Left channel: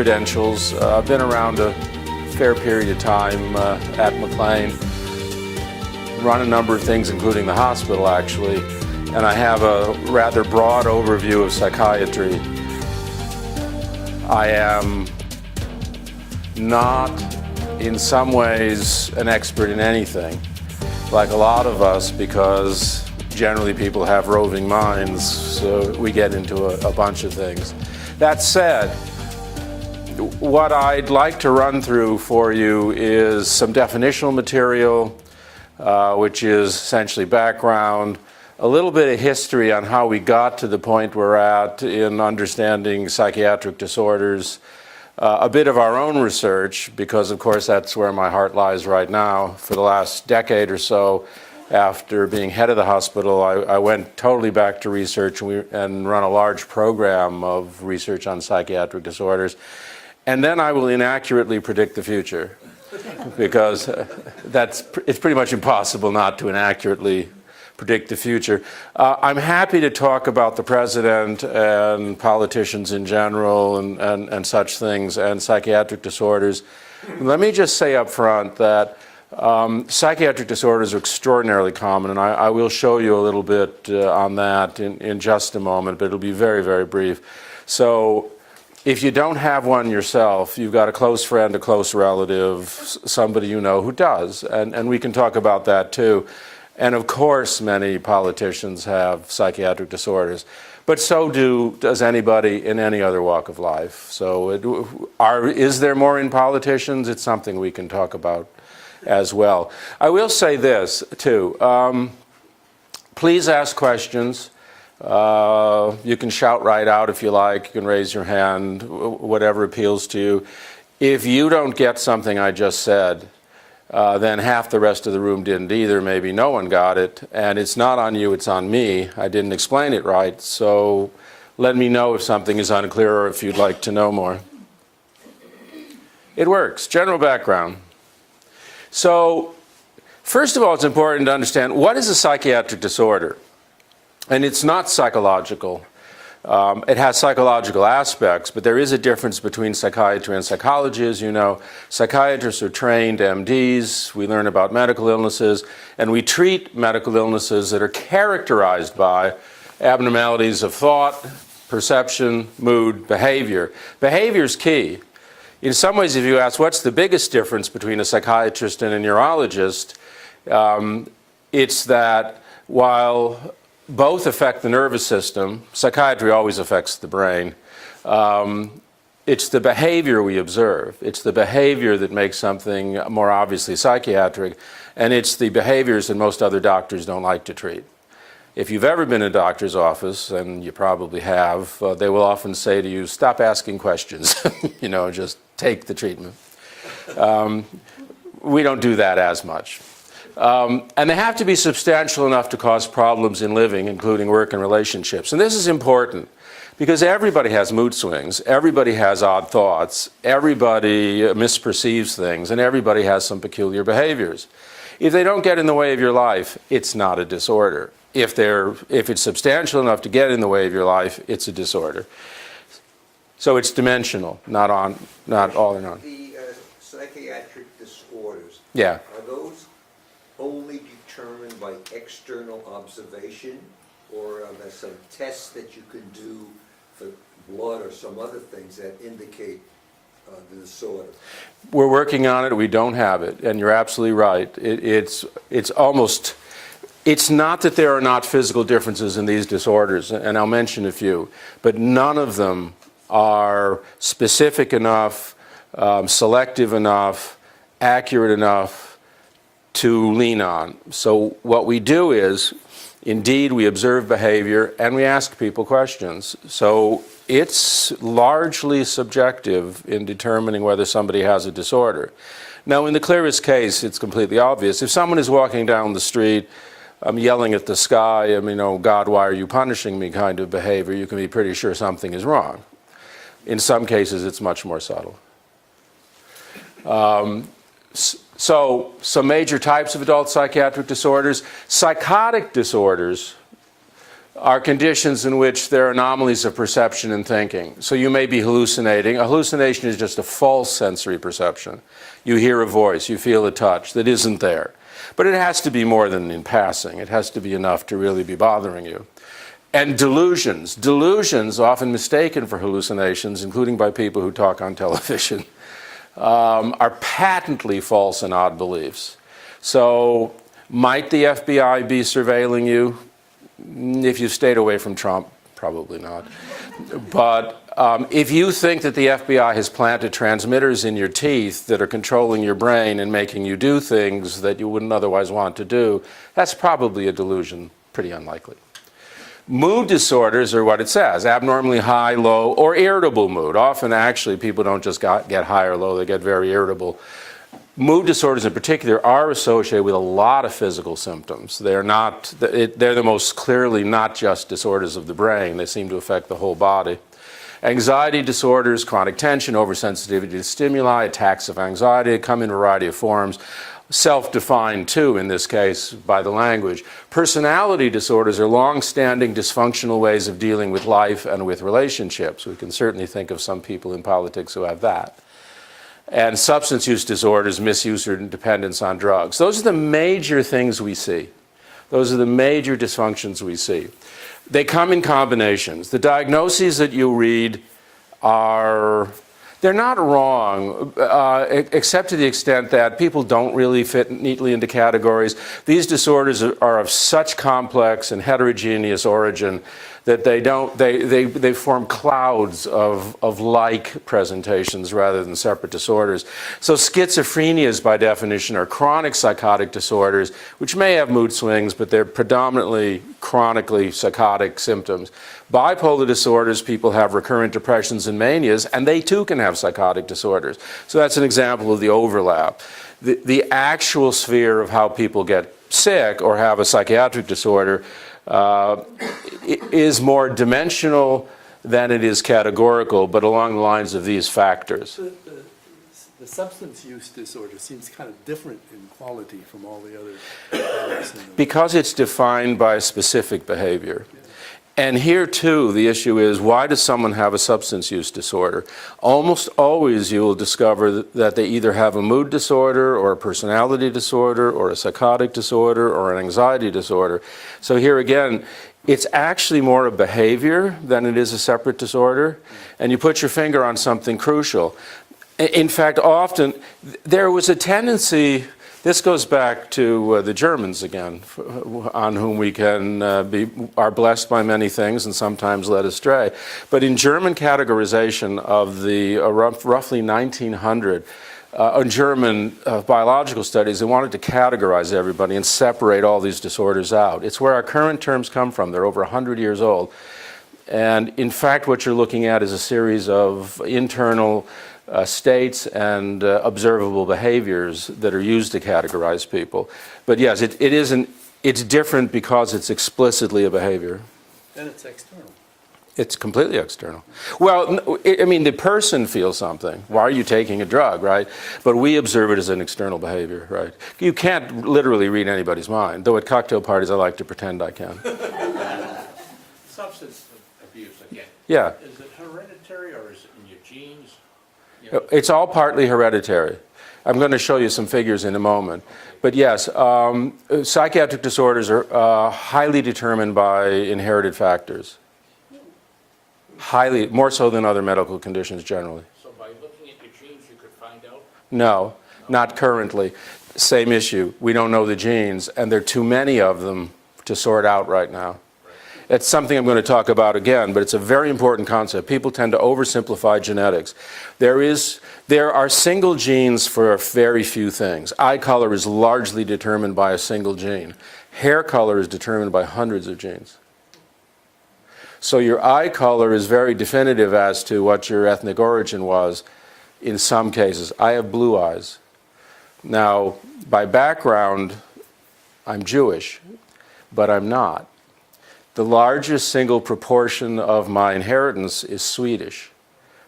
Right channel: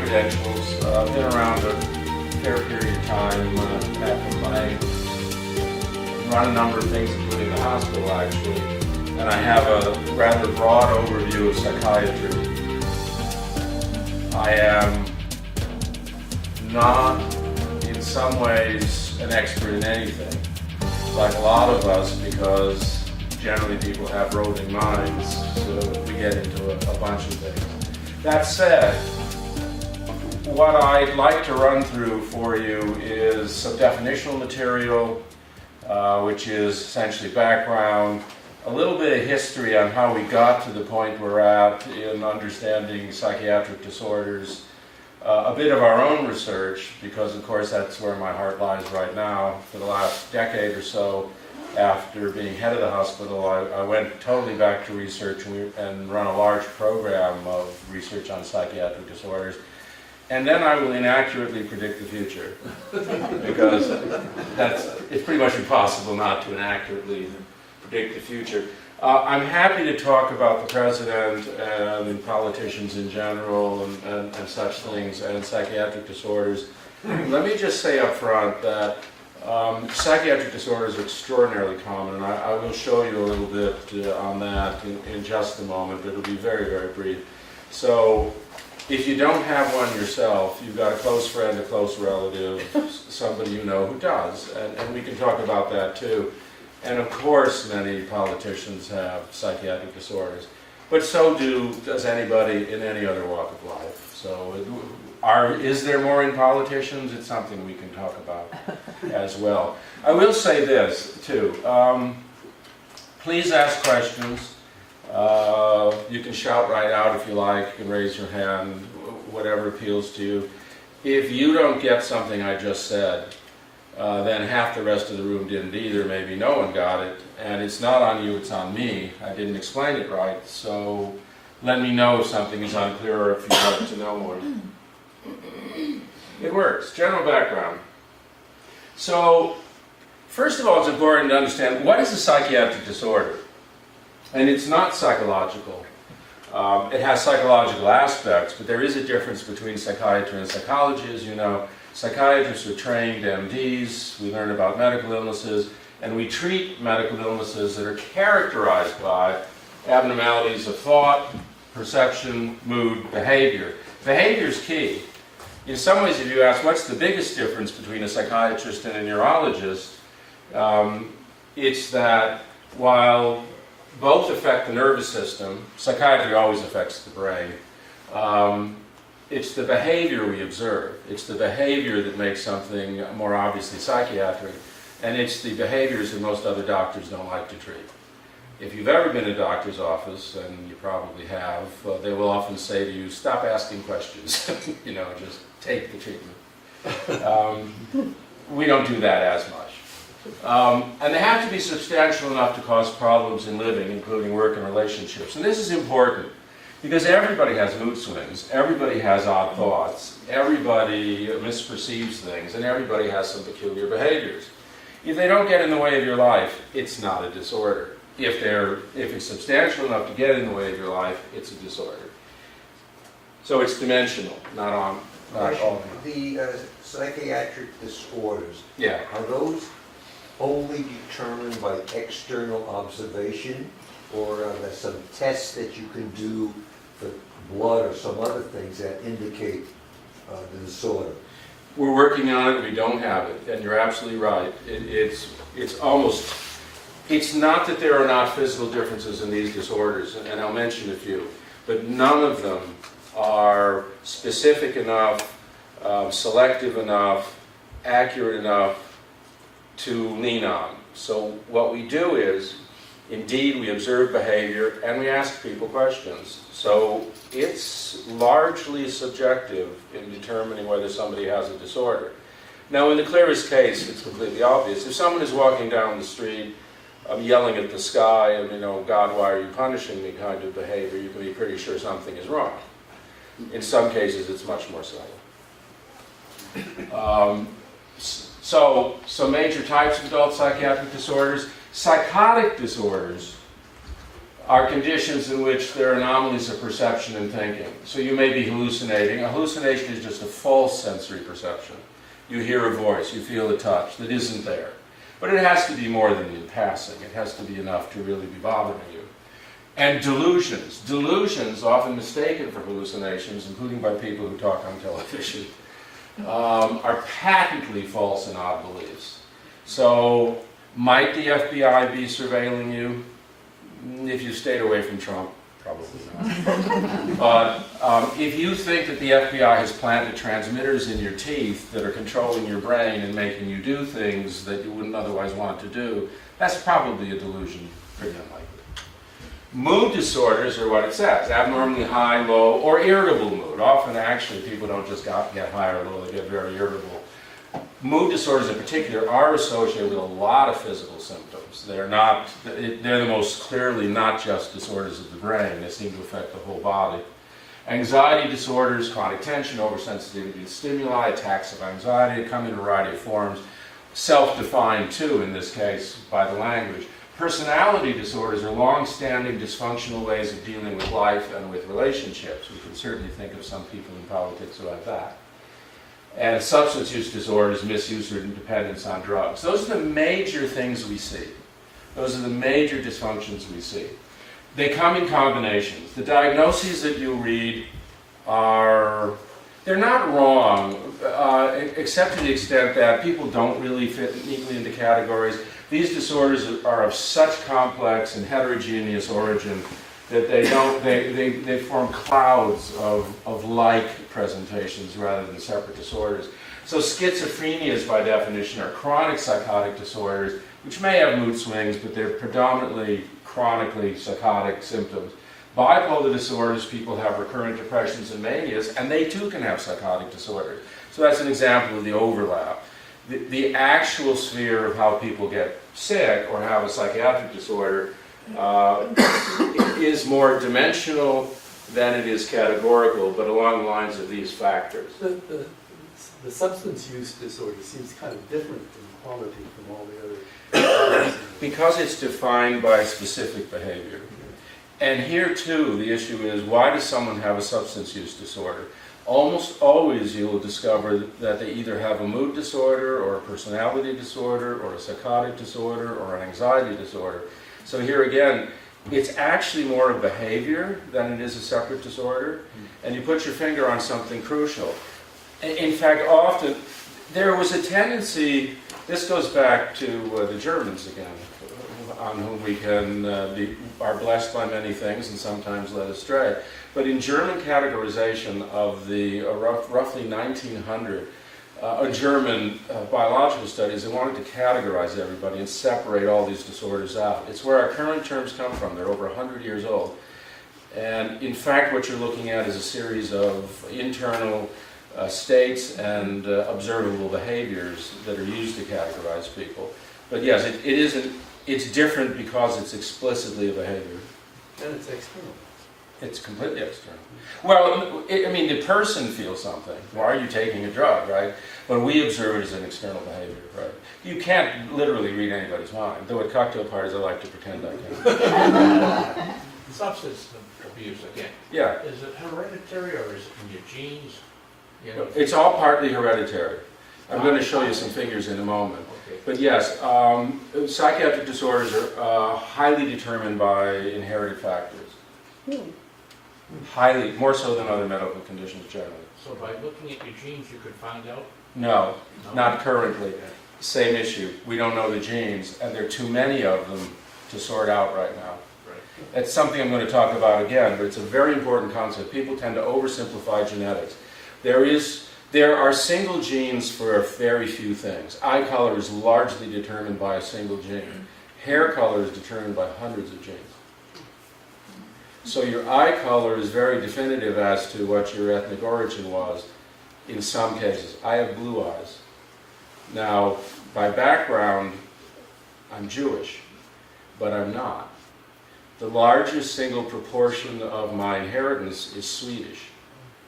credentials. I've been around a fair period of time at McLean, run a number of things, including the hospital, actually, and I have a rather broad overview of psychiatry. I am not, in some ways, an expert in anything, like a lot of us, because generally people have roving minds, so we get into a bunch of things. That said, what I'd like to run through for you is some definitional material, which is essentially background, a little bit of history on how we got to the point we're at in understanding psychiatric disorders, a bit of our own research, because of course that's where my heart lies right now. For the last decade or so, after being head of the hospital, I went totally back to research and run a large program of research on psychiatric disorders. And then I will inaccurately predict the future, because it's pretty much impossible not to inaccurately predict the future. I'm happy to talk about the president and politicians in general and such things and psychiatric disorders. Let me just say up front that psychiatric disorders are extraordinarily common, and I will show you a little bit on that in just a moment, but it'll be very, very brief. So if you don't have one yourself, you've got a close friend, a close relative, somebody you know who does, and we can talk about that too. And of course, many politicians have psychiatric disorders, but so does anybody in any other walk of life. So is there more in politicians? It's something we can talk about as well. I will say this too. Please ask questions. You can shout right out if you like. You can raise your hand, whatever appeals to you. If you don't get something I just said, then half the rest of the room didn't either. Maybe no one got it. And it's not on you, it's on me. I didn't explain it right. So let me know if something is unclear or if you'd like to know more. It works. General background. So first of all, it's important to understand what is a psychiatric disorder. And it's not psychological. It has psychological aspects, but there is a difference between psychiatry and psychology, as you know. Psychiatrists are trained MDs, we learn about medical illnesses, and we treat medical illnesses that are characterized by abnormalities of thought, perception, mood, behavior. Behavior is key. In some ways, if you ask what's the biggest difference between a psychiatrist and a neurologist, it's that while both affect the nervous system, psychiatry always affects the brain, it's the behavior we observe. It's the behavior that makes something more obviously psychiatric, and it's the behaviors that most other doctors don't like to treat. If you've ever been in a doctor's office, and you probably have, they will often say to you, stop asking questions, just take the treatment. We don't do that as much. And they have to be substantial enough to cause problems in living, including work and relationships. And this is important because everybody has mood swings, everybody has odd thoughts, everybody misperceives things, and everybody has some peculiar behaviors. If they don't get in the way of your life, it's not a disorder. If it's substantial enough to get in the way of your life, it's a disorder. So it's dimensional, not all in on. The psychiatric disorders, Yeah. are those only determined by external observation, or are there some tests that you can do for blood or some other things that indicate the disorder? We're working on it. We don't have it, and you're absolutely right. It's not that there are not physical differences in these disorders, and I'll mention a few, but none of them are specific enough, selective enough, accurate enough to lean on. So what we do is, indeed, we observe behavior and we ask people questions. So it's largely subjective in determining whether somebody has a disorder. Now, in the clearest case, it's completely obvious. If someone is walking down the street, yelling at the sky, oh God, why are you punishing me kind of behavior, you can be pretty sure something is wrong. In some cases, it's much more subtle. So some major types of adult psychiatric disorders. Psychotic disorders are conditions in which there are anomalies of perception and thinking. So you may be hallucinating. A hallucination is just a false sensory perception. You hear a voice, you feel a touch that isn't there. But it has to be more than in passing. It has to be enough to really be bothering you. And delusions. Delusions, often mistaken for hallucinations, including by people who talk on television, are patently false and odd beliefs. So might the FBI be surveilling you? If you stayed away from Trump, probably not. But if you think that the FBI has planted transmitters in your teeth that are controlling your brain and making you do things that you wouldn't otherwise want to do, that's probably a delusion, pretty unlikely. Mood disorders are what it says, abnormally high, low, or irritable mood. Often, actually, people don't just get high or low, they get very irritable. Mood disorders in particular are associated with a lot of physical symptoms. They're the most clearly not just disorders of the brain. They seem to affect the whole body. Anxiety disorders, chronic tension, oversensitivity to stimuli, attacks of anxiety come in a variety of forms. Self-defined, too, in this case, by the language. Personality disorders are long-standing dysfunctional ways of dealing with life and with relationships. We can certainly think of some people in politics who have that. And substance use disorders, misuse or dependence on drugs. Those are the major things we see. Those are the major dysfunctions we see. They come in combinations. The diagnoses that you read they're not wrong, except to the extent that people don't really fit neatly into categories. These disorders are of such complex and heterogeneous origin that they form clouds of like presentations rather than separate disorders. So schizophrenias, by definition, are chronic psychotic disorders, which may have mood swings, but they're predominantly chronically psychotic symptoms. Bipolar disorders, people have recurrent depressions and manias, and they too can have psychotic disorders. So that's an example of the overlap. The actual sphere of how people get sick or have a psychiatric disorder is more dimensional than it is categorical, but along the lines of these factors. The substance use disorder seems kind of different in quality from all the other. Because it's defined by a specific behavior. And here too, the issue is, why does someone have a substance use disorder? Almost always you will discover that they either have a mood disorder or a personality disorder or a psychotic disorder or an anxiety disorder. So here again, it's actually more a behavior than it is a separate disorder. And you put your finger on something crucial. In fact, often there was a tendency, this goes back to the Germans again, on whom we are blessed by many things and sometimes led astray. But in German categorization of the roughly 1900, German biological studies, they wanted to categorize everybody and separate all these disorders out. It's where our current terms come from. They're over 100 years old. And in fact, what you're looking at is a series of internal states and observable behaviors that are used to categorize people. But yes, it's different because it's explicitly a behavior. Then it's external. It's completely external. Well, I mean, the person feels something. Why are you taking a drug, right? But we observe it as an external behavior, right? You can't literally read anybody's mind, though at cocktail parties I like to pretend I can. Substance abuse again. Yeah. Is it hereditary or is it in your genes? It's all partly hereditary. I'm going to show you some figures in a moment. Okay. But yes, psychiatric disorders are highly determined by inherited factors. Highly, more so than other medical conditions generally. So by looking at your genes you could find out? No, not currently. Same issue. We don't know the genes, and there are too many of them to sort out right now. It's something I'm going to talk about again, but it's a very important concept. People tend to oversimplify genetics. There are single genes for very few things. Eye color is largely determined by a single gene. Hair color is determined by hundreds of genes. So your eye color is very definitive as to what your ethnic origin was in some cases. I have blue eyes. Now, by background, I'm Jewish, but I'm not. The largest single proportion of my inheritance is Swedish.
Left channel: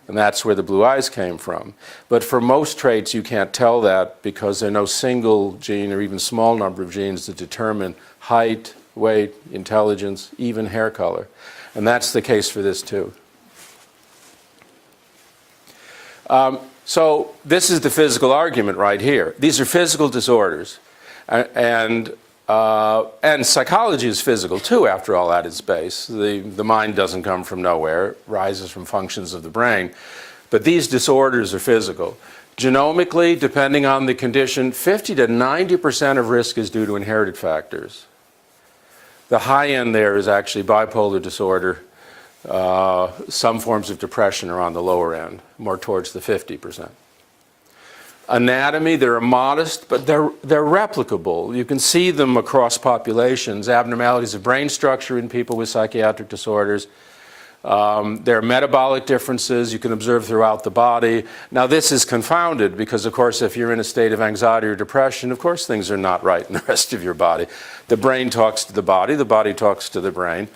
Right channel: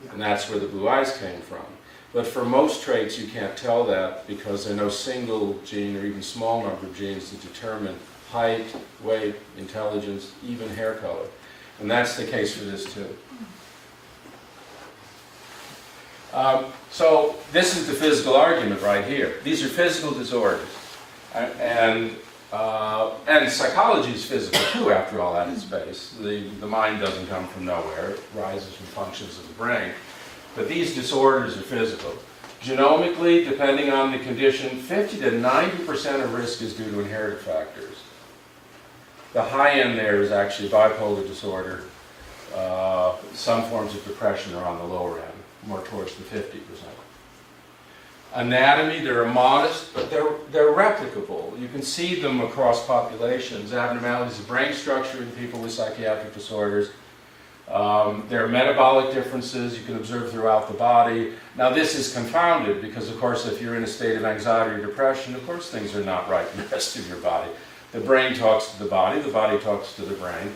And that's where the blue eyes came from. But for most traits, you can't tell that because there are no single gene or even small number of genes that determine height, weight, intelligence, even hair color. And that's the case for this too. So this is the physical argument right here. These are physical disorders. And psychology is physical too, after all, at its base. The mind doesn't come from nowhere. It rises from functions of the brain. But these disorders are physical. Genomically, depending on the condition, 50 to 90% of risk is due to inherited factors. The high end there is actually bipolar disorder. Some forms of depression are on the lower end, more towards the 50%. Anatomy, they're modest, but they're replicable. You can see them across populations. Abnormalities of brain structure in people with psychiatric disorders. There are metabolic differences you can observe throughout the body. Now this is confounded because, of course, if you're in a state of anxiety or depression, of course things are not right in the rest of your body. The brain talks to the body talks to the brain.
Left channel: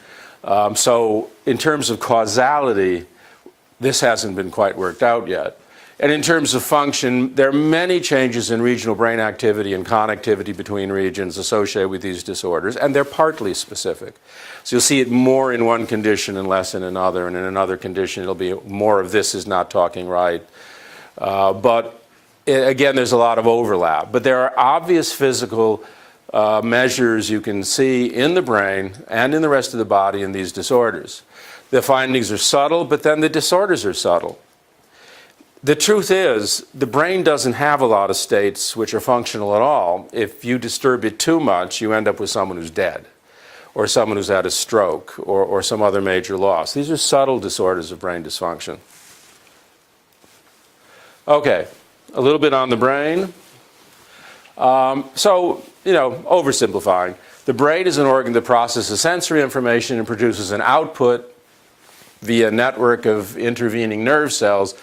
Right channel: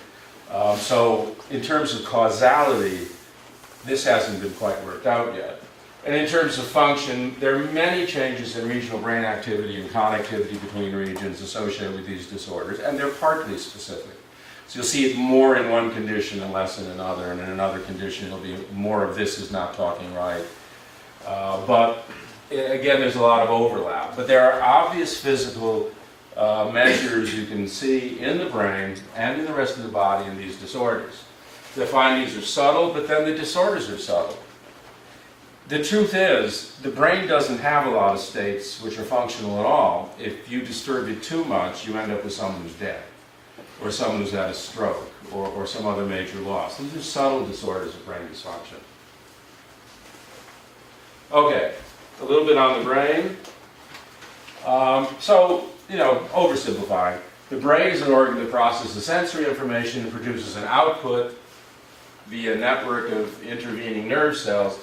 So in terms of causality, this hasn't been quite worked out yet. And in terms of function, there are many changes in regional brain activity and connectivity between regions associated with these disorders, and they're partly specific. So you'll see it more in one condition and less in another, and in another condition it'll be more of this is not talking right. Again, there's a lot of overlap. But there are obvious physical measures you can see in the brain and in the rest of the body in these disorders. The findings are subtle, but then the disorders are subtle. The truth is, the brain doesn't have a lot of states which are functional at all. If you disturb it too much, you end up with someone who's dead, or someone who's had a stroke, or some other major loss. These are subtle disorders of brain dysfunction. Okay, a little bit on the brain. Oversimplifying. The brain is an organ that processes sensory information and produces an output via a network of intervening nerve cells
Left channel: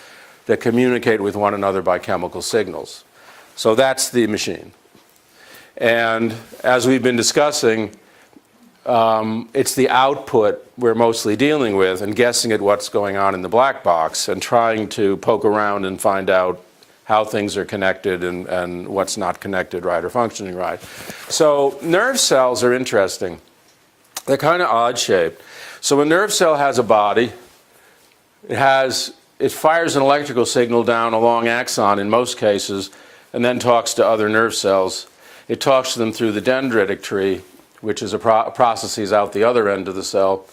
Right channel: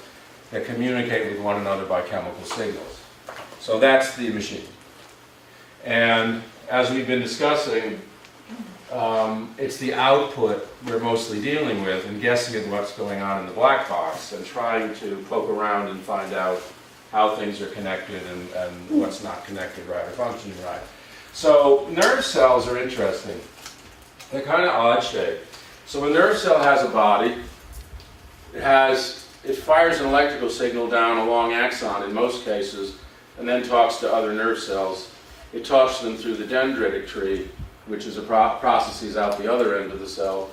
that communicate with one another by chemical signals. So that's the machine. And as we've been discussing, it's the output we're mostly dealing with and guessing at what's going on in the black box and trying to poke around and find out how things are connected and what's not connected right or functioning right. So nerve cells are interesting. They're kind of odd shaped. So a nerve cell has a body. It fires an electrical signal down a long axon in most cases and then talks to other nerve cells. It talks to them through the dendritic tree, which is a processes out the other end of the cell.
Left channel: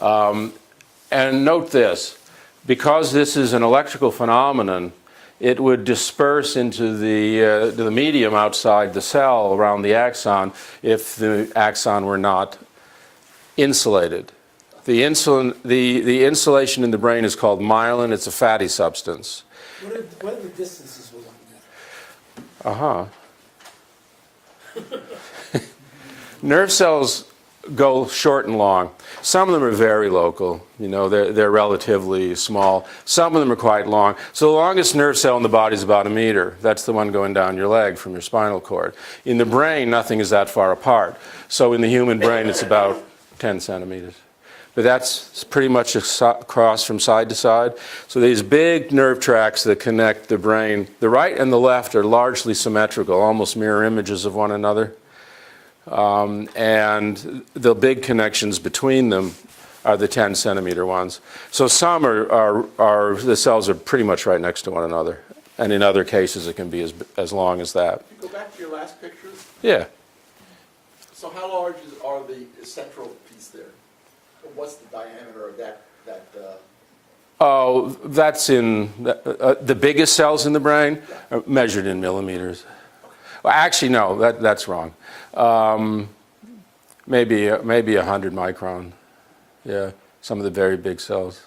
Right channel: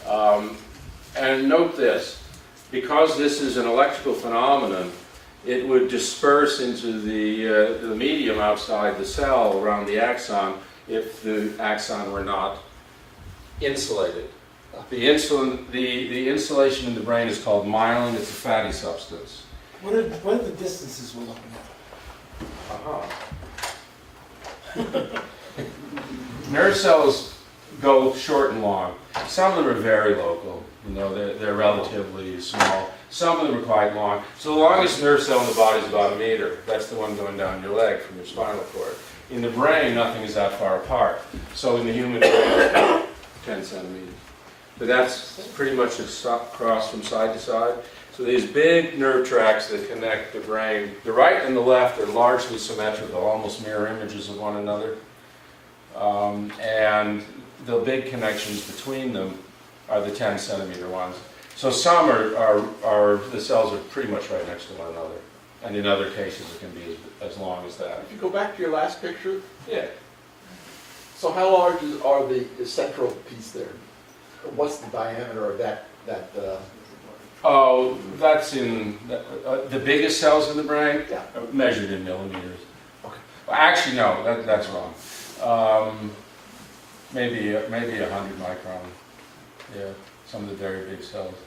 And note this, because this is an electrical phenomenon, it would disperse into the medium outside the cell around the axon if the axon were not insulated. The insulation in the brain is called myelin. It's a fatty substance. What are the distances we're looking at? Nerve cells go short and long. Some of them are very local. They're relatively small. Some of them are quite long. So the longest nerve cell in the body is about 1 meter. That's the one going down your leg from your spinal cord. In the brain, nothing is that far apart. So in the human brain, it's about 10 centimeters. But that's pretty much across from side to side. So these big nerve tracts that connect the brain, the right and the left are largely symmetrical, almost mirror images of one another. And the big connections between them are the 10 centimeter ones. So some the cells are pretty much right next to one another. And in other cases, it can be as long as that. If you go back to your last picture, Yeah. so how large are the central piece there? What's the diameter of that? Oh, that's in the biggest cells in the brain are measured in millimeters. Okay. Well, actually, no, that's wrong. Maybe 100 micron. Yeah, some of the very big cells.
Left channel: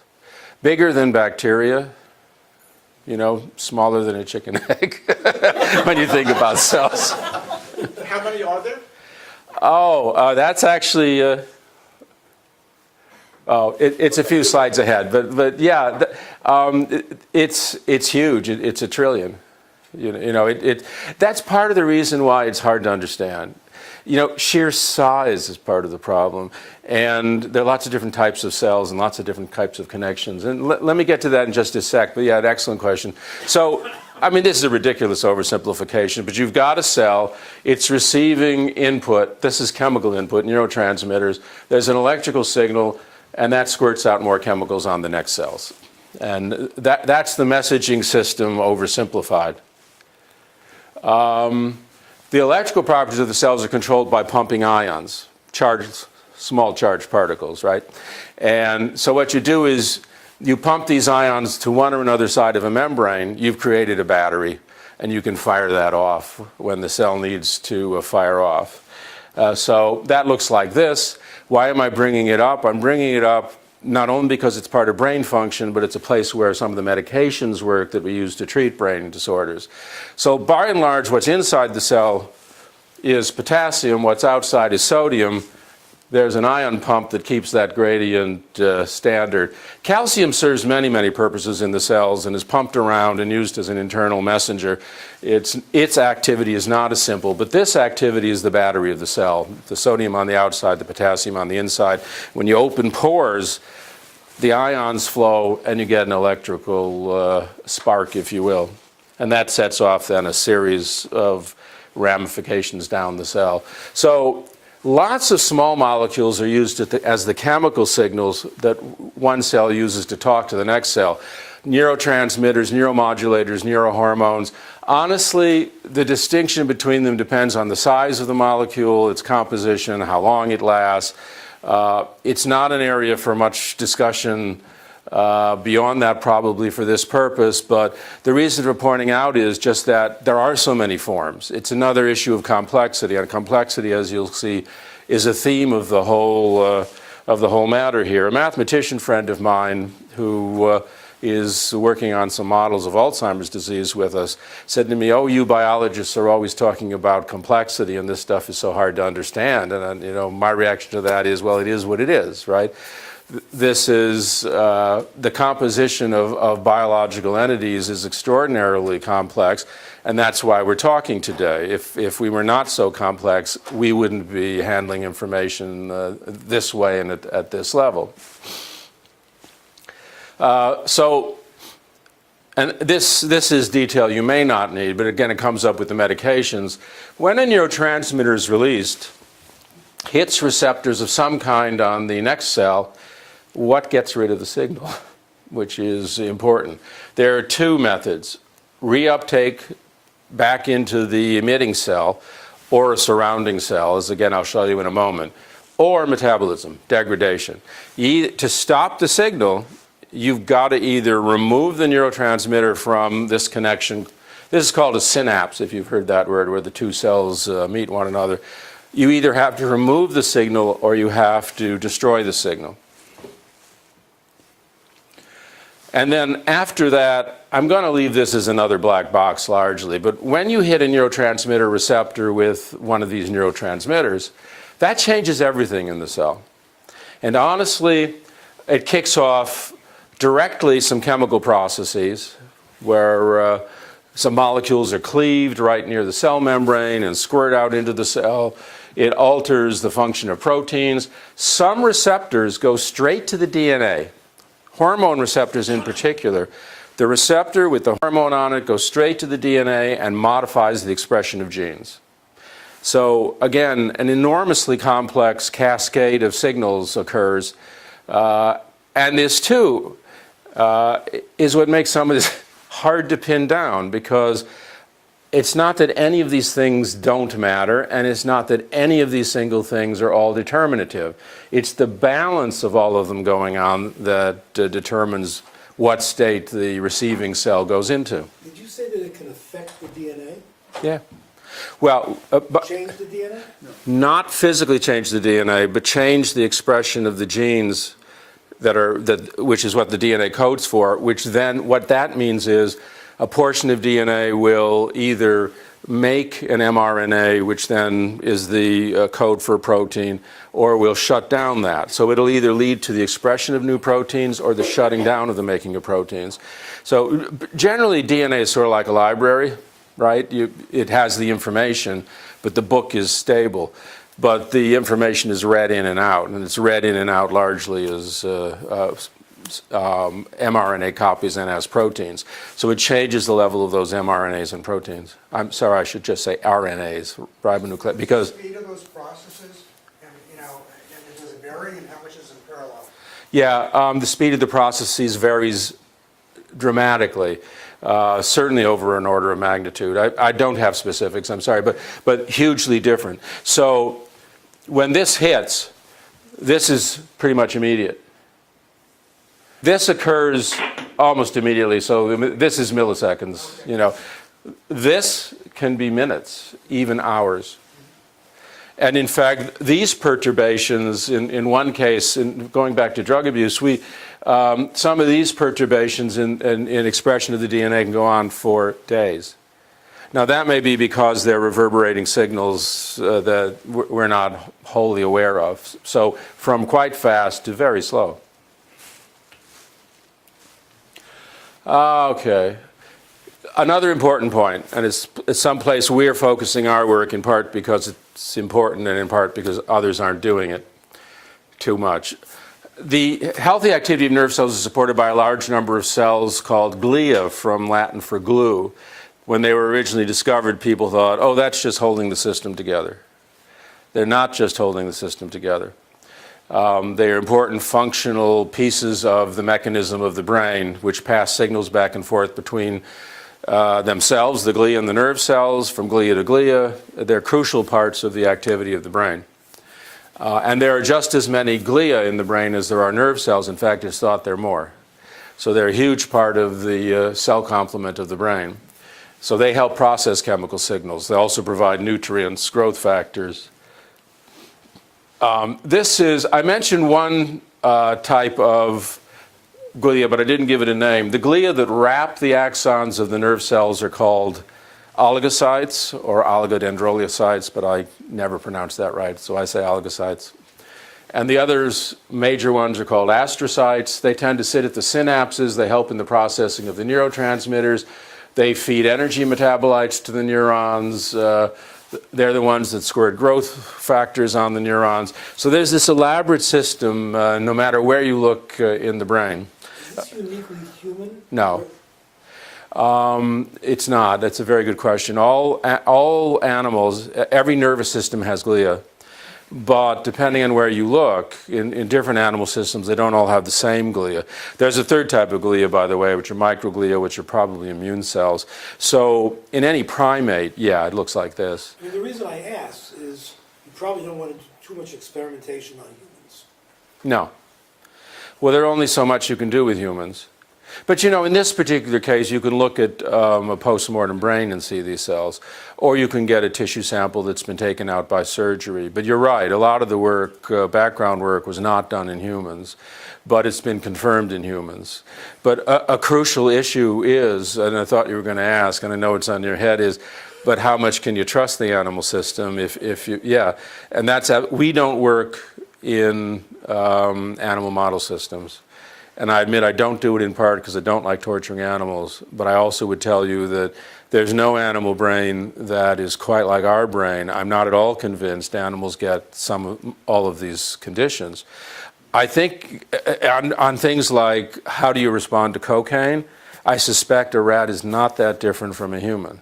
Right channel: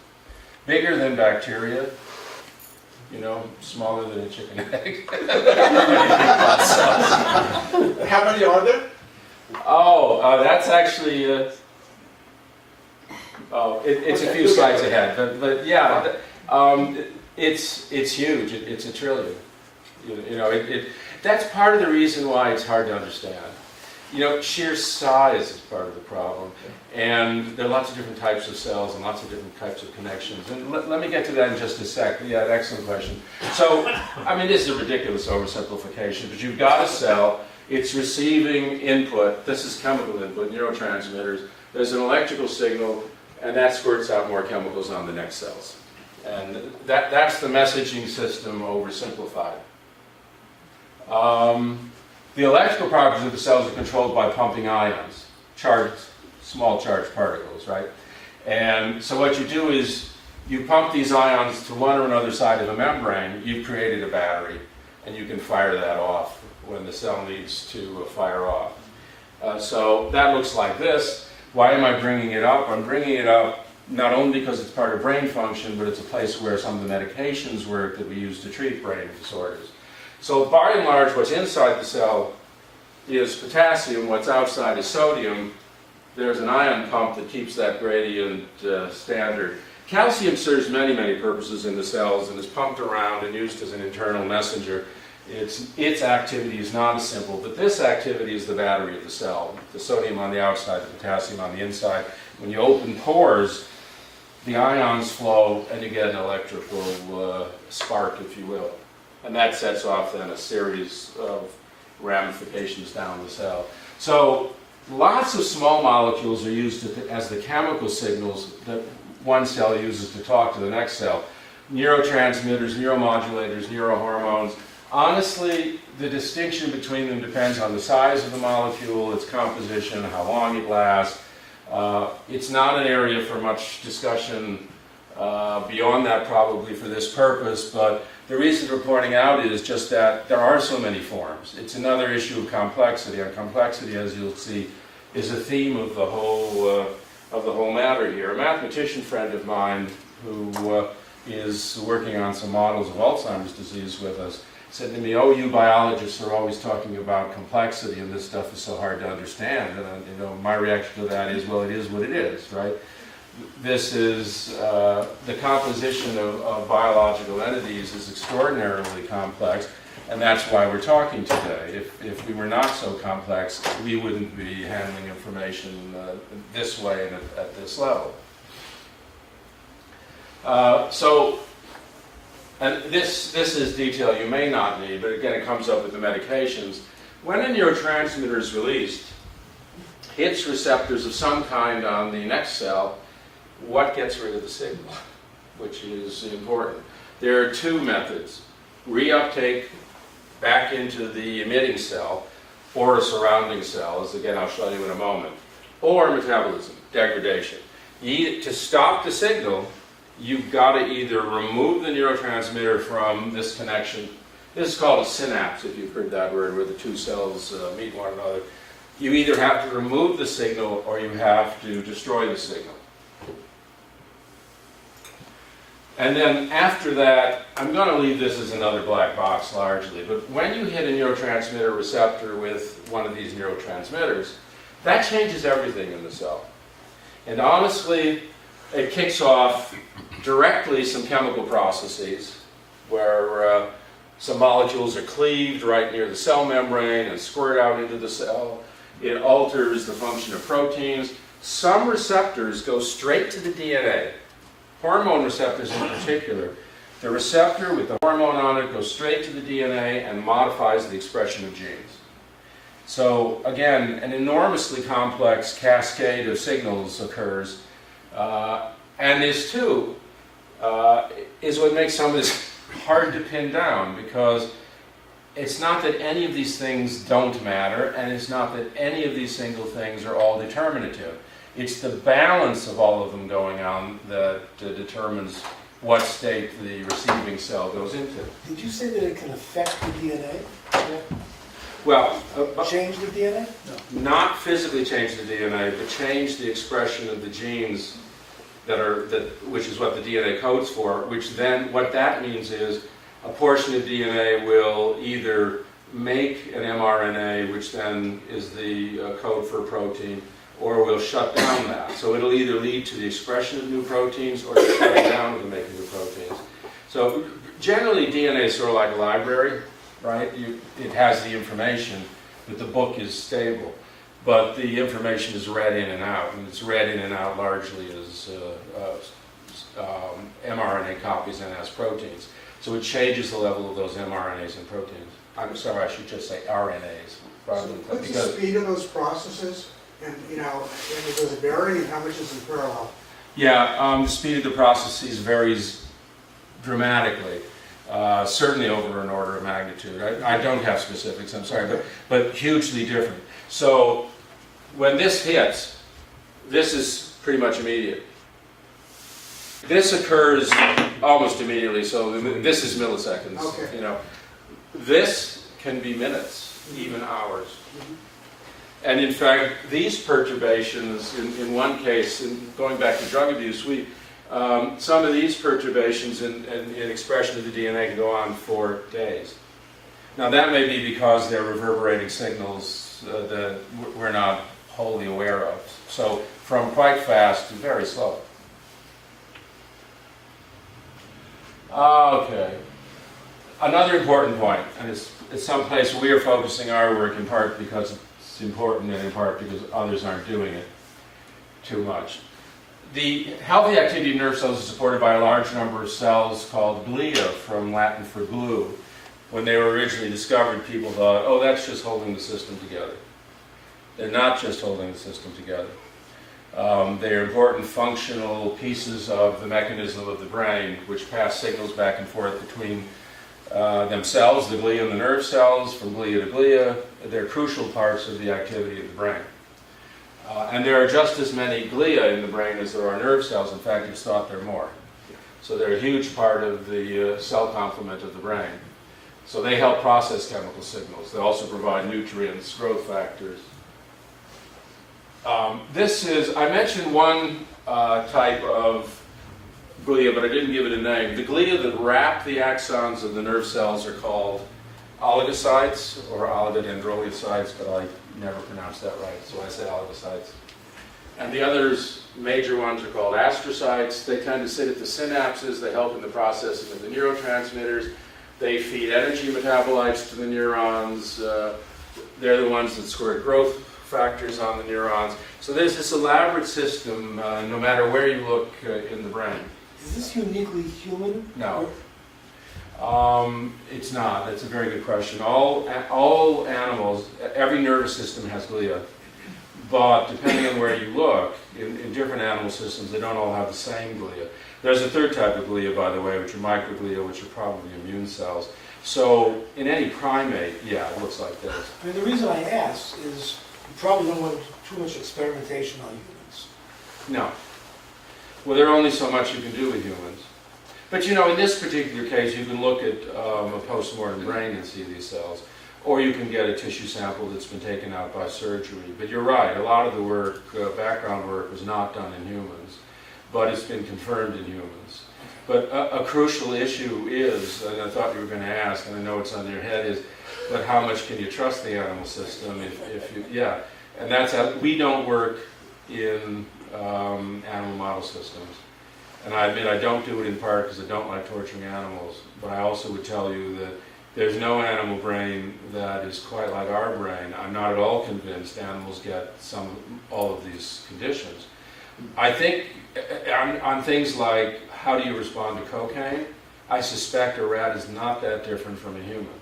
Bigger than bacteria. Smaller than a chicken egg. When you think about cells. How many are there? That's actually. It's a few slides ahead, but yeah, it's huge. It's a trillion. That's part of the reason why it's hard to understand. Sheer size is part of the problem, and there are lots of different types of cells and lots of different types of connections. And let me get to that in just a sec. But yeah, excellent question. So, this is a ridiculous oversimplification, but you've got a cell. It's receiving input. This is chemical input, neurotransmitters. There's an electrical signal, and that squirts out more chemicals on the next cells. And that's the messaging system oversimplified. The electrical properties of the cells are controlled by pumping ions, small charged particles, right? And so what you do is you pump these ions to one or another side of a membrane, you've created a battery, and you can fire that off when the cell needs to fire off. So that looks like this. Why am I bringing it up? I'm bringing it up not only because it's part of brain function, but it's a place where some of the medications work that we use to treat brain disorders. So by and large, what's inside the cell is potassium, what's outside is sodium. There's an ion pump that keeps that gradient standard. Calcium serves many, many purposes in the cells and is pumped around and used as an internal messenger. Its activity is not as simple, but this activity is the battery of the cell. The sodium on the outside, the potassium on the inside. When you open pores, the ions flow and you get an electrical spark, if you will. And that sets off then a series of ramifications down the cell. So lots of small molecules are used as the chemical signals that one cell uses to talk to the next cell. Neurotransmitters, neuromodulators, neurohormones. Honestly, the distinction between them depends on the size of the molecule, its composition, how long it lasts. It's not an area for much discussion beyond that probably for this purpose, but the reason for pointing out is just that there are so many forms. It's another issue of complexity, and complexity, as you'll see, is a theme of the whole matter here. A mathematician friend of mine who is working on some models of Alzheimer's disease with us said to me, "Oh, you biologists are always talking about complexity, and this stuff is so hard to understand." And you know, my reaction to that is, well, it is what it is, right? This is the composition of biological entities is extraordinarily complex, and that's why we're talking today. If we were not so complex, we wouldn't be handling information this way and at this level. And this is detail you may not need, but again, it comes up with the medications. When a neurotransmitter is released, hits receptors of some kind on the next cell, what gets rid of the signal, which is important. There are two methods: reuptake back into the emitting cell, or a surrounding cell, as again I'll show you in a moment, or metabolism, degradation. To stop the signal, you've got to either remove the neurotransmitter from this connection. This is called a synapse, if you've heard that word, where the two cells meet one another. You either have to remove the signal or you have to destroy the signal. And then after that, I'm going to leave this as another black box largely, but when you hit a neurotransmitter receptor with one of these neurotransmitters, that changes everything in the cell. And honestly, it kicks off directly some chemical processes where some molecules are cleaved right near the cell membrane and squirt out into the cell. It alters the function of proteins. Some receptors go straight to the DNA. Hormone receptors in particular. The receptor with the hormone on it goes straight to the DNA and modifies the expression of genes. So again, an enormously complex cascade of signals occurs. And this too is what makes some of this hard to pin down, because it's not that any of these things don't matter, and it's not that any of these single things are all determinative. It's the balance of all of them going on that determines what state the receiving cell goes into. Did you say that it can affect the DNA? Yeah. Well, Change the DNA? not physically change the DNA, but change the expression of the genes which is what the DNA codes for, which then, what that means is a portion of DNA will either make an mRNA, which then is the code for a protein, or will shut down that. So it'll either lead to the expression of new proteins or the shutting down of the making of proteins. So generally DNA is sort of like a library, right? It has the information, but the book is stable. But the information is read in and out, and it's read in and out largely as mRNA copies and as proteins. So it changes the level of those mRNAs and proteins. I'm sorry, I should just say RNAs, ribonucleic, because The speed of those processes, and does it vary, and how much is in parallel? yeah, the speed of the processes varies dramatically. Certainly over an order of magnitude. I don't have specifics, I'm sorry, but hugely different. So when this hits, this is pretty much immediate. This occurs almost immediately, so this is milliseconds. Okay. This can be minutes, even hours. And in fact, these perturbations, in one case, going back to drug abuse, some of these perturbations in expression of the DNA can go on for days. Now that may be because they're reverberating signals that we're not wholly aware of. So from quite fast to very slow. Okay. Another important point, and it's someplace we're focusing our work in part because it's important and in part because others aren't doing it too much. The healthy activity of nerve cells is supported by a large number of cells called glia, from Latin for glue. When they were originally discovered, people thought, oh, that's just holding the system together. They're not just holding the system together. They are important functional pieces of the mechanism of the brain, which pass signals back and forth between themselves, the glia and the nerve cells, from glia to glia. They're crucial parts of the activity of the brain. And there are just as many glia in the brain as there are nerve cells. In fact, it's thought there are more. So they're a huge part of the cell complement of the brain. So they help process chemical signals. They also provide nutrients, growth factors. I mentioned one type of glia, but I didn't give it a name. The glia that wrap the axons of the nerve cells are called oligocytes or oligodendrogliocytes, but I never pronounce that right, so I say oligocytes. And the others, major ones, are called astrocytes. They tend to sit at the synapses. They help in the processing of the neurotransmitters. They feed energy metabolites to the neurons. They're the ones that squirt growth factors on the neurons. So there's this elaborate system, no matter where you look in the brain. Is this uniquely human? No. It's not. That's a very good question. All animals, every nervous system has glia. But depending on where you look, in different animal systems, they don't all have the same glia. There's a third type of glia, by the way, which are microglia, which are probably immune cells. So in any primate, yeah, it looks like this. I mean, the reason I ask is you probably don't want too much experimentation on humans. No. Well, there's only so much you can do with humans. But in this particular case, you can look at a post-mortem brain and see these cells. Or you can get a tissue sample that's been taken out by surgery. But you're right, a lot of the work, background work, was not done in humans, but it's been confirmed in humans. But a crucial issue is, and I thought you were going to ask, and I know it's on your head, is, but how much can you trust the animal system if you, yeah. And we don't work in animal model systems. And I admit I don't do it in part because I don't like torturing animals, but I also would tell you that there's no animal brain that is quite like our brain. I'm not at all convinced animals get all of these conditions. I think on things like how do you respond to cocaine, I suspect a rat is not that different from a human.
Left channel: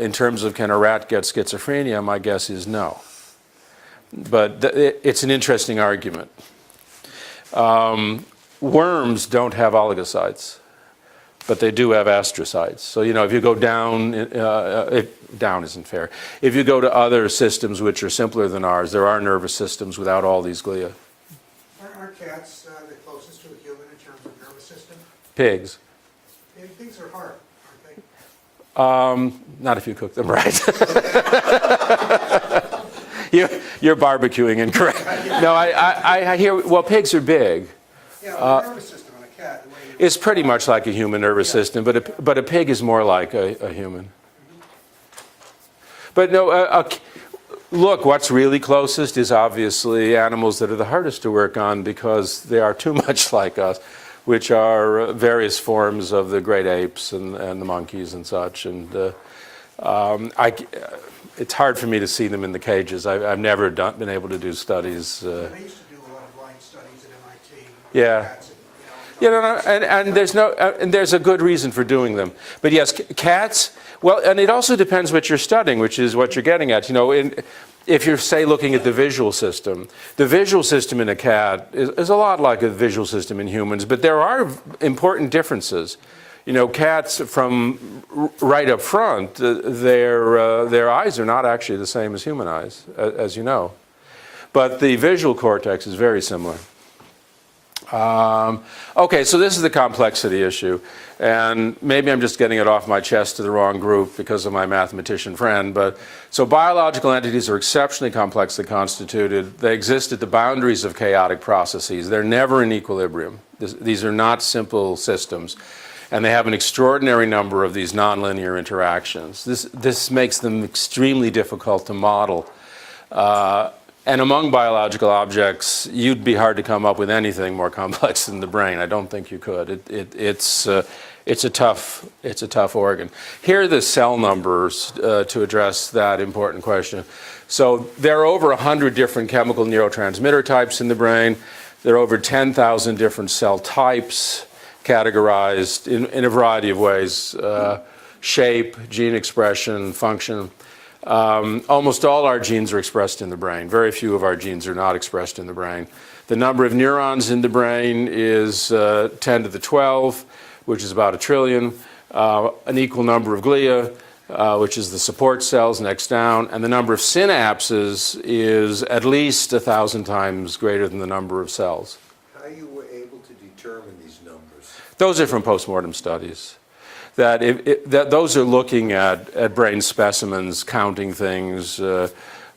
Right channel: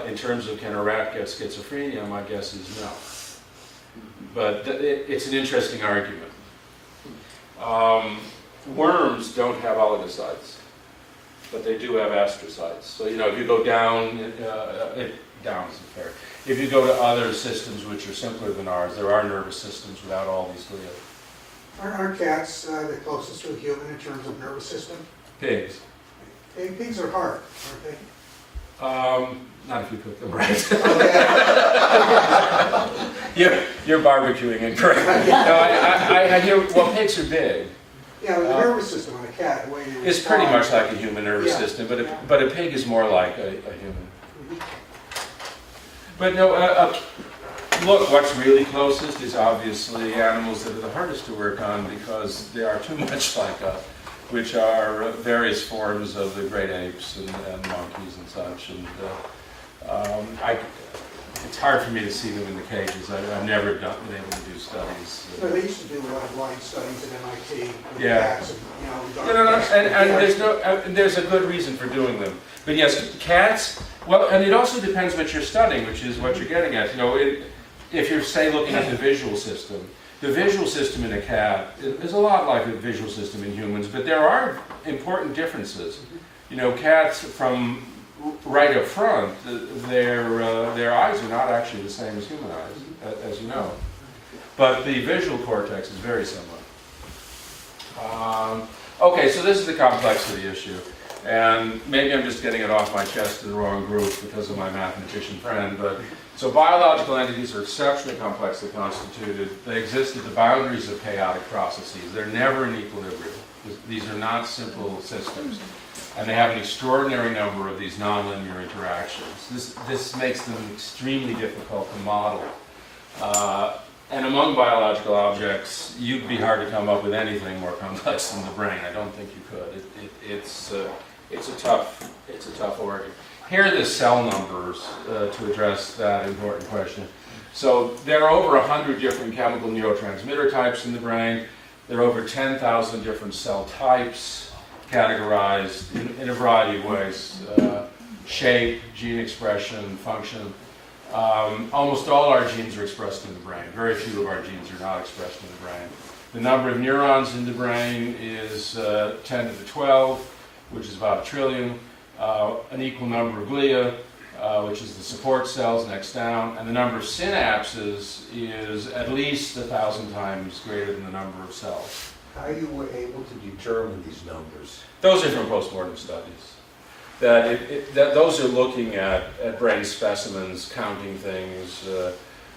In terms of can a rat get schizophrenia, my guess is no. But it's an interesting argument. Worms don't have oligocytes, but they do have astrocytes. So, if you go down, down isn't fair. If you go to other systems which are simpler than ours, there are nervous systems without all these glia. Aren't cats the closest to a human in terms of nervous system? Pigs. Pigs are hard, aren't they? Not if you cook them right. You're barbecuing incorrectly. No, I hear, well, pigs are big. Yeah, the nervous system on a cat. It's pretty much like a human nervous system, but a pig is more like a human. But no, look, what's really closest is obviously animals that are the hardest to work on because they are too much like us, which are various forms of the great apes and the monkeys and such. And it's hard for me to see them in the cages. I've never been able to do studies. But they used to do a lot of blind studies at MIT. Yeah. Cats and, And there's a good reason for doing them. But yes, cats. Well, and it also depends what you're studying, which is what you're getting at. If you're, say, looking at the visual system in a cat is a lot like a visual system in humans, but there are important differences. Cats from right up front, their eyes are not actually the same as human eyes, as you know. But the visual cortex is very similar. Okay, so this is the complexity issue. And maybe I'm just getting it off my chest to the wrong group because of my mathematician friend. So biological entities are exceptionally complexly constituted. They exist at the boundaries of chaotic processes. They're never in equilibrium. These are not simple systems. And they have an extraordinary number of these nonlinear interactions. This makes them extremely difficult to model. And among biological objects, you'd be hard to come up with anything more complex than the brain. I don't think you could. It's a tough organ. Here are the cell numbers to address that important question. So there are over 100 different chemical neurotransmitter types in the brain. There are over 10,000 different cell types categorized in a variety of ways. Shape, gene expression, function. Almost all our genes are expressed in the brain. Very few of our genes are not expressed in the brain. The number of neurons in the brain is 10 to the 12, which is about 1 trillion. An equal number of glia, which is the support cells next down. And the number of synapses is at least 1,000 times greater than the number of cells. How you were able to determine these numbers? Those are from postmortem studies. That those are looking at brain specimens, counting things,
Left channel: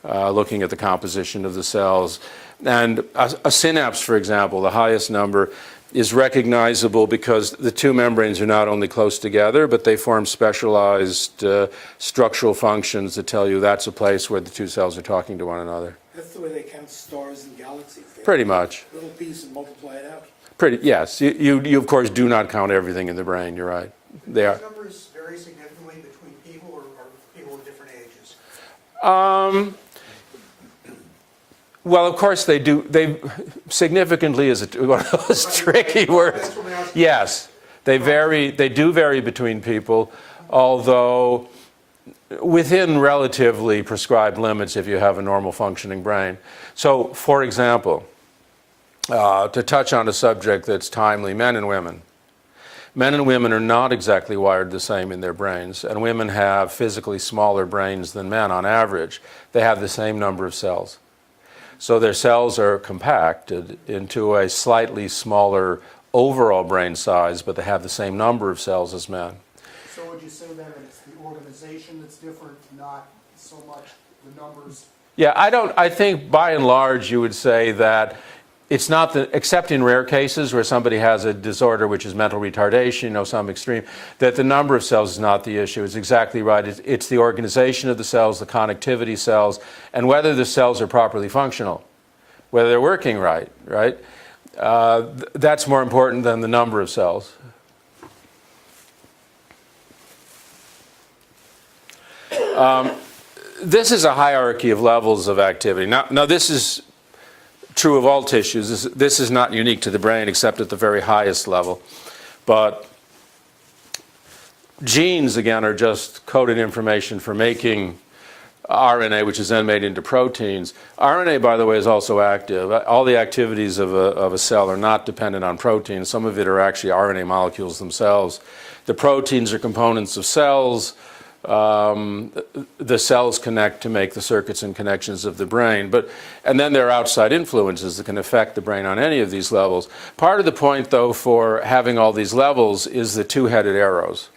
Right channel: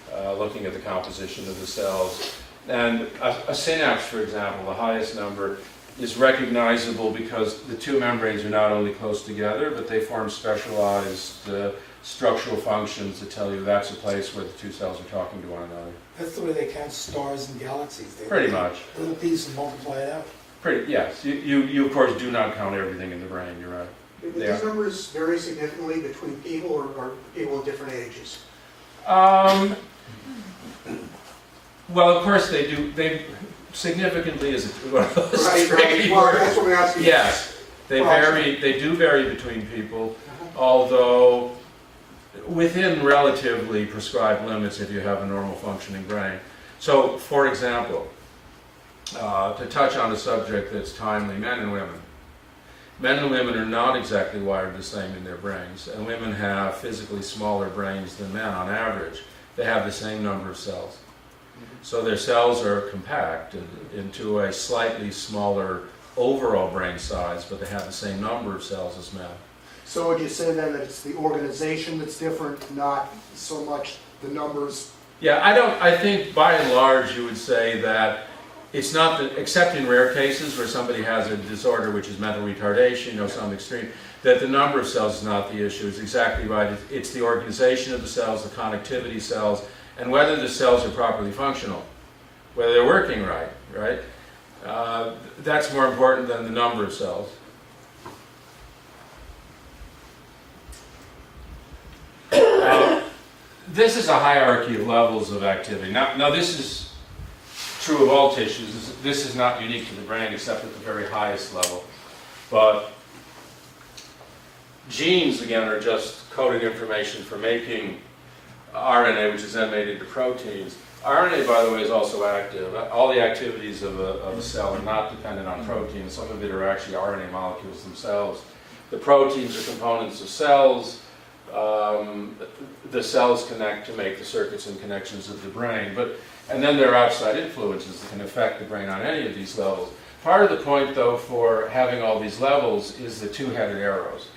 looking at the composition of the cells. And a synapse, for example, the highest number, is recognizable because the two membranes are not only close together, but they form specialized structural functions that tell you that's a place where the two cells are talking to one another. That's the way they count stars and galaxies. Pretty much. Little pieces and multiply it out. Yes. You of course do not count everything in the brain. You're right. Do these numbers vary significantly between people or people of different ages? Well, of course they do. They significantly is a tricky word. That's what we asked. Yes, they vary. They do vary between people, although within relatively prescribed limits if you have a normal functioning brain. So, for example, to touch on a subject that's timely, men and women. Men and women are not exactly wired the same in their brains, and women have physically smaller brains than men on average. They have the same number of cells. So their cells are compacted into a slightly smaller overall brain size, but they have the same number of cells as men. So would you say then that it's the organization that's different, not so much the numbers? Yeah, I think by and large you would say that it's not except in rare cases where somebody has a disorder which is mental retardation, some extreme, that the number of cells is not the issue. It's exactly right. It's the organization of the cells, the connectivity cells, and whether the cells are properly functional, whether they're working right? That's more important than the number of cells. This is a hierarchy of levels of activity. Now this is true of all tissues. This is not unique to the brain except at the very highest level. But genes, again, are just coded information for making RNA, which is then made into proteins. RNA, by the way, is also active. All the activities of a cell are not dependent on proteins. Some of it are actually RNA molecules themselves. The proteins are components of cells. The cells connect to make the circuits and connections of the brain. And then there are outside influences that can affect the brain on any of these levels. Part of the point, though, for having all these levels is the two-headed arrows.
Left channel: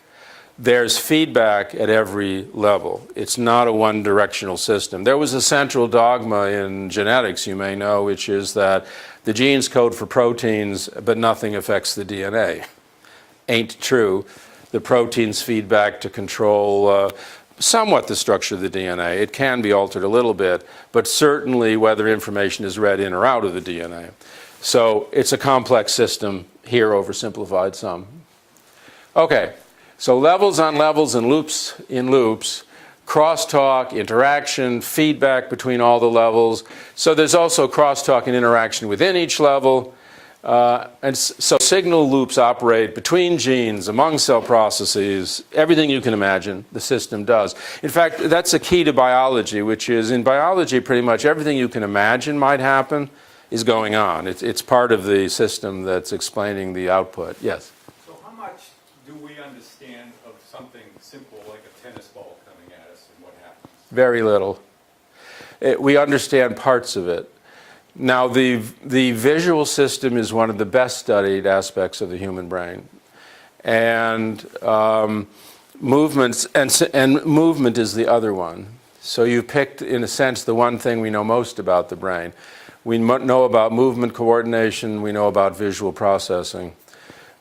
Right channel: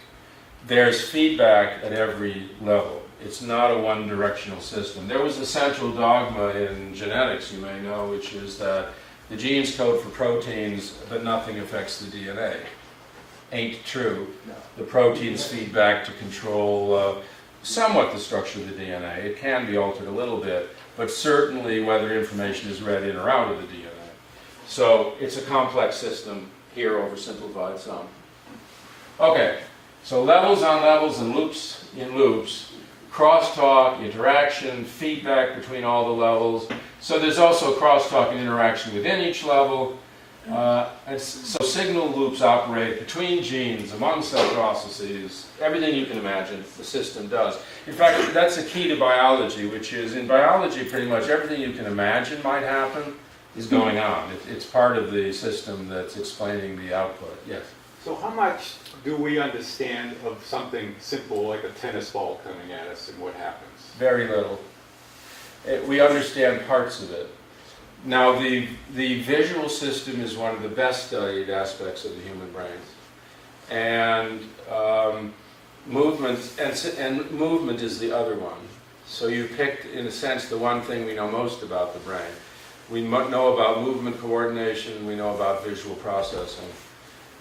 There's feedback at every level. It's not a one-directional system. There was a central dogma in genetics, you may know, which is that the genes code for proteins, but nothing affects the DNA. Ain't true. The proteins feed back to control somewhat the structure of the DNA. It can be altered a little bit, but certainly whether information is read in or out of the DNA. So it's a complex system, here oversimplified some. Okay. So levels on levels and loops in loops crosstalk, interaction, feedback between all the levels. So there's also crosstalk and interaction within each level. So signal loops operate between genes, among cell processes, everything you can imagine the system does. In fact, that's a key to biology, which is in biology pretty much everything you can imagine might happen is going on. It's part of the system that's explaining the output. Yes? So how much do we understand of something simple like a tennis ball coming at us and what happens? Very little. We understand parts of it. Now, the visual system is one of the best studied aspects of the human brain. And movements, and movement is the other one. So you picked, in a sense, the one thing we know most about the brain. We know about movement coordination, we know about visual processing.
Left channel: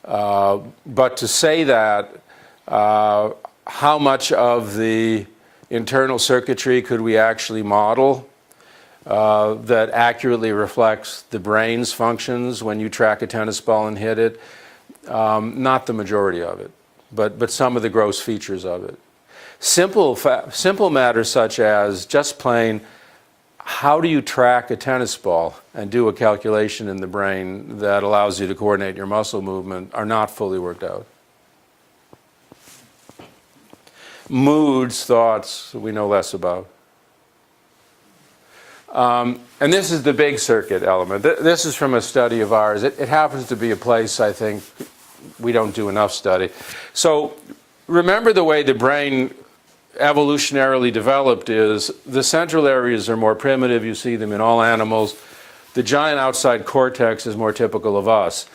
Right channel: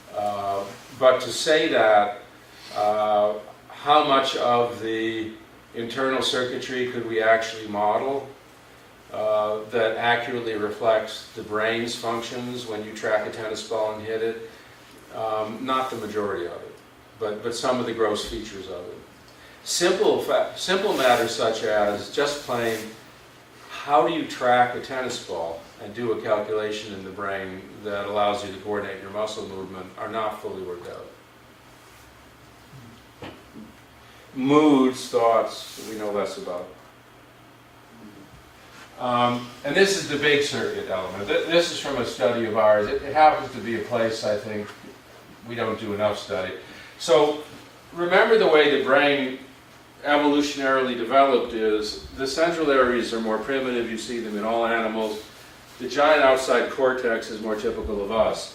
But to say that, how much of the internal circuitry could we actually model that accurately reflects the brain's functions when you track a tennis ball and hit it? Not the majority of it, but some of the gross features of it. Simple matters such as just plain, how do you track a tennis ball and do a calculation in the brain that allows you to coordinate your muscle movement are not fully worked out. Moods, thoughts, we know less about. And this is the big circuit element. This is from a study of ours. It happens to be a place I think we don't do enough study. So remember the way the brain evolutionarily developed is the central areas are more primitive. You see them in all animals. The giant outside cortex is more typical of us.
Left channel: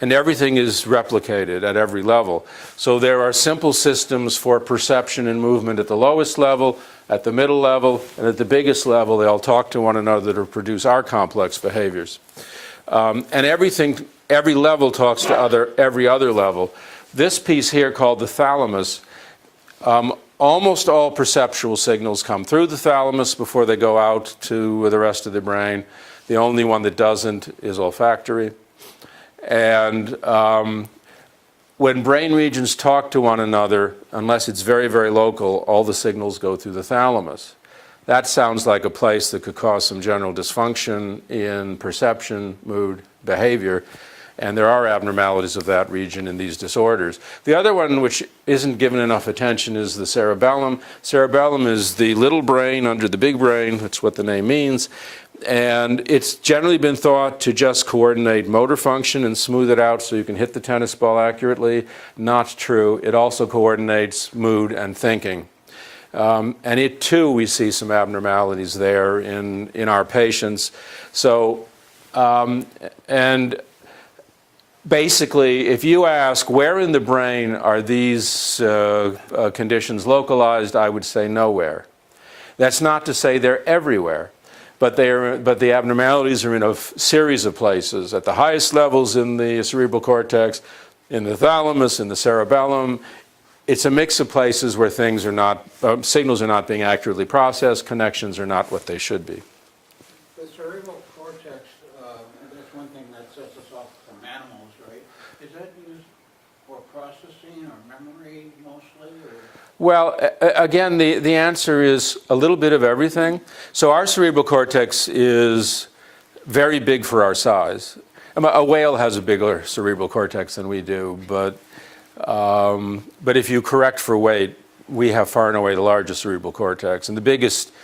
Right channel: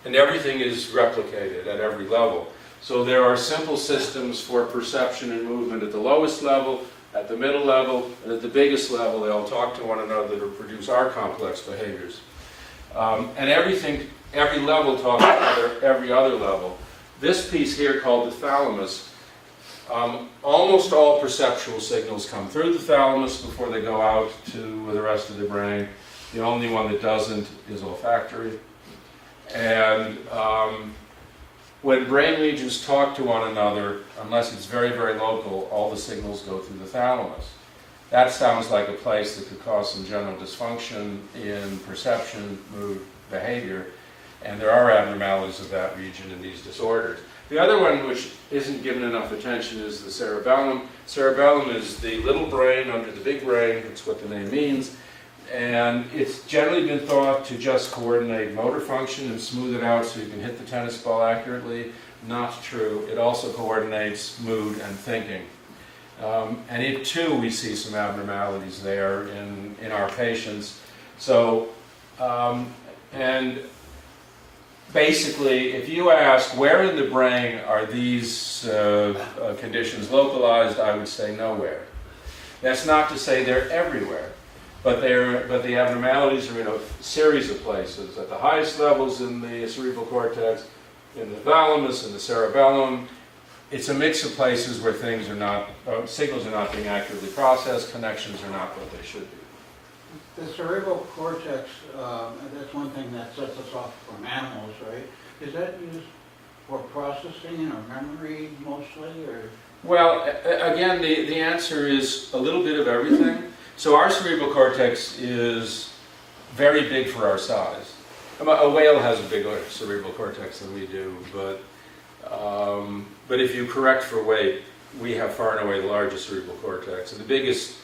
And everything is replicated at every level. So there are simple systems for perception and movement at the lowest level, at the middle level, and at the biggest level. They all talk to one another to produce our complex behaviors. And every level talks to every other level. This piece here called the thalamus, almost all perceptual signals come through the thalamus before they go out to the rest of the brain. The only one that doesn't is olfactory. And when brain regions talk to one another, unless it's very, very local, all the signals go through the thalamus. That sounds like a place that could cause some general dysfunction in perception, mood, behavior. And there are abnormalities of that region in these disorders. The other one, which isn't given enough attention, is the cerebellum. Cerebellum is the little brain under the big brain. That's what the name means. And it's generally been thought to just coordinate motor function and smooth it out so you can hit the tennis ball accurately. Not true. It also coordinates mood and thinking. And it too, we see some abnormalities there in our patients. So, and basically, if you ask where in the brain are these conditions localized, I would say nowhere. That's not to say they're everywhere, but the abnormalities are in a series of places. At the highest levels in the cerebral cortex, in the thalamus, in the cerebellum. It's a mix of places where things are not, signals are not being accurately processed, connections are not what they should be. The cerebral cortex, and that's one thing that sets us off from animals, right? Is that used for processing or memory mostly, or? Well, again, the answer is a little bit of everything. So our cerebral cortex is very big for our size. A whale has a bigger cerebral cortex than we do, but if you correct for weight, we have far and away the largest cerebral cortex. And the biggest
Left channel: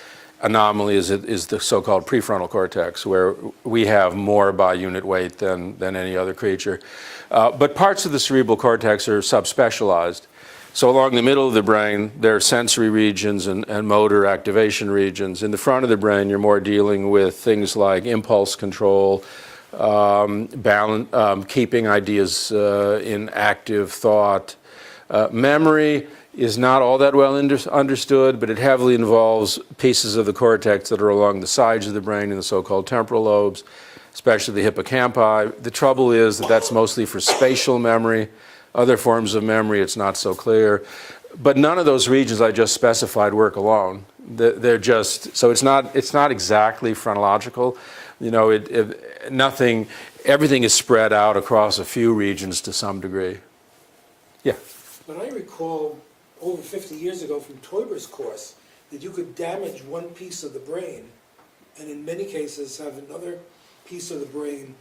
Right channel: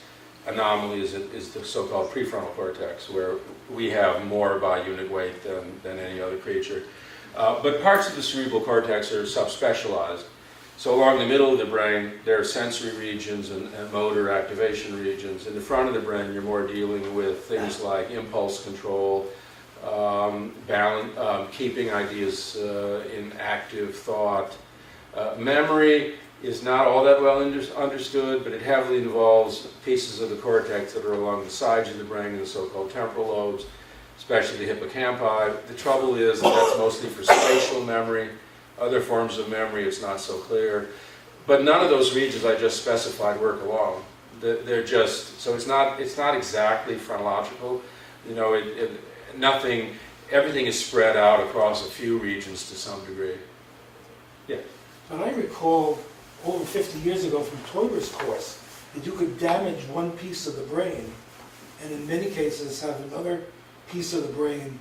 anomaly is the so-called prefrontal cortex, where we have more by unit weight than any other creature. But parts of the cerebral cortex are subspecialized. So along the middle of the brain, there are sensory regions and motor activation regions. In the front of the brain, you're more dealing with things like impulse control, keeping ideas in active thought. Memory is not all that well understood, but it heavily involves pieces of the cortex that are along the sides of the brain in the so-called temporal lobes, especially the hippocampi. The trouble is that that's mostly for spatial memory. Other forms of memory, it's not so clear. But none of those regions I just specified work along. They're just, so it's not exactly phrenological. You know, everything is spread out across a few regions to some degree. Yeah? But I recall over 50 years ago from Toiber's course, that you could damage one piece of the brain, and in many cases have another piece of the brain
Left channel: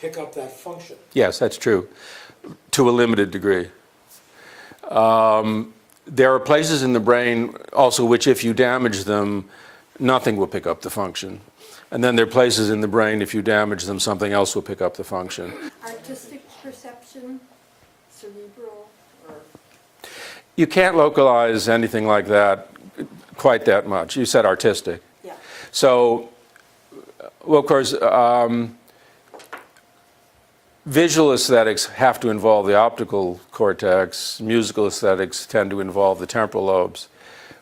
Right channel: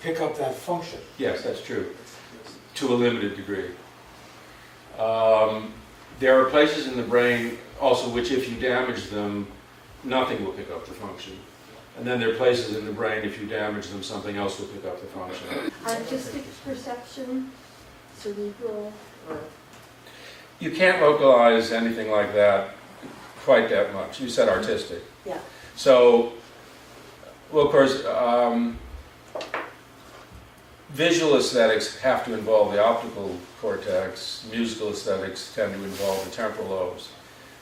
pick up that function. Yes, that's true, to a limited degree. There are places in the brain also which, if you damage them, nothing will pick up the function. And then there are places in the brain, if you damage them, something else will pick up the function. Artistic perception, cerebral, or You can't localize anything like that quite that much. You said artistic. yeah. So, well, of course, visual aesthetics have to involve the optical cortex. Musical aesthetics tend to involve the temporal lobes.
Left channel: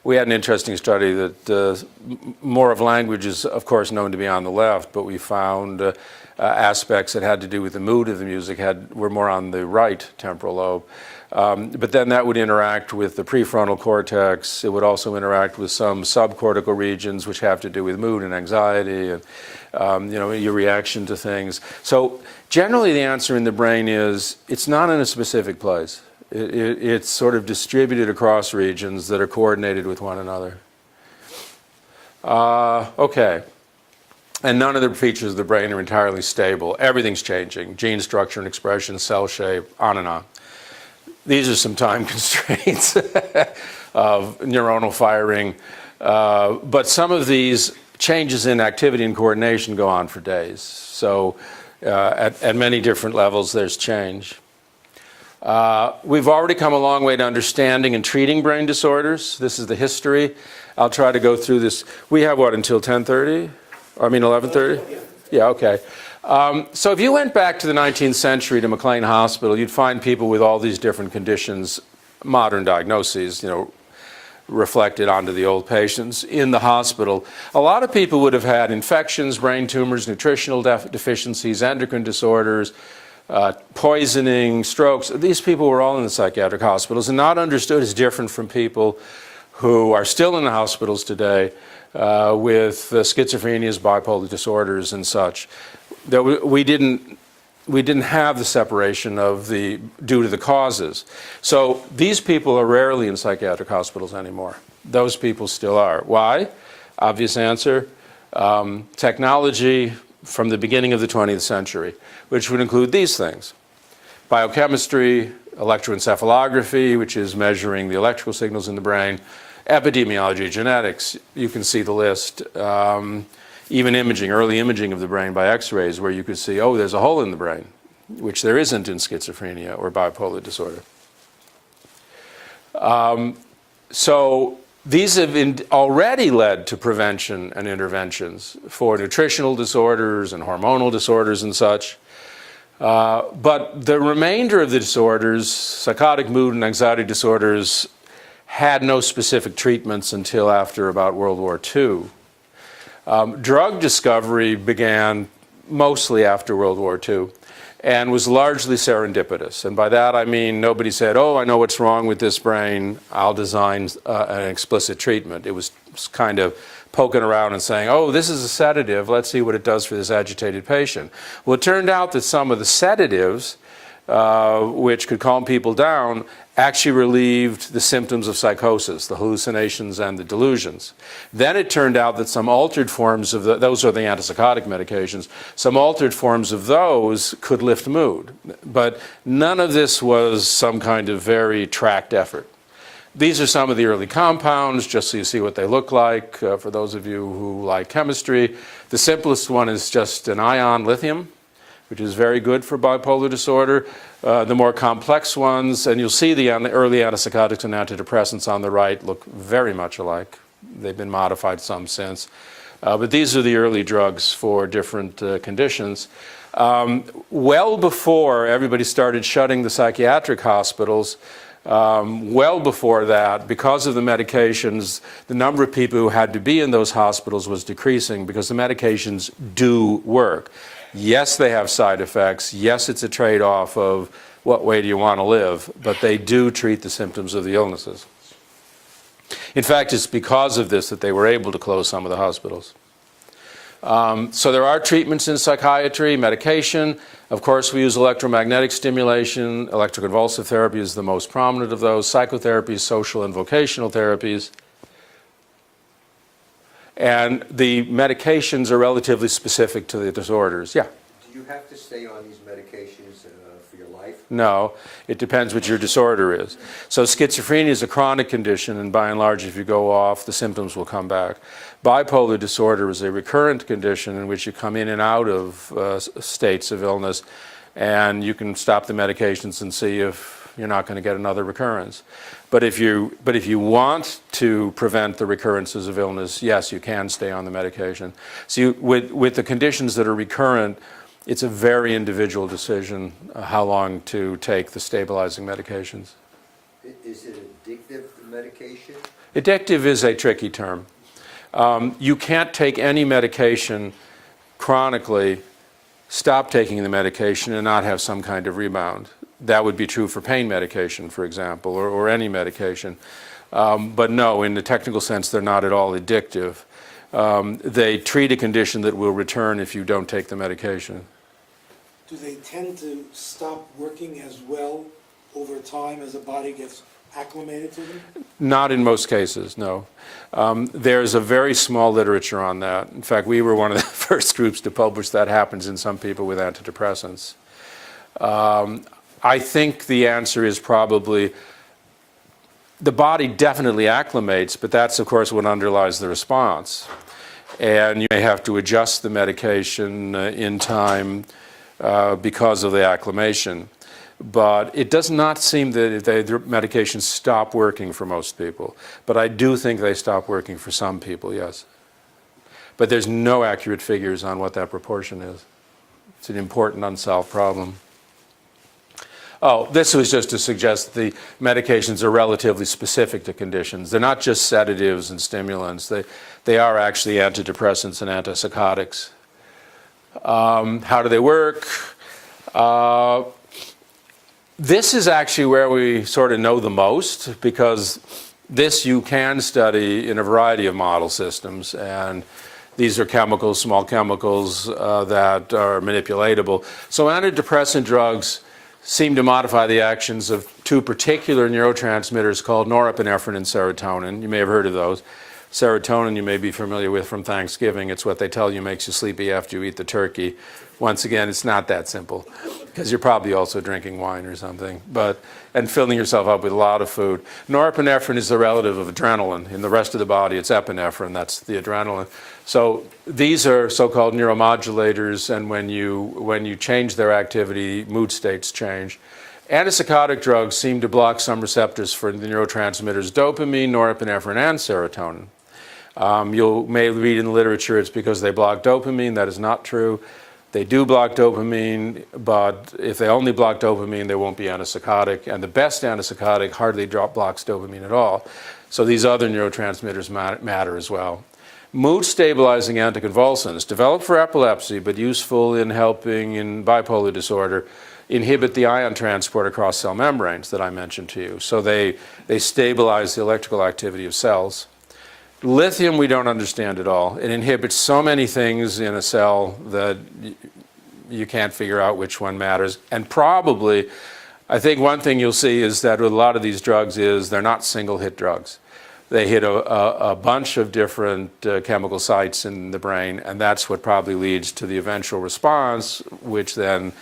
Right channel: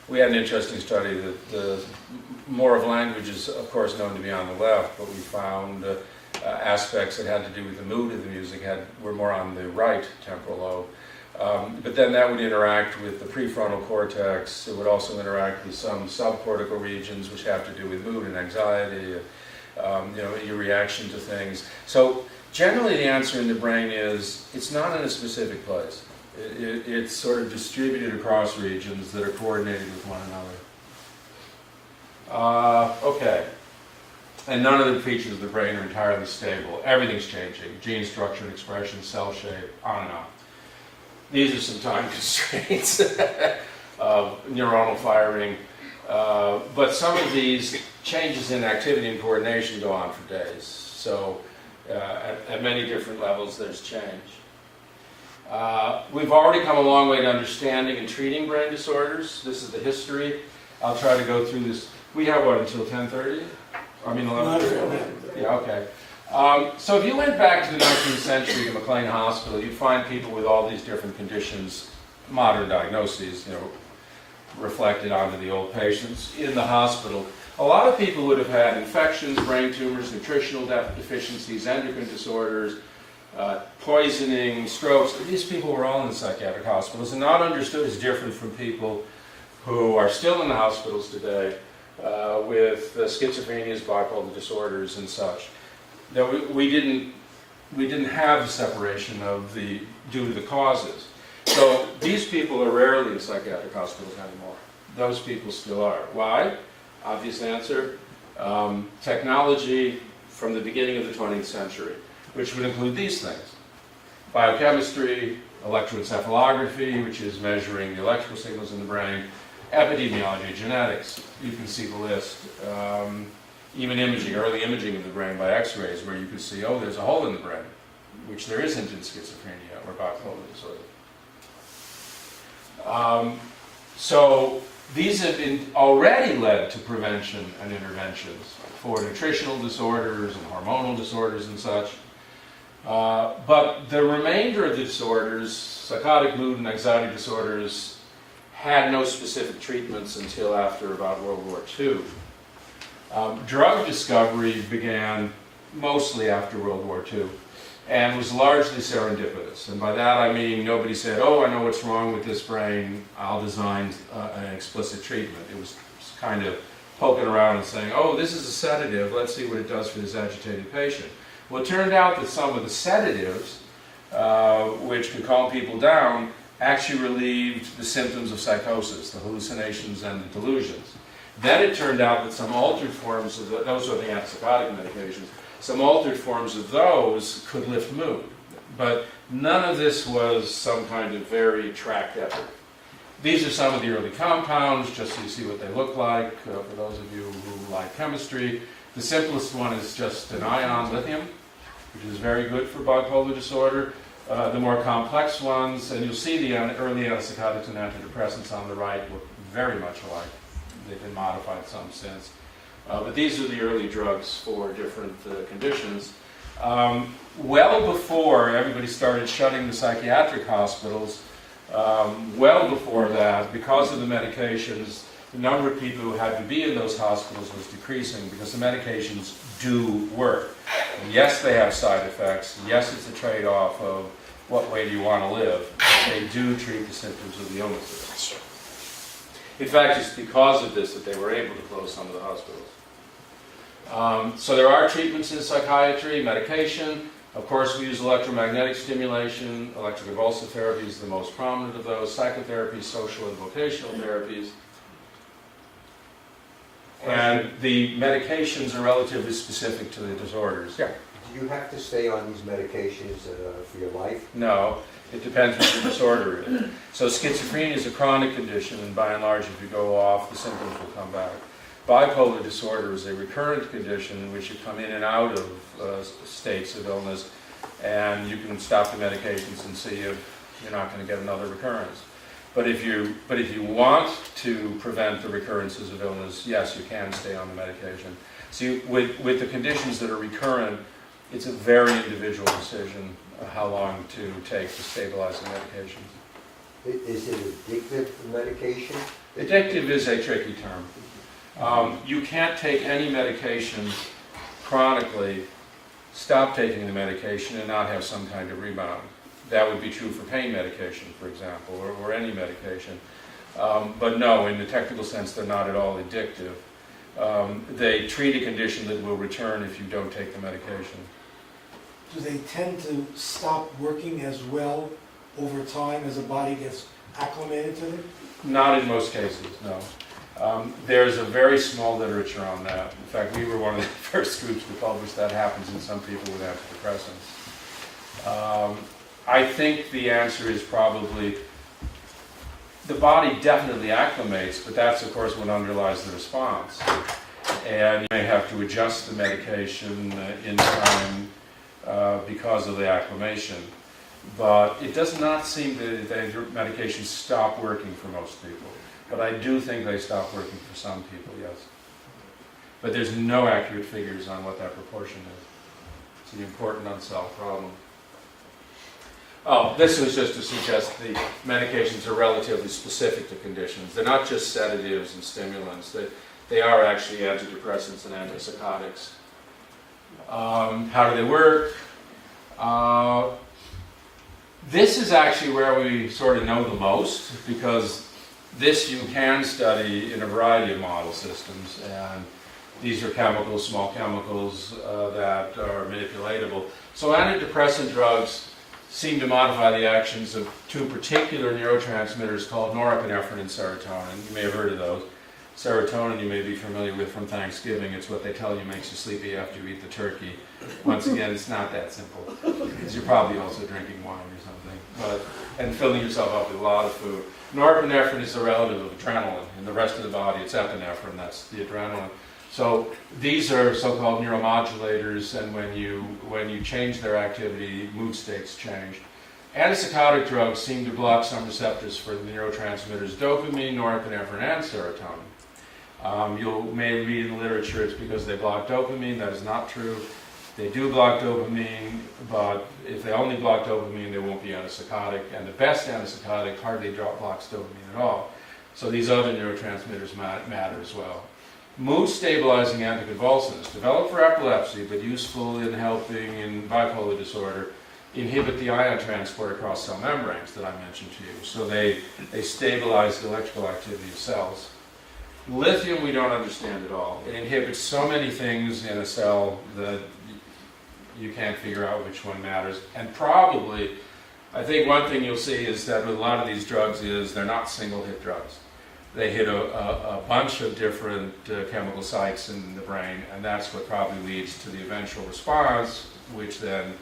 We had an interesting study that more of language is, of course, known to be on the left, but we found aspects that had to do with the mood of the music were more on the right temporal lobe. But then that would interact with the prefrontal cortex. It would also interact with some subcortical regions which have to do with mood and anxiety, your reaction to things. So generally the answer in the brain is it's not in a specific place. It's sort of distributed across regions that are coordinated with one another. Okay. And none of the features of the brain are entirely stable. Everything's changing. Gene structure and expression, cell shape, on and on. These are some time constraints of neuronal firing. But some of these changes in activity and coordination go on for days. So at many different levels, there's change. We've already come a long way to understanding and treating brain disorders. This is the history. I'll try to go through this. We have what, until 10:30? I mean 11:30? Yeah, okay. So if you went back to the 19th century to McLean Hospital, you'd find people with all these different conditions, modern diagnoses, reflected onto the old patients in the hospital. A lot of people would have had infections, brain tumors, nutritional deficiencies, endocrine disorders, poisoning, strokes. These people were all in the psychiatric hospitals and not understood as different from people who are still in the hospitals today with schizophrenias, bipolar disorders, and such. We didn't have the separation due to the causes. So these people are rarely in psychiatric hospitals anymore. Those people still are. Why? Obvious answer. Technology from the beginning of the 20th century, which would include these things. Biochemistry, electroencephalography, which is measuring the electrical signals in the brain, epidemiology, genetics, you can see the list. Even imaging, early imaging of the brain by x-rays, where you could see, oh, there's a hole in the brain, which there isn't in schizophrenia or bipolar disorder. So these have already led to prevention and interventions for nutritional disorders and hormonal disorders and such. But the remainder of the disorders, psychotic mood and anxiety disorders, had no specific treatments until after about World War II. Drug discovery began mostly after World War II and was largely serendipitous. And by that I mean nobody said, oh, I know what's wrong with this brain, I'll design an explicit treatment. It was kind of poking around and saying, oh, this is a sedative, let's see what it does for this agitated patient. Well, it turned out that some of the sedatives, which could calm people down, actually relieved the symptoms of psychosis, the hallucinations and the delusions. Then it turned out that some altered forms of those are the antipsychotic medications, some altered forms of those could lift mood. But none of this was some kind of very tracked effort. These are some of the early compounds, just so you see what they look like, for those of you who like chemistry. The simplest one is just an ion lithium, which is very good for bipolar disorder. The more complex ones, and you'll see the early antipsychotics and antidepressants on the right look very much alike. They've been modified some since. But these are the early drugs for different conditions. Well before everybody started shutting the psychiatric hospitals, well before that, because of the medications, the number of people who had to be in those hospitals was decreasing because the medications do work. Yes, they have side effects. Yes, it's a trade-off of what way do you want to live, but they do treat the symptoms of the illnesses. In fact, it's because of this that they were able to close some of the hospitals. So there are treatments in psychiatry, medication. Of course, we use electromagnetic stimulation. Electroconvulsive therapy is the most prominent of those. Psychotherapy, social and vocational therapies. And the medications are relatively specific to the disorders. Yeah? Do you have to stay on these medications for your life? No, it depends what your disorder is. So schizophrenia is a chronic condition, and by and large, if you go off, the symptoms will come back. Bipolar disorder is a recurrent condition in which you come in and out of states of illness, and you can stop the medications and see if you're not going to get another recurrence. But if you want to prevent the recurrences of illness, yes, you can stay on the medication. So with the conditions that are recurrent, it's a very individual decision how long to take the stabilizing medications. Is it addictive, the medication? Addictive is a tricky term. You can't take any medication chronically, stop taking the medication, and not have some kind of rebound. That would be true for pain medication, for example, or any medication. But no, in the technical sense, they're not at all addictive. They treat a condition that will return if you don't take the medication. Do they tend to stop working as well over time as the body gets acclimated to them? Not in most cases, no. There's a very small literature on that. In fact, we were one of the first groups to publish that happens in some people with antidepressants. I think the answer is probably the body definitely acclimates, but that's of course what underlies the response. And you may have to adjust the medication in time because of the acclimation. But it does not seem that the medications stop working for most people. But I do think they stop working for some people, yes. But there's no accurate figures on what that proportion is. It's an important unsolved problem. Oh, this was just to suggest the medications are relatively specific to conditions. They're not just sedatives and stimulants. They are actually antidepressants and antipsychotics. How do they work? This is actually where we sort of know the most, because this you can study in a variety of model systems, and these are chemicals, small chemicals that are manipulatable. So antidepressant drugs seem to modify the actions of two particular neurotransmitters called norepinephrine and serotonin. You may have heard of those. Serotonin you may be familiar with from Thanksgiving. It's what they tell you makes you sleepy after you eat the turkey. Once again, it's not that simple, because you're probably also drinking wine or something, and filling yourself up with a lot of food. Norepinephrine is the relative of adrenaline. In the rest of the body, it's epinephrine, that's the adrenaline. So these are so-called neuromodulators, and when you change their activity, mood states change. Antipsychotic drugs seem to block some receptors for the neurotransmitters dopamine, norepinephrine, and serotonin. You may read in the literature it's because they block dopamine. That is not true. They do block dopamine, but if they only block dopamine, they won't be antipsychotic. And the best antipsychotic hardly blocks dopamine at all. So these other neurotransmitters matter as well. Mood-stabilizing anticonvulsants, developed for epilepsy, but useful in helping in bipolar disorder, inhibit the ion transport across cell membranes that I mentioned to you. So they stabilize the electrical activity of cells. Lithium we don't understand at all. It inhibits so many things in a cell that you can't figure out which one matters. And probably, I think one thing you'll see is that with a lot of these drugs is they're not single-hit drugs. They hit a bunch of different chemical sites in the brain, and that's what probably leads to the eventual response, which then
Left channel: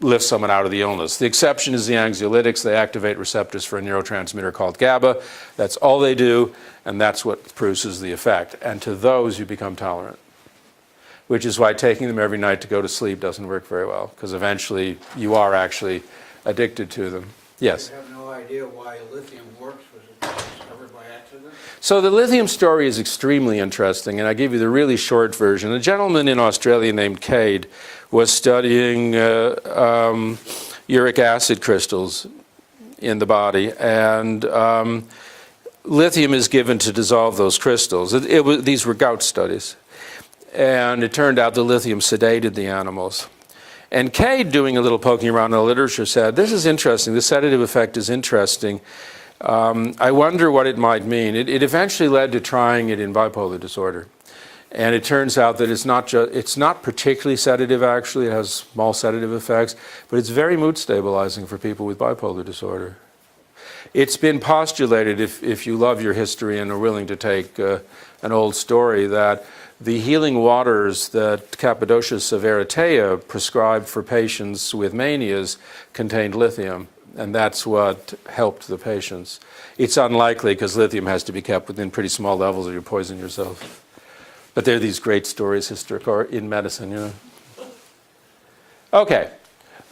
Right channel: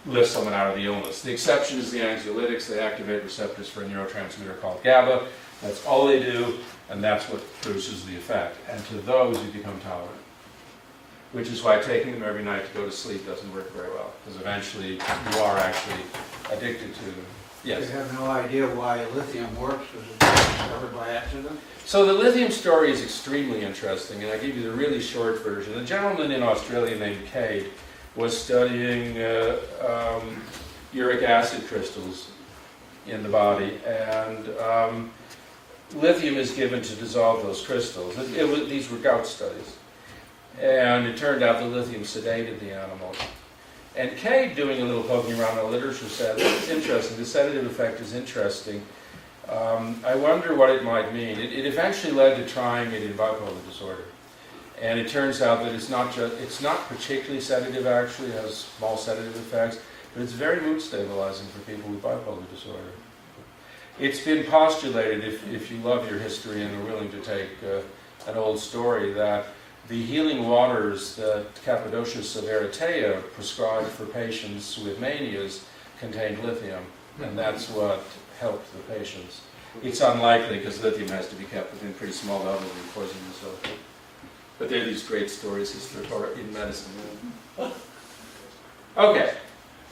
lifts someone out of the illness. The exception is the anxiolytics. They activate receptors for a neurotransmitter called GABA. That's all they do, and that's what produces the effect. And to those, you become tolerant, which is why taking them every night to go to sleep doesn't work very well, because eventually you are actually addicted to them. Yes? You have no idea why lithium works, was it discovered by accident? So the Lithium Story is extremely interesting, and I give you the really short version. A gentleman in Australia named Cade was studying uric acid crystals in the body, and lithium is given to dissolve those crystals. These were gout studies, and it turned out the lithium sedated the animals. And Cade, doing a little poking around in the literature, said, this is interesting, the sedative effect is interesting. I wonder what it might mean. It eventually led to trying it in bipolar disorder. And it turns out that it's not particularly sedative actually, it has small sedative effects, but it's very mood stabilizing for people with bipolar disorder. It's been postulated, if you love your history and are willing to take an old story, that the healing waters that Cappadocius of Eritrea prescribed for patients with manias contained lithium, and that's what helped the patients. It's unlikely because lithium has to be kept within pretty small levels or you poison yourself. But there are these great stories in medicine, you know. Okay.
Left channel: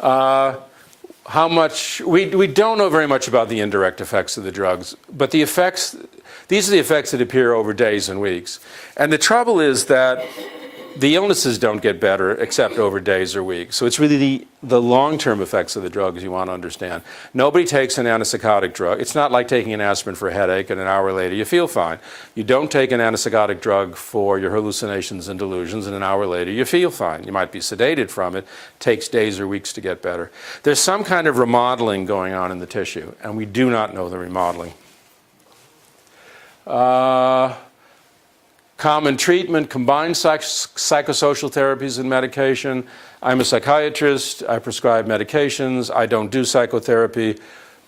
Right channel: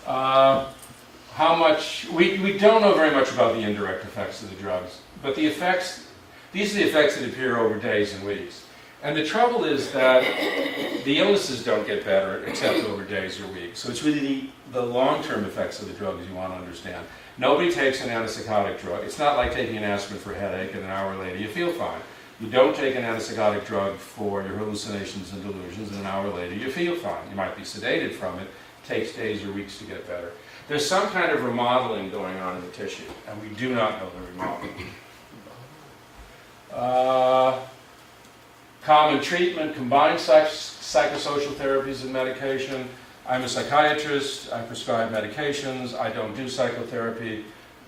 How much, we don't know very much about the indirect effects of the drugs, but the effects, these are the effects that appear over days and weeks. And the trouble is that the illnesses don't get better except over days or weeks. So it's really the long-term effects of the drugs you want to understand. Nobody takes an antipsychotic drug. It's not like taking an aspirin for a headache and an hour later you feel fine. You don't take an antipsychotic drug for your hallucinations and delusions and an hour later you feel fine. You might be sedated from it. It takes days or weeks to get better. There's some kind of remodeling going on in the tissue, and we do not know the remodeling. Common treatment, combined psychosocial therapies and medication. I'm a psychiatrist, I prescribe medications, I don't do psychotherapy,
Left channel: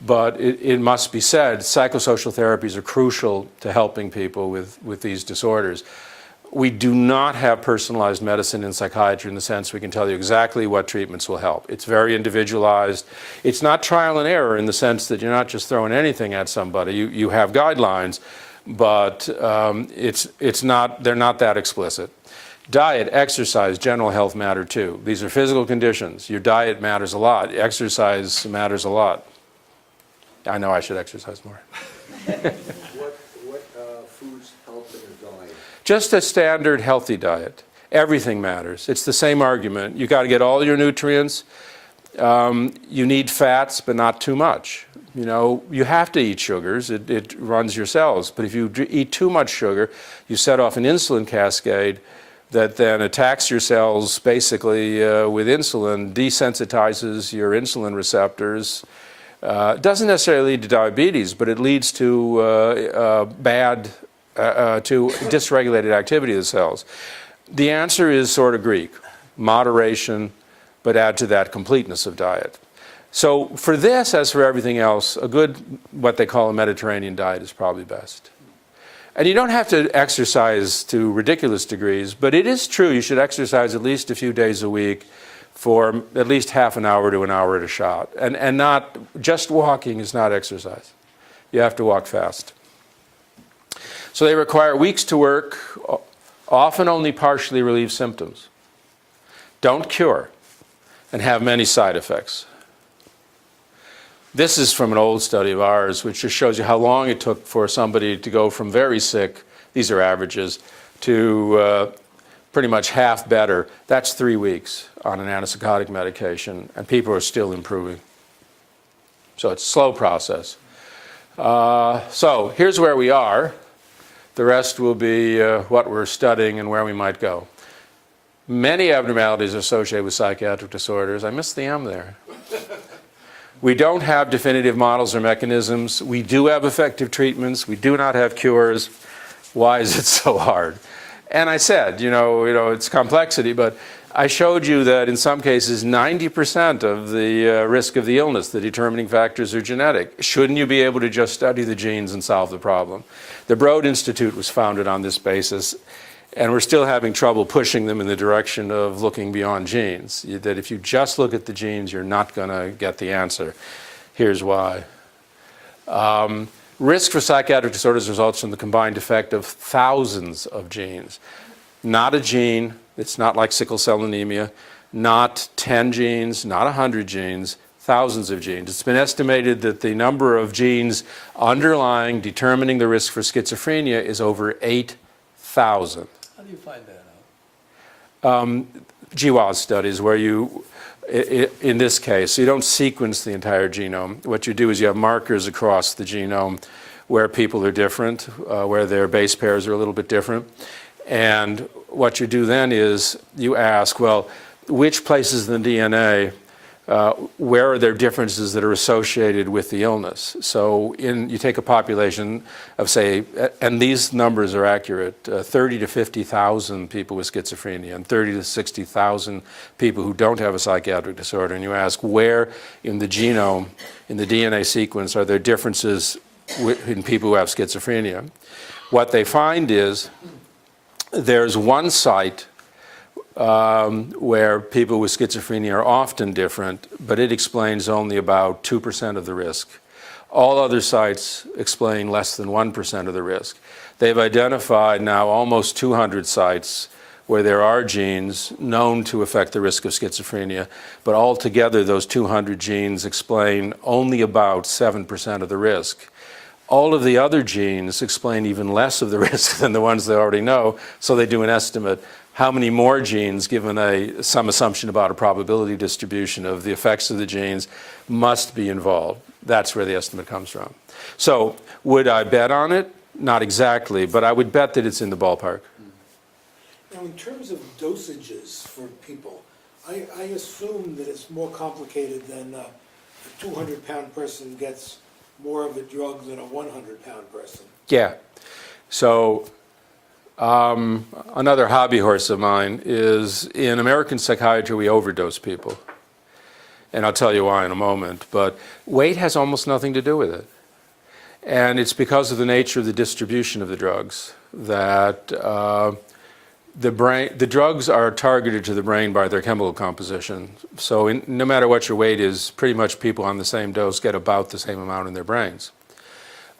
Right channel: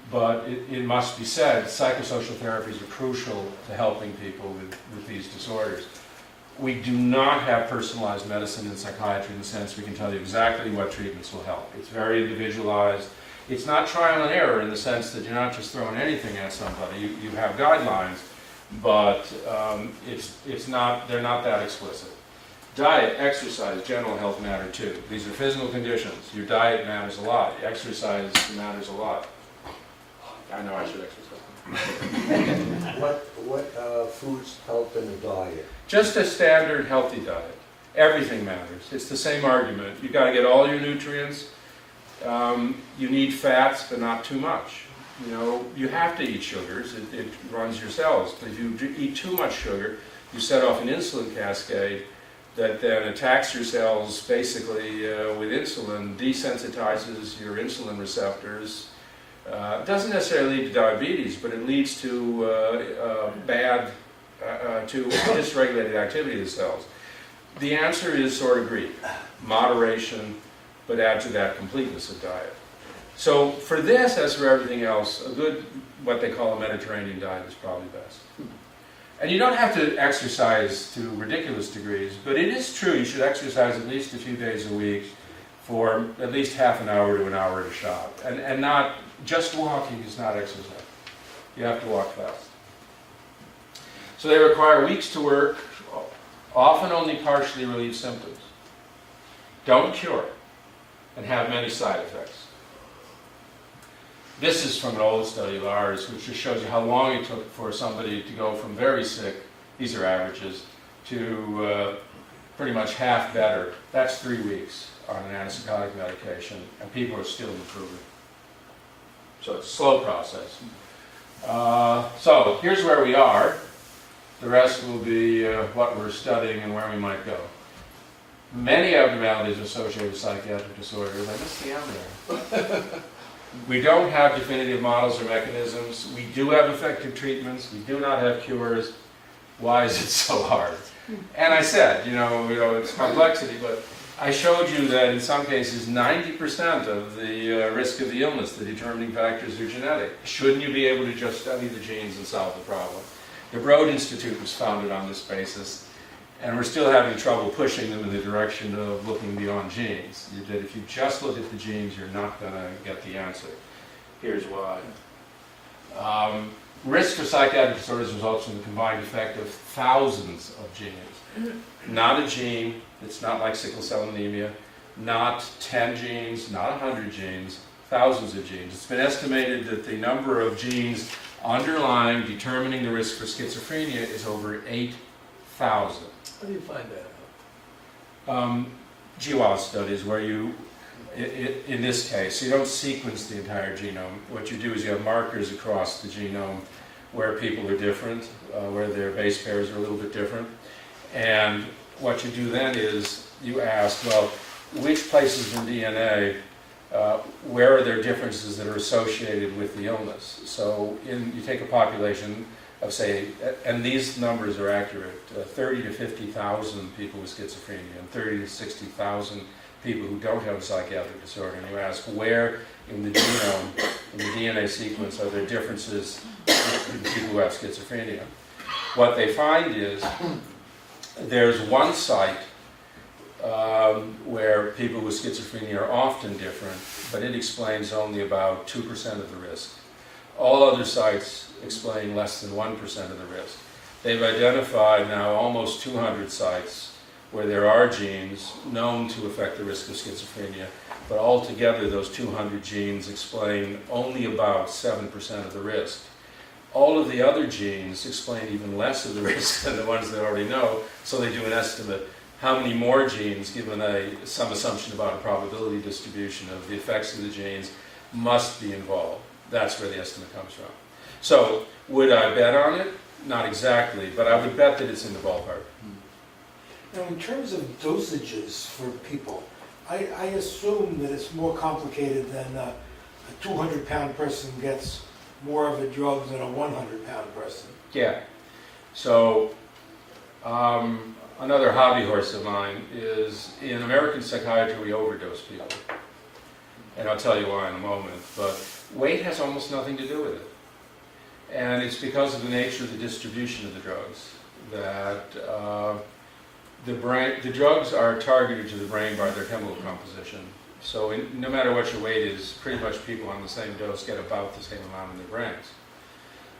but it must be said, psychosocial therapies are crucial to helping people with these disorders. We do not have personalized medicine in psychiatry in the sense we can tell you exactly what treatments will help. It's very individualized. It's not trial and error in the sense that you're not just throwing anything at somebody. You have guidelines, but they're not that explicit. Diet, exercise, general health matter too. These are physical conditions. Your diet matters a lot. Exercise matters a lot. I know I should exercise more. What foods help in a diet? Just a standard healthy diet. Everything matters. It's the same argument. You got to get all your nutrients. You need fats, but not too much. You know, you have to eat sugars. It runs your cells. But if you eat too much sugar, you set off an insulin cascade that then attacks your cells basically with insulin, desensitizes your insulin receptors. It doesn't necessarily lead to diabetes, but it leads to to dysregulated activity of the cells. The answer is sort of Greek, moderation, but add to that completeness of diet. So for this, as for everything else, a good, what they call a Mediterranean diet is probably best. And you don't have to exercise to ridiculous degrees, but it is true you should exercise at least a few days a week for at least half an hour to an hour at a shot. And not, just walking is not exercise. You have to walk fast. So they require weeks to work, often only partially relieve symptoms. Don't cure, and have many side effects. This is from an old study of ours, which just shows you how long it took for somebody to go from very sick, these are averages, to pretty much half better. That's 3 weeks on an antipsychotic medication, and people are still improving. So it's a slow process. So here's where we are. The rest will be what we're studying and where we might go. Many abnormalities associated with psychiatric disorders. I missed the M there. We don't have definitive models or mechanisms. We do have effective treatments. We do not have cures. Why is it so hard? And I said, you know, it's complexity, but I showed you that in some cases 90% of the risk of the illness, the determining factors are genetic. Shouldn't you be able to just study the genes and solve the problem? The Broad Institute was founded on this basis, and we're still having trouble pushing them in the direction of looking beyond genes. That if you just look at the genes, you're not going to get the answer. Here's why. Risk for psychiatric disorders results from the combined effect of thousands of genes. Not a gene, it's not like sickle cell anemia, not 10 genes, not 100 genes, thousands of genes. It's been estimated that the number of genes underlying determining the risk for schizophrenia is over 8,000. How do you find that out? GWAS studies where you, in this case, you don't sequence the entire genome. What you do is you have markers across the genome where people are different, where their base pairs are a little bit different. And what you do then is you ask, well, which places in the DNA where are there differences that are associated with the illness? So you take a population of, say, and these numbers are accurate, 30 to 50,000 people with schizophrenia and 30 to 60,000 people who don't have a psychiatric disorder, and you ask where in the genome, in the DNA sequence, are there differences in people who have schizophrenia? What they find is there's one site where people with schizophrenia are often different, but it explains only about 2% of the risk. All other sites explain less than 1% of the risk. They've identified now almost 200 sites where there are genes known to affect the risk of schizophrenia, but altogether those 200 genes explain only about 7% of the risk. All of the other genes explain even less of the risk than the ones they already know, so they do an estimate. How many more genes, given some assumption about a probability distribution of the effects of the genes, must be involved? That's where the estimate comes from. So, would I bet on it? Not exactly, but I would bet that it's in the ballpark. Now, in terms of dosages for people, I assume that it's more complicated than a 200-pound person gets more of a drug than a 100-pound person. Yeah. So, another hobby horse of mine is in American psychiatry we overdose people. And I'll tell you why in a moment. But weight has almost nothing to do with it. And it's because of the nature of the distribution of the drugs that the drugs are targeted to the brain by their chemical composition. So no matter what your weight is, pretty much people on the same dose get about the same amount in their brains.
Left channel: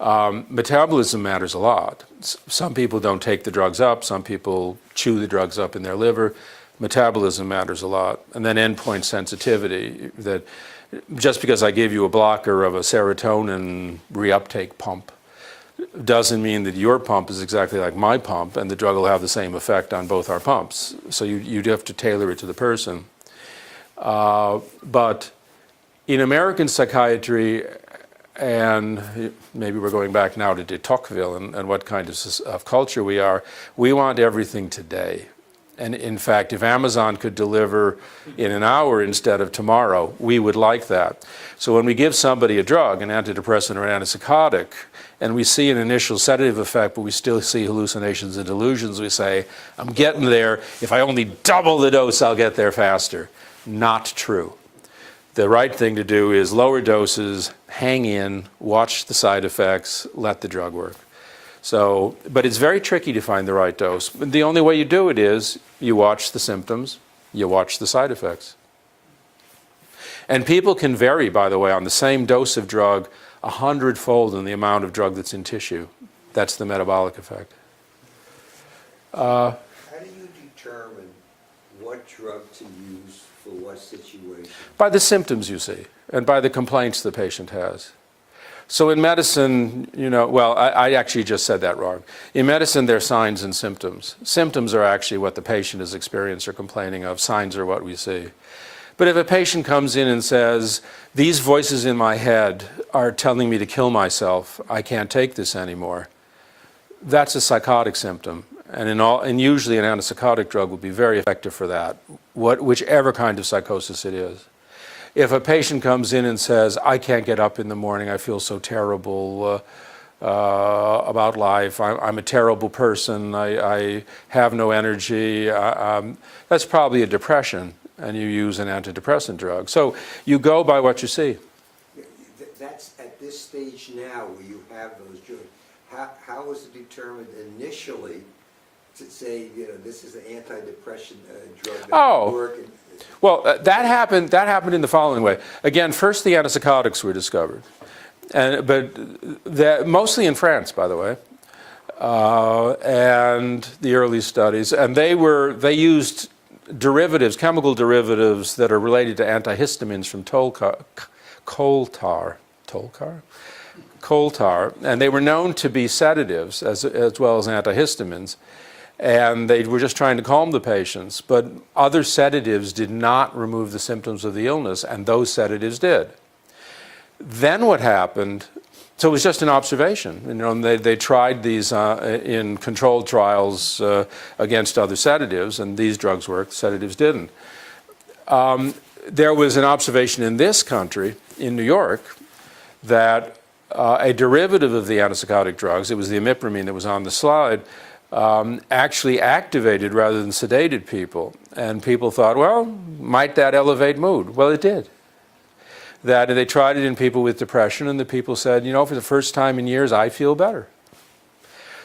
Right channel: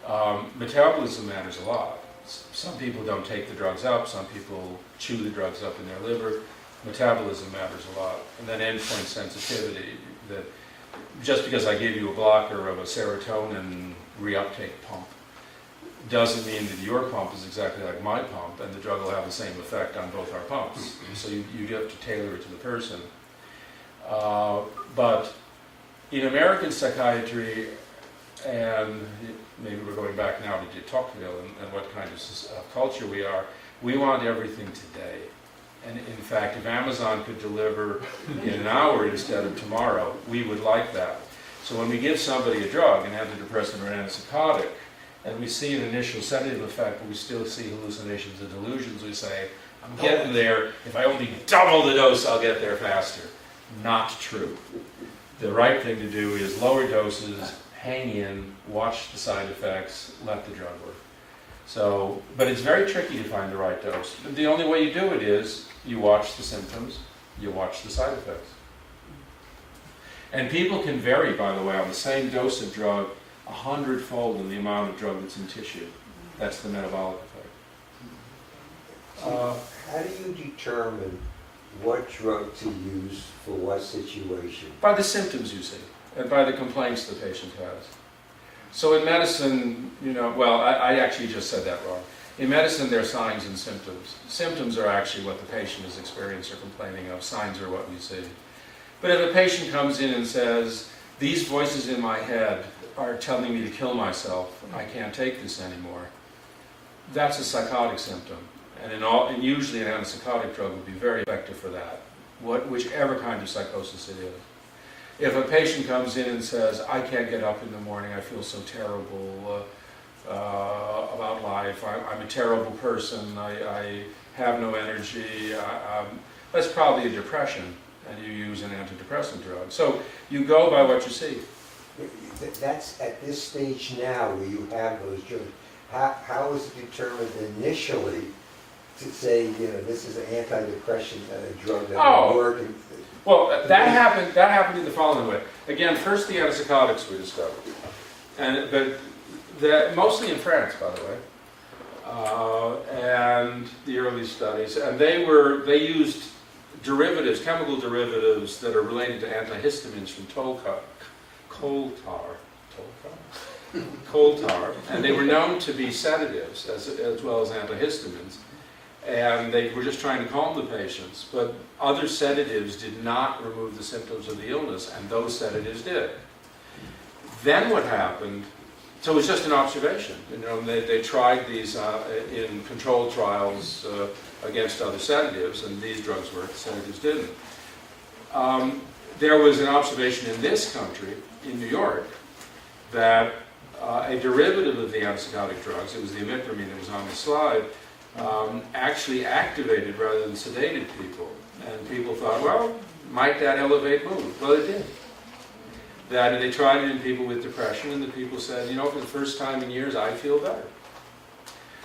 Metabolism matters a lot. Some people don't take the drugs up, some people chew the drugs up in their liver. Metabolism matters a lot. And then endpoint sensitivity, that just because I give you a blocker of a serotonin reuptake pump doesn't mean that your pump is exactly like my pump and the drug will have the same effect on both our pumps. So you have to tailor it to the person. But in American psychiatry, and maybe we're going back now to de Tocqueville and what kind of culture we are, we want everything today. And in fact, if Amazon could deliver in an hour instead of tomorrow, we would like that. So when we give somebody a drug, an antidepressant or an antipsychotic, and we see an initial sedative effect, but we still see hallucinations and delusions, we say, I'm getting there. If I only double the dose, I'll get there faster. Not true. The right thing to do is lower doses, hang in, watch the side effects, let the drug work. So, but it's very tricky to find the right dose. But the only way you do it is you watch the symptoms, you watch the side effects. And people can vary, by the way, on the same dose of drug 100-fold in the amount of drug that's in tissue. That's the metabolic effect. How do you determine what drug to use for what situation? By the symptoms you see, and by the complaints the patient has. So in medicine, well, I actually just said that wrong. In medicine, there are signs and symptoms. Symptoms are actually what the patient has experienced or complaining of. Signs are what we see. But if a patient comes in and says, these voices in my head are telling me to kill myself, I can't take this anymore, that's a psychotic symptom. And usually an antipsychotic drug would be very effective for that, whichever kind of psychosis it is. If a patient comes in and says, I can't get up in the morning, I feel so terrible about life, I'm a terrible person, I have no energy, that's probably a depression, and you use an antidepressant drug. So you go by what you see. That's at this stage now where you have those drugs. How is it determined initially to say, this is an antidepressant drug that will work? Well, that happened in the following way. Again, first the antipsychotics were discovered, but mostly in France, by the way, and the early studies, and they used derivatives, chemical derivatives that are related to antihistamines from coal tar, and they were known to be sedatives as well as antihistamines. And they were just trying to calm the patients, but other sedatives did not remove the symptoms of the illness, and those sedatives did. Then what happened, so it was just an observation. They tried these in controlled trials against other sedatives, and these drugs worked, sedatives didn't. there was an observation in this country, in New York, that a derivative of the antipsychotic drugs, it was the imipramine that was on the slide, actually activated rather than sedated people. And people thought, well, might that elevate mood? Well, it did. That they tried it in people with depression, and the people said, you know, for the first time in years, I feel better.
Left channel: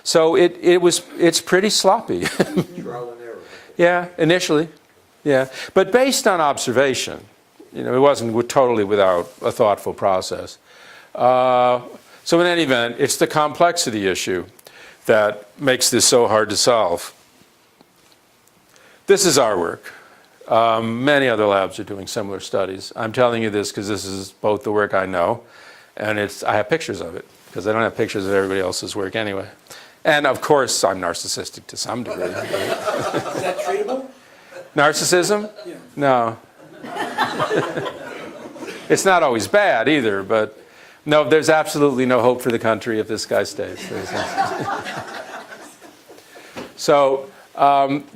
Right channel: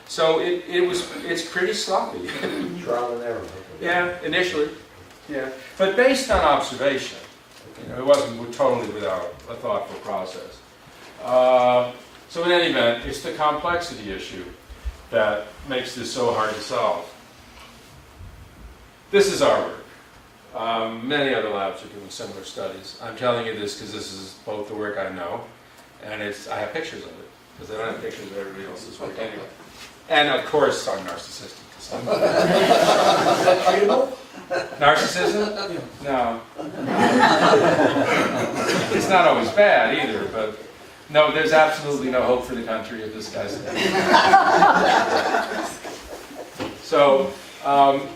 So it's pretty sloppy. Trial and error. Yeah, initially. Yeah, but based on observation, you know, it wasn't totally without a thoughtful process. So in any event, it's the complexity issue that makes this so hard to solve. This is our work. Many other labs are doing similar studies. I'm telling you this because this is both the work I know, and I have pictures of it, because I don't have pictures of everybody else's work anyway. And of course, I'm narcissistic to some degree. Is that treatable? Narcissism? No. It's not always bad either, but no, there's absolutely no hope for the country if this guy stays. So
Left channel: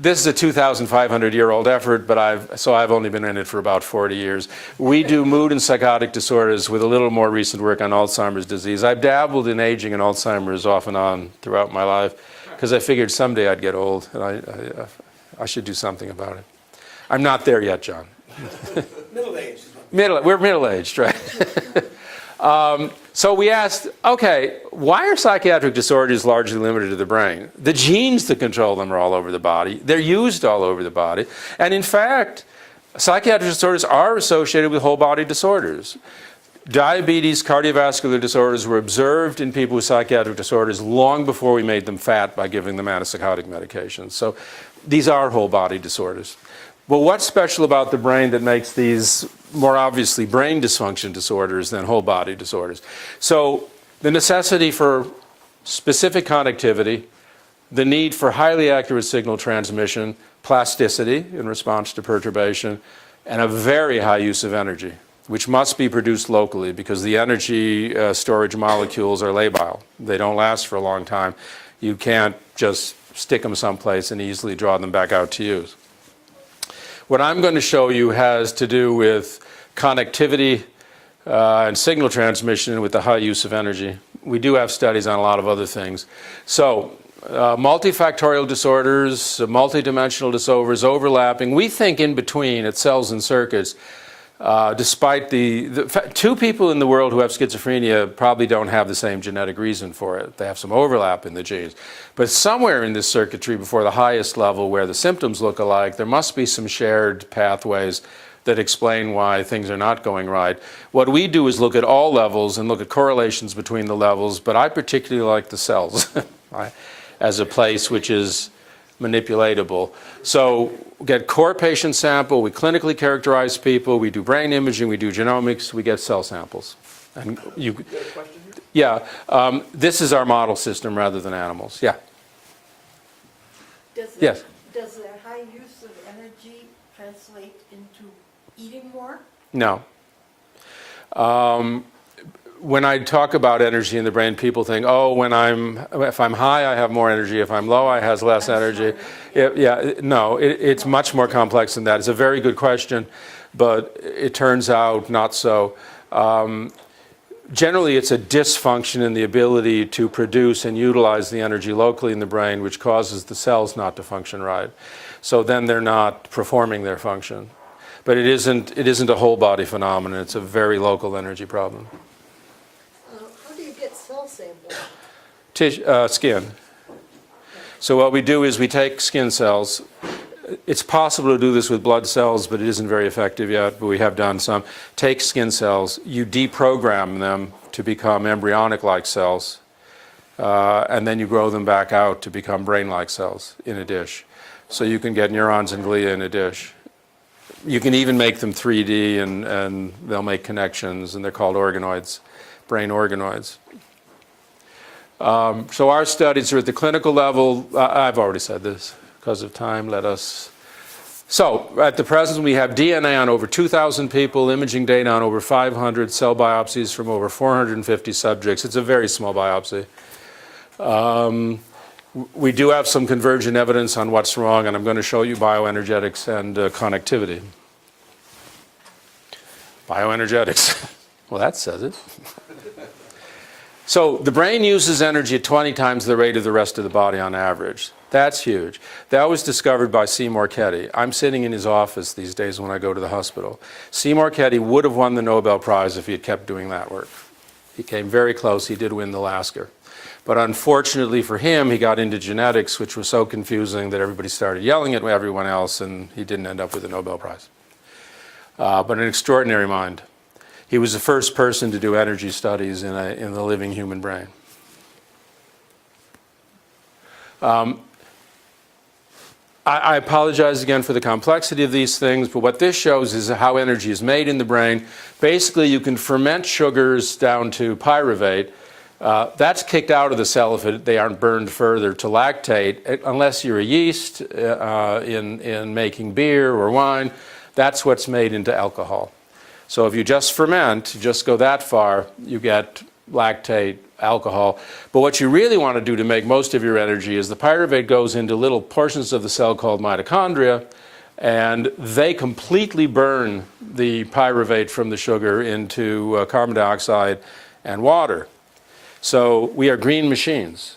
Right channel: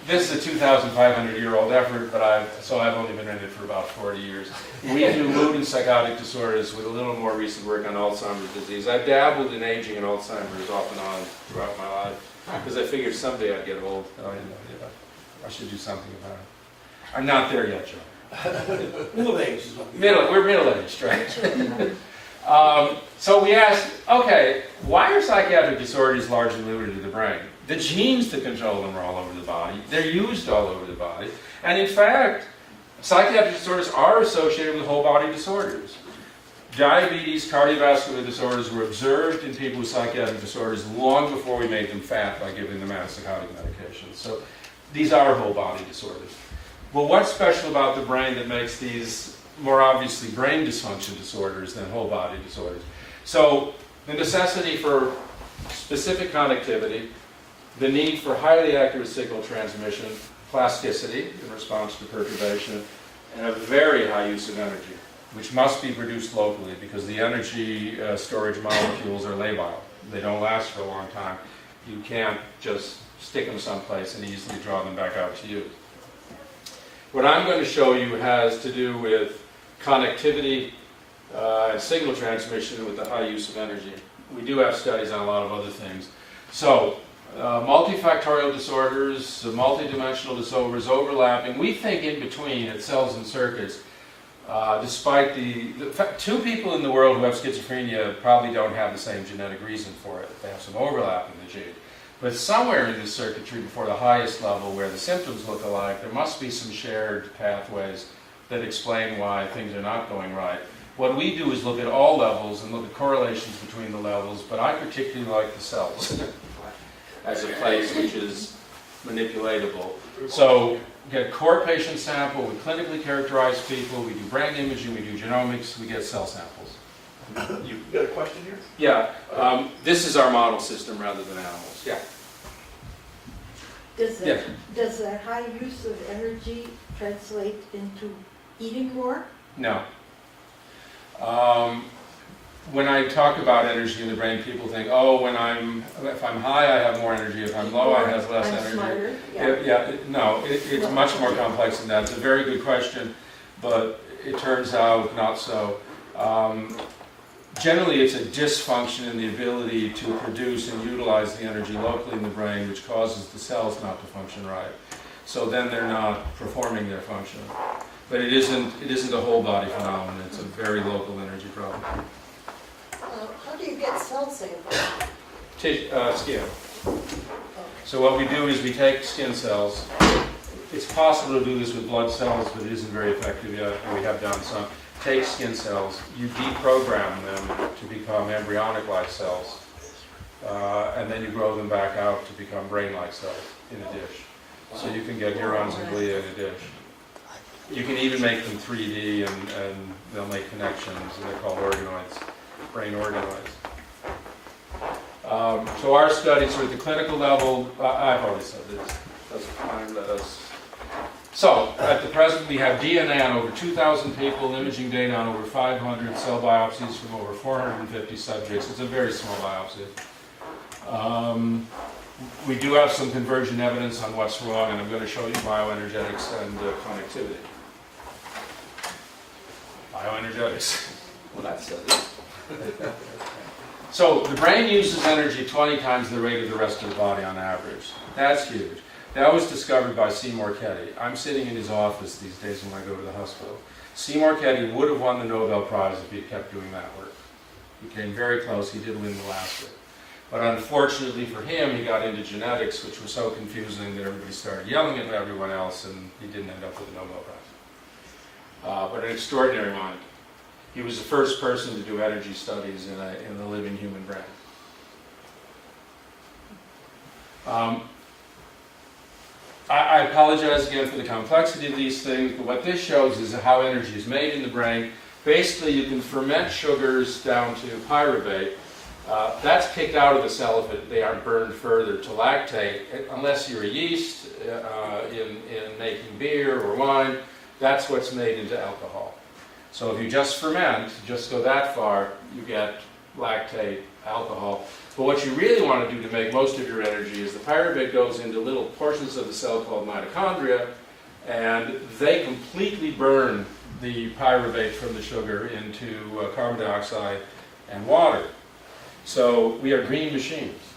this is a 2,500-year-old effort, but I've only been in it for about 40 years. We do mood and psychotic disorders with a little more recent work on Alzheimer's disease. I've dabbled in aging and Alzheimer's off and on throughout my life because I figured someday I'd get old and I should do something about it. I'm not there yet, John. Middle-aged. We're middle-aged, right? So we asked, okay, why are psychiatric disorders largely limited to the brain? The genes that control them are all over the body. They're used all over the body. And in fact, psychiatric disorders are associated with whole body disorders. Diabetes, cardiovascular disorders were observed in people with psychiatric disorders long before we made them fat by giving them antipsychotic medications. So these are whole body disorders. Well, what's special about the brain that makes these more obviously brain dysfunction disorders than whole body disorders? So the necessity for specific connectivity, the need for highly accurate signal transmission, plasticity in response to perturbation, and a very high use of energy, which must be produced locally because the energy storage molecules are labile. They don't last for a long time. You can't just stick them someplace and easily draw them back out to use. What I'm going to show you has to do with connectivity and signal transmission with the high use of energy. We do have studies on a lot of other things. So, multifactorial disorders, multidimensional disorders, overlapping. We think in between at cells and circuits, despite two people in the world who have schizophrenia probably don't have the same genetic reason for it. They have some overlap in the genes. But somewhere in this circuitry before the highest level where the symptoms look alike, there must be some shared pathways that explain why things are not going right. What we do is look at all levels and look at correlations between the levels, but I particularly like the cells as a place which is manipulatable. So get core patient sample, we clinically characterize people, we do brain imaging, we do genomics, we get cell samples. And you got a question here? Yeah, this is our model system rather than animals. Yeah. Yes. Does the high use of energy translate into eating more? No. When I talk about energy in the brain, people think, oh, if I'm high, I have more energy. If I'm low, I have less energy. No, it's much more complex than that. It's a very good question, but it turns out not so. Generally, it's a dysfunction in the ability to produce and utilize the energy locally in the brain, which causes the cells not to function right. So then they're not performing their function. But it isn't a whole body phenomenon. It's a very local energy problem. How do you get cell samples? Skin. So what we do is we take skin cells. It's possible to do this with blood cells, but it isn't very effective yet, but we have done some. Take skin cells, you deprogram them to become embryonic-like cells, and then you grow them back out to become brain-like cells in a dish. So you can get neurons and glia in a dish. You can even make them 3D, and they'll make connections, and they're called organoids, brain organoids. So our studies are at the clinical level. I've already said this. Because of time, So, at the present, we have DNA on over 2,000 people, imaging data on over 500, cell biopsies from over 450 subjects. It's a very small biopsy. We do have some convergent evidence on what's wrong, and I'm going to show you bioenergetics and connectivity. Bioenergetics. Well, that says it. So the brain uses energy at 20 times the rate of the rest of the body on average. That's huge. That was discovered by Seymour Ketty. I'm sitting in his office these days when I go to the hospital. Seymour Ketty would have won the Nobel Prize if he had kept doing that work. He came very close. He did win the Lasker. But unfortunately for him, he got into genetics, which was so confusing that everybody started yelling at everyone else, and he didn't end up with the Nobel Prize. But an extraordinary mind. He was the first person to do energy studies in the living human brain. I apologize again for the complexity of these things, but what this shows is how energy is made in the brain. Basically, you can ferment sugars down to pyruvate. That's kicked out of the cell if they aren't burned further to lactate, unless you're a yeast in making beer or wine. That's what's made into alcohol. So if you just ferment, just go that far, you get lactate, alcohol. But what you really want to do to make most of your energy is the pyruvate goes into little portions of the cell called mitochondria, and they completely burn the pyruvate from the sugar into carbon dioxide and water. So we are green machines,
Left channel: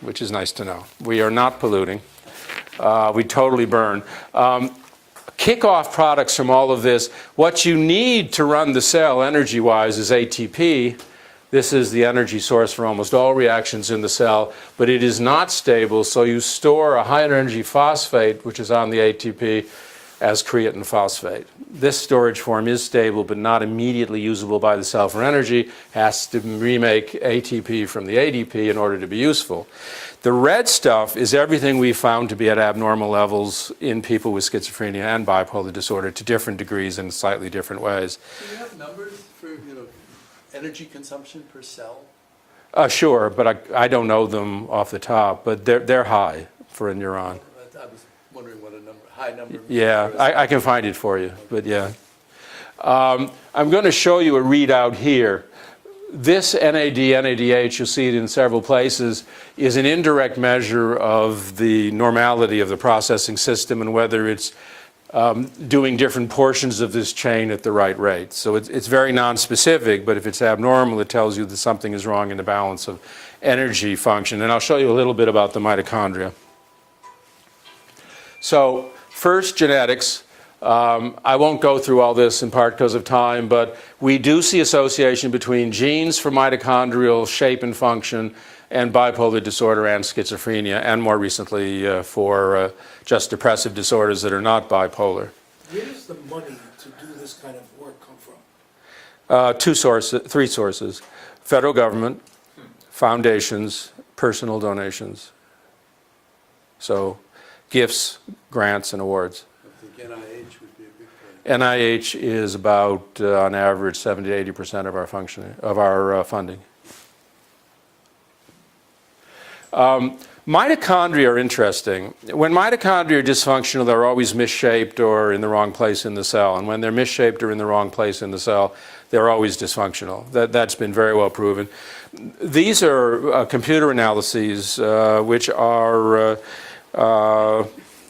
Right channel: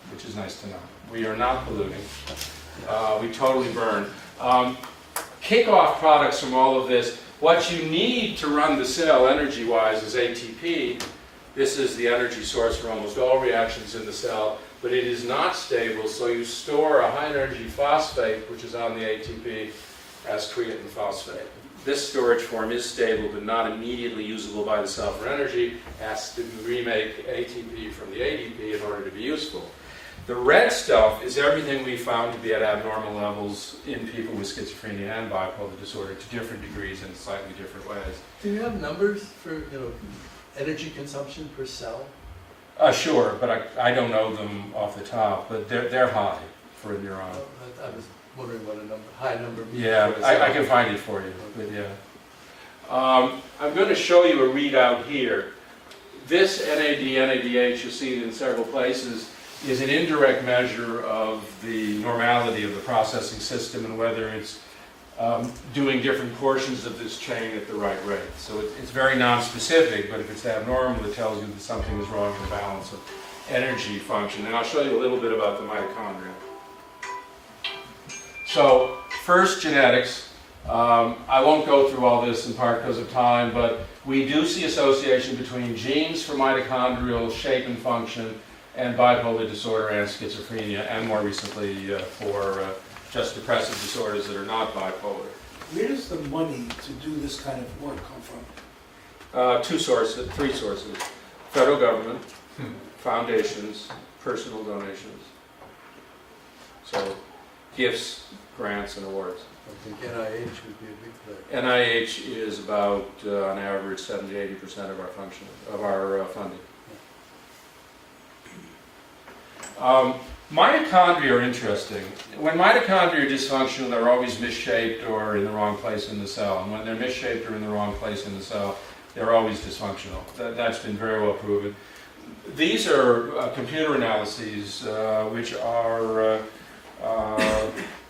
which is nice to know. We are not polluting. We totally burn. Kick-off products from all of this, what you need to run the cell energy-wise is ATP. This is the energy source for almost all reactions in the cell, but it is not stable, so you store a high-energy phosphate, which is on the ATP, as creatine phosphate. This storage form is stable, but not immediately usable by the cell for energy. Has to remake ATP from the ADP in order to be useful. The red stuff is everything we found to be at abnormal levels in people with schizophrenia and bipolar disorder to different degrees in slightly different ways. Do you have numbers for energy consumption per cell? Sure, but I don't know them off the top, but they're high for a neuron. I was wondering what a high number. Yeah, I can find it for you, but yeah. I'm going to show you a readout here. This NAD, NADH, you'll see it in several places, is an indirect measure of the normality of the processing system and whether it's doing different portions of this chain at the right rate. So it's very non-specific, but if it's abnormal, it tells you that something is wrong in the balance of energy function. And I'll show you a little bit about the mitochondria. So first, genetics. I won't go through all this in part because of time, but we do see association between genes for mitochondrial shape and function and bipolar disorder and schizophrenia, and more recently for just depressive disorders that are not bipolar. Where does the money to do this kind of work come from? Three sources. Federal government, foundations, personal donations. So gifts, grants, and awards. I think NIH would be a big threat. NIH is about, on average, 70 to 80% of our funding. Mitochondria are interesting. When mitochondria are dysfunctional, they're always misshaped or in the wrong place in the cell. And when they're misshaped or in the wrong place in the cell, they're always dysfunctional. That's been very well proven. These are computer analyses, which are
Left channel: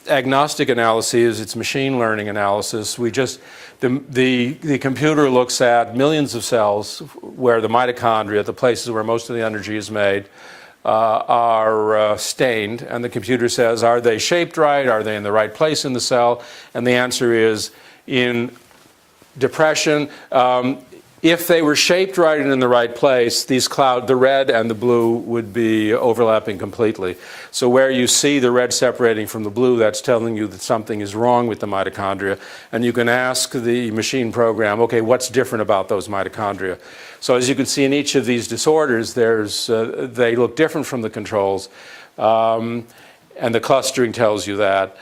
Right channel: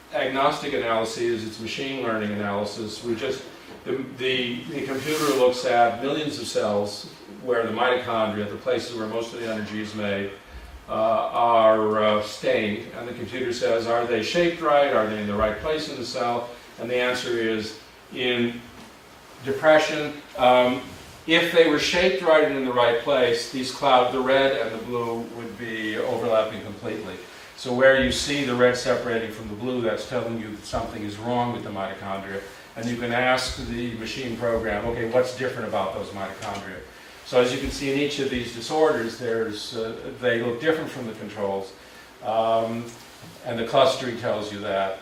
agnostic analyses. It's machine learning analysis. The computer looks at millions of cells where the mitochondria, the places where most of the energy is made, are stained, and the computer says, are they shaped right? Are they in the right place in the cell? And the answer is, in depression, if they were shaped right and in the right place, these the red and the blue would be overlapping completely. So where you see the red separating from the blue, that's telling you that something is wrong with the mitochondria. And you can ask the machine program, okay, what's different about those mitochondria? So as you can see in each of these disorders, they look different from the controls, and the clustering tells you that.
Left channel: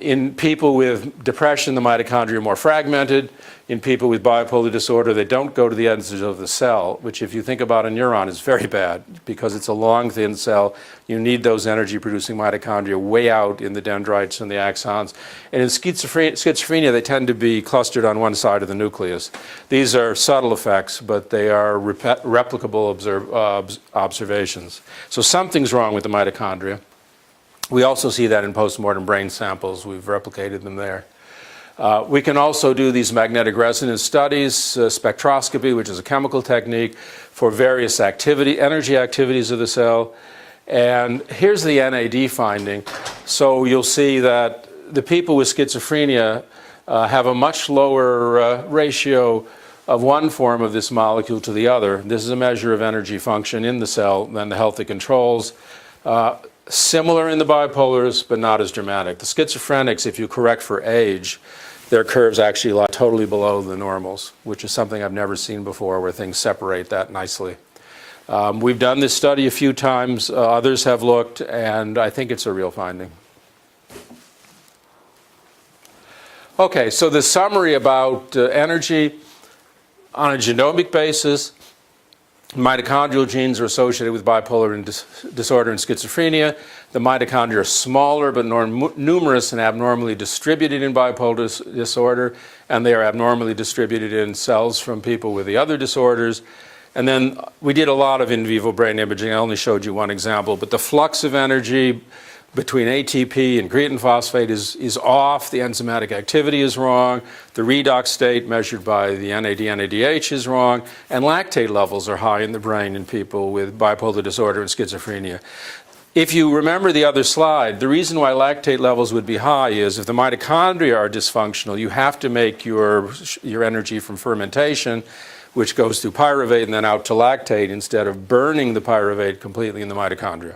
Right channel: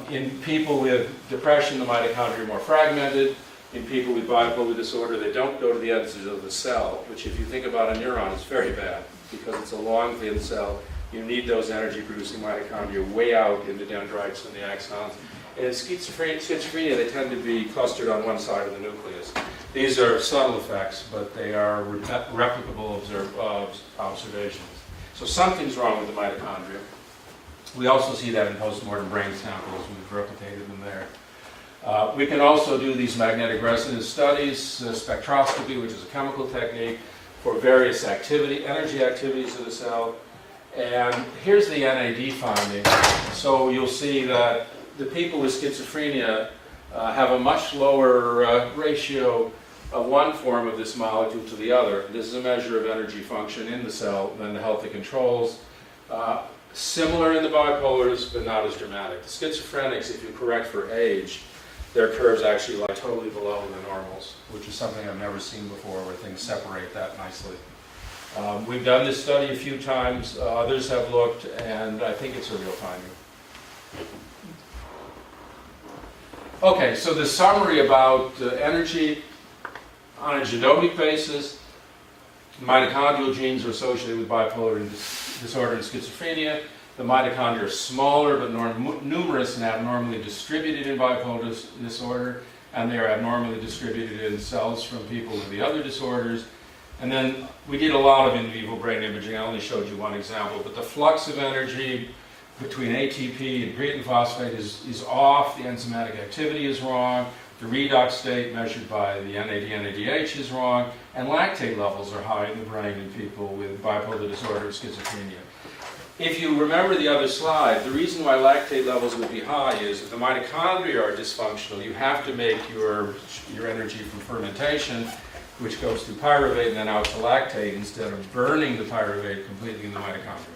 In people with depression, the mitochondria are more fragmented. In people with bipolar disorder, they don't go to the edges of the cell, which if you think about a neuron is very bad because it's a long, thin cell. You need those energy-producing mitochondria way out in the dendrites and the axons. And in schizophrenia, they tend to be clustered on one side of the nucleus. These are subtle effects, but they are replicable observations. So something's wrong with the mitochondria. We also see that in postmortem brain samples. We've replicated them there. We can also do these magnetic resonance studies, spectroscopy, which is a chemical technique, for various energy activities of the cell. And here's the NAD finding. So you'll see that the people with schizophrenia have a much lower ratio of one form of this molecule to the other. This is a measure of energy function in the cell than the healthy controls. Similar in the bipolars, but not as dramatic. The schizophrenics, if you correct for age, their curves actually lie totally below the normals, which is something I've never seen before, where things separate that nicely. We've done this study a few times, others have looked, and I think it's a real finding. Okay, so the summary about energy on a genomic basis, mitochondrial genes are associated with bipolar disorder and schizophrenia. The mitochondria are smaller but numerous and abnormally distributed in bipolar disorder, and they are abnormally distributed in cells from people with the other disorders. And then we did a lot of in vivo brain imaging. I only showed you one example, but the flux of energy between ATP and creatine phosphate is off, the enzymatic activity is wrong, the redox state measured by the NAD/NADH is wrong, and lactate levels are high in the brain in people with bipolar disorder and schizophrenia. If you remember the other slide, the reason why lactate levels would be high is if the mitochondria are dysfunctional, you have to make your energy from fermentation, which goes through pyruvate and then out to lactate instead of burning the pyruvate completely in the mitochondria.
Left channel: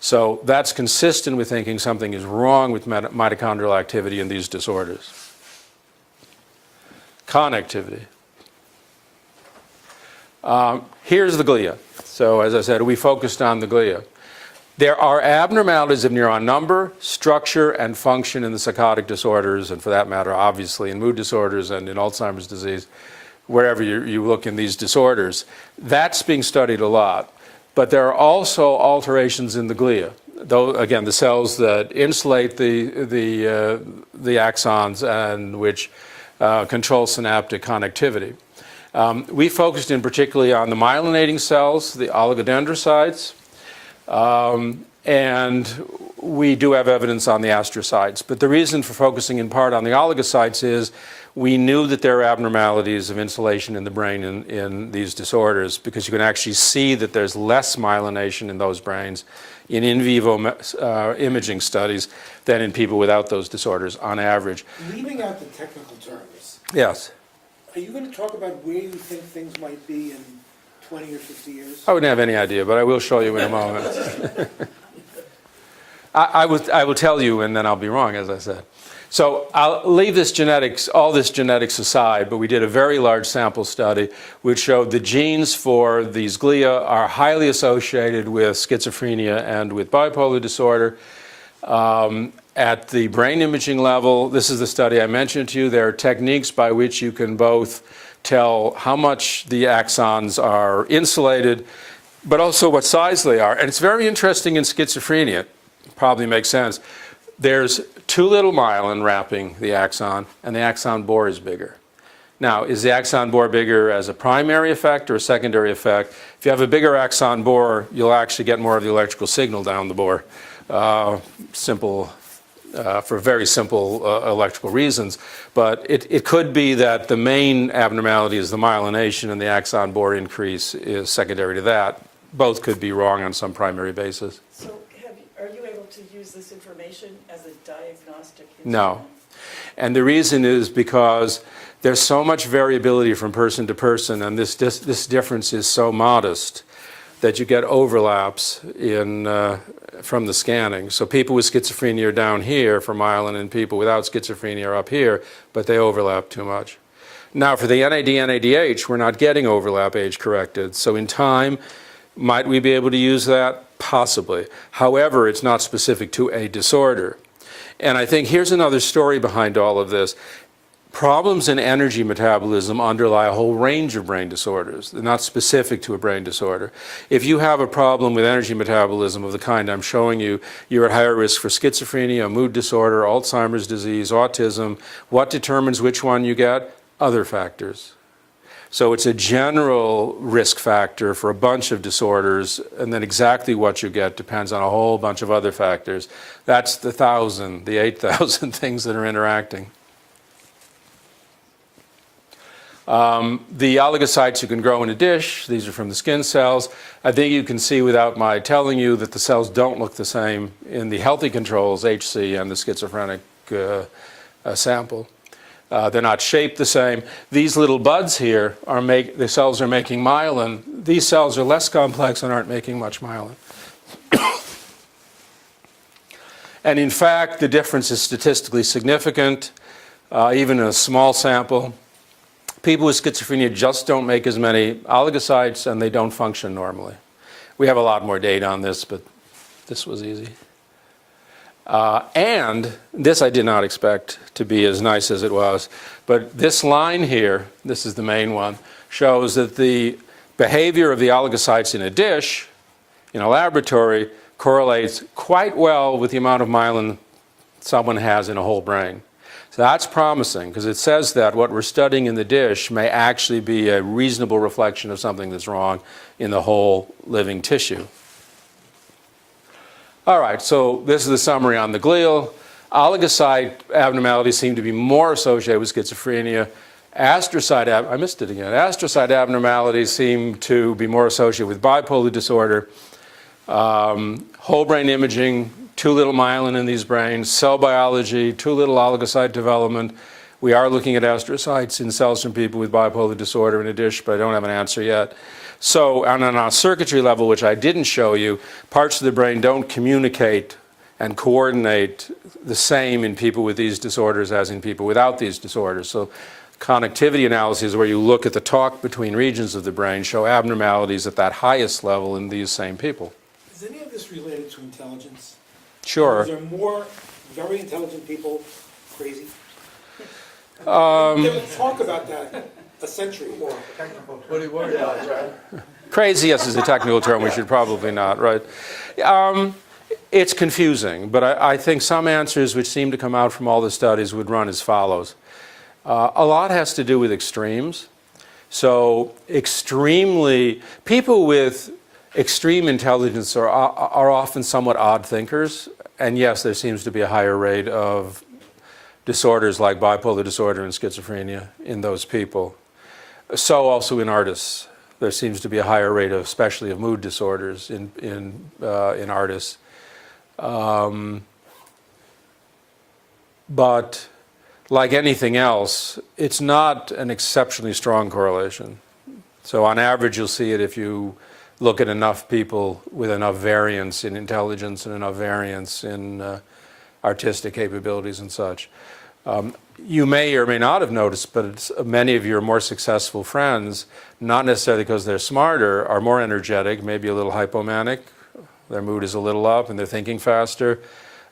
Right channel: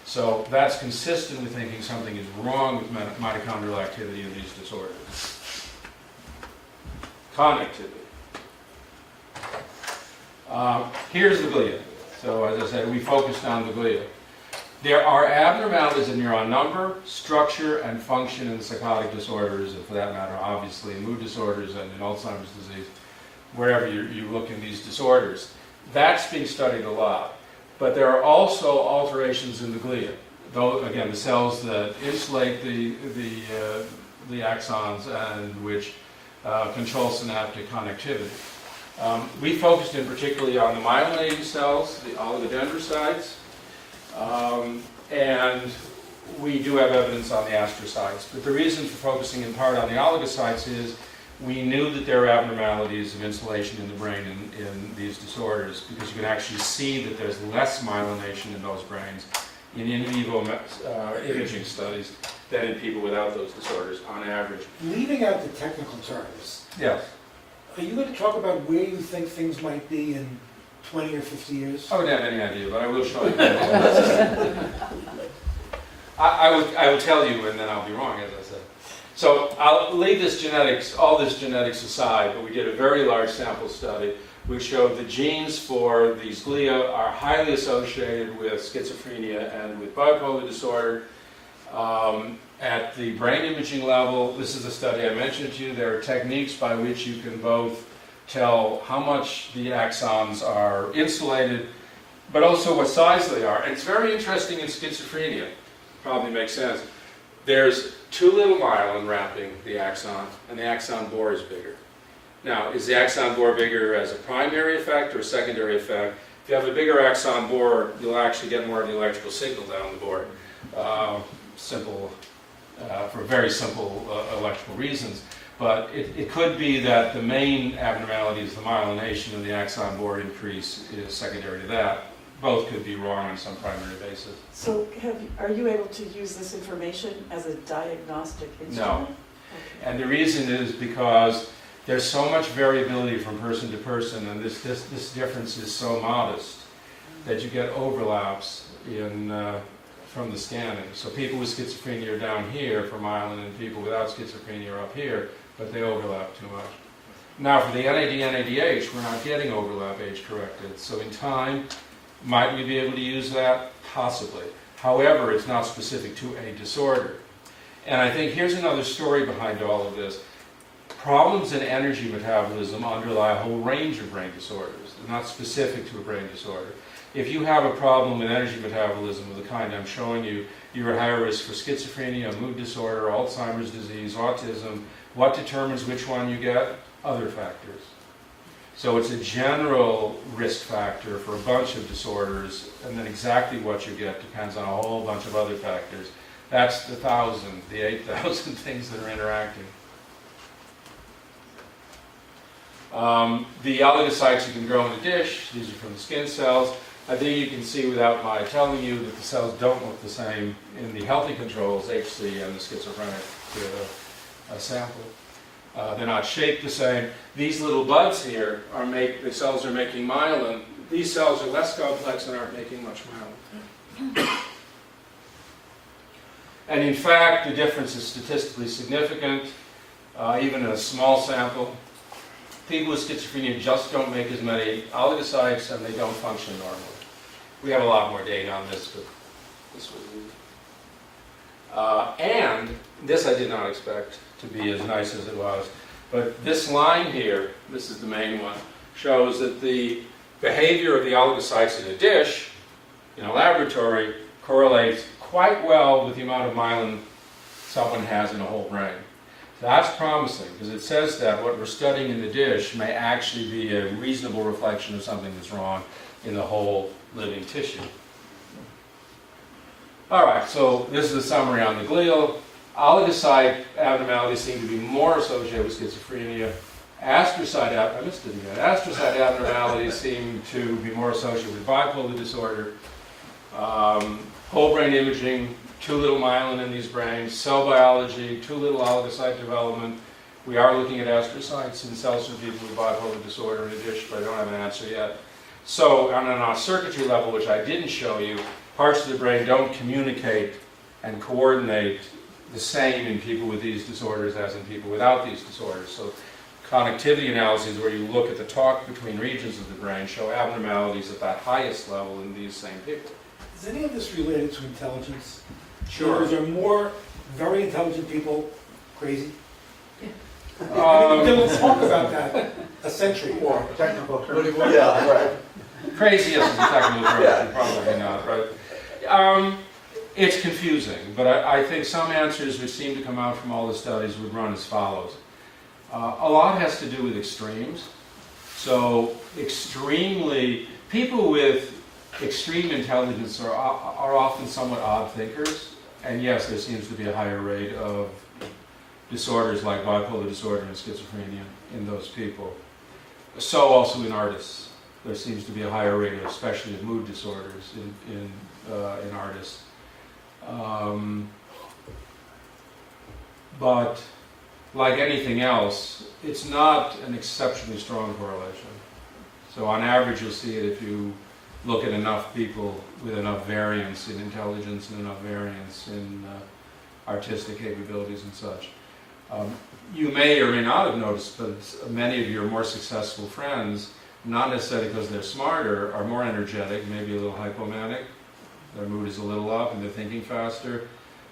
So that's consistent with thinking something is wrong with mitochondrial activity in these disorders. Connectivity. Here's the glia. So as I said, we focused on the glia. There are abnormalities of neuron number, structure, and function in the psychotic disorders, and for that matter, obviously, in mood disorders and in Alzheimer's disease, wherever you look in these disorders. That's being studied a lot. But there are also alterations in the glia. Though, again, the cells that insulate the axons and which control synaptic connectivity. We focused in particularly on the myelinating cells, the oligodendrocytes, and we do have evidence on the astrocytes. But the reason for focusing in part on the oligocytes is we knew that there are abnormalities of insulation in the brain in these disorders because you can actually see that there's less myelination in those brains in vivo imaging studies than in people without those disorders on average. Leaving out the technical terms, Yes. are you going to talk about where you think things might be in 20 or 50 years? I wouldn't have any idea, but I will show you in a moment. I will tell you and then I'll be wrong, as I said. So I'll leave all this genetics aside, but we did a very large sample study which showed the genes for these glia are highly associated with schizophrenia and with bipolar disorder. At the brain imaging level, this is the study I mentioned to you, there are techniques by which you can both tell how much the axons are insulated, but also what size they are. And it's very interesting in schizophrenia, probably makes sense. There's too little myelin wrapping the axon, and the axon bore is bigger. Now, is the axon bore bigger as a primary effect or a secondary effect? If you have a bigger axon bore, you'll actually get more of the electrical signal down the bore. For very simple electrical reasons. But it could be that the main abnormality is the myelination and the axon bore increase is secondary to that. Both could be wrong on some primary basis. So are you able to use this information as a diagnostic instrument? No. And the reason is because there's so much variability from person to person, and this difference is so modest that you get overlaps from the scanning. So people with schizophrenia are down here for myelin, and people without schizophrenia are up here, but they overlap too much. Now for the NAD/NADH, we're not getting overlap age corrected. So in time, might we be able to use that? Possibly. However, it's not specific to a disorder. And I think here's another story behind all of this. Problems in energy metabolism underlie a whole range of brain disorders. They're not specific to a brain disorder. If you have a problem with energy metabolism of the kind I'm showing you, you're at higher risk for schizophrenia, mood disorder, Alzheimer's disease, autism. What determines which one you get? Other factors. So it's a general risk factor for a bunch of disorders, and then exactly what you get depends on a whole bunch of other factors. That's the 8,000 things that are interacting. The oligocytes you can grow in a dish, these are from the skin cells. I think you can see without my telling you that the cells don't look the same in the healthy controls, HC, and the schizophrenic sample. They're not shaped the same. These little buds here the cells are making myelin. These cells are less complex and aren't making much myelin. And in fact, the difference is statistically significant, even in a small sample. People with schizophrenia just don't make as many oligocytes and they don't function normally. We have a lot more data on this, but this was easy. And this I did not expect to be as nice as it was. But this line here, this is the main one, shows that the behavior of the oligocytes in a dish, in a laboratory, correlates quite well with the amount of myelin someone has in a whole brain. So that's promising, because it says that what we're studying in the dish may actually be a reasonable reflection of something that's wrong in the whole living tissue. All right, so this is the summary on the glial. Oligocyte abnormalities seem to be more associated with schizophrenia. Astrocyte abnormalities seem to be more associated with bipolar disorder. Whole brain imaging, too little myelin in these brains. Cell biology, too little oligocyte development. We are looking at astrocytes in cells from people with bipolar disorder in a dish, but I don't have an answer yet. So on a circuitry level, which I didn't show you, parts of the brain don't communicate and coordinate the same in people with these disorders as in people without these disorders. So connectivity analyses where you look at the talk between regions of the brain show abnormalities at that highest level in these same people. Is any of this related to intelligence? Sure. Are there more very intelligent people crazy? Let's talk about that. A century. Or technical term. Yeah, right. Crazy, yes, is a technical term. We should probably not, right? It's confusing, but I think some answers which seem to come out from all the studies would run as follows. A lot has to do with extremes. So people with extreme intelligence are often somewhat odd thinkers. And yes, there seems to be a higher rate of disorders like bipolar disorder and schizophrenia in those people. So also in artists. There seems to be a higher rate of, especially of mood disorders in artists. But like anything else, it's not an exceptionally strong correlation. So on average, you'll see it if you look at enough people with enough variance in intelligence and enough variance in artistic capabilities and such. You may or may not have noticed, but many of your more successful friends, not necessarily because they're smarter, are more energetic, maybe a little hypomanic, their mood is a little up and they're thinking faster,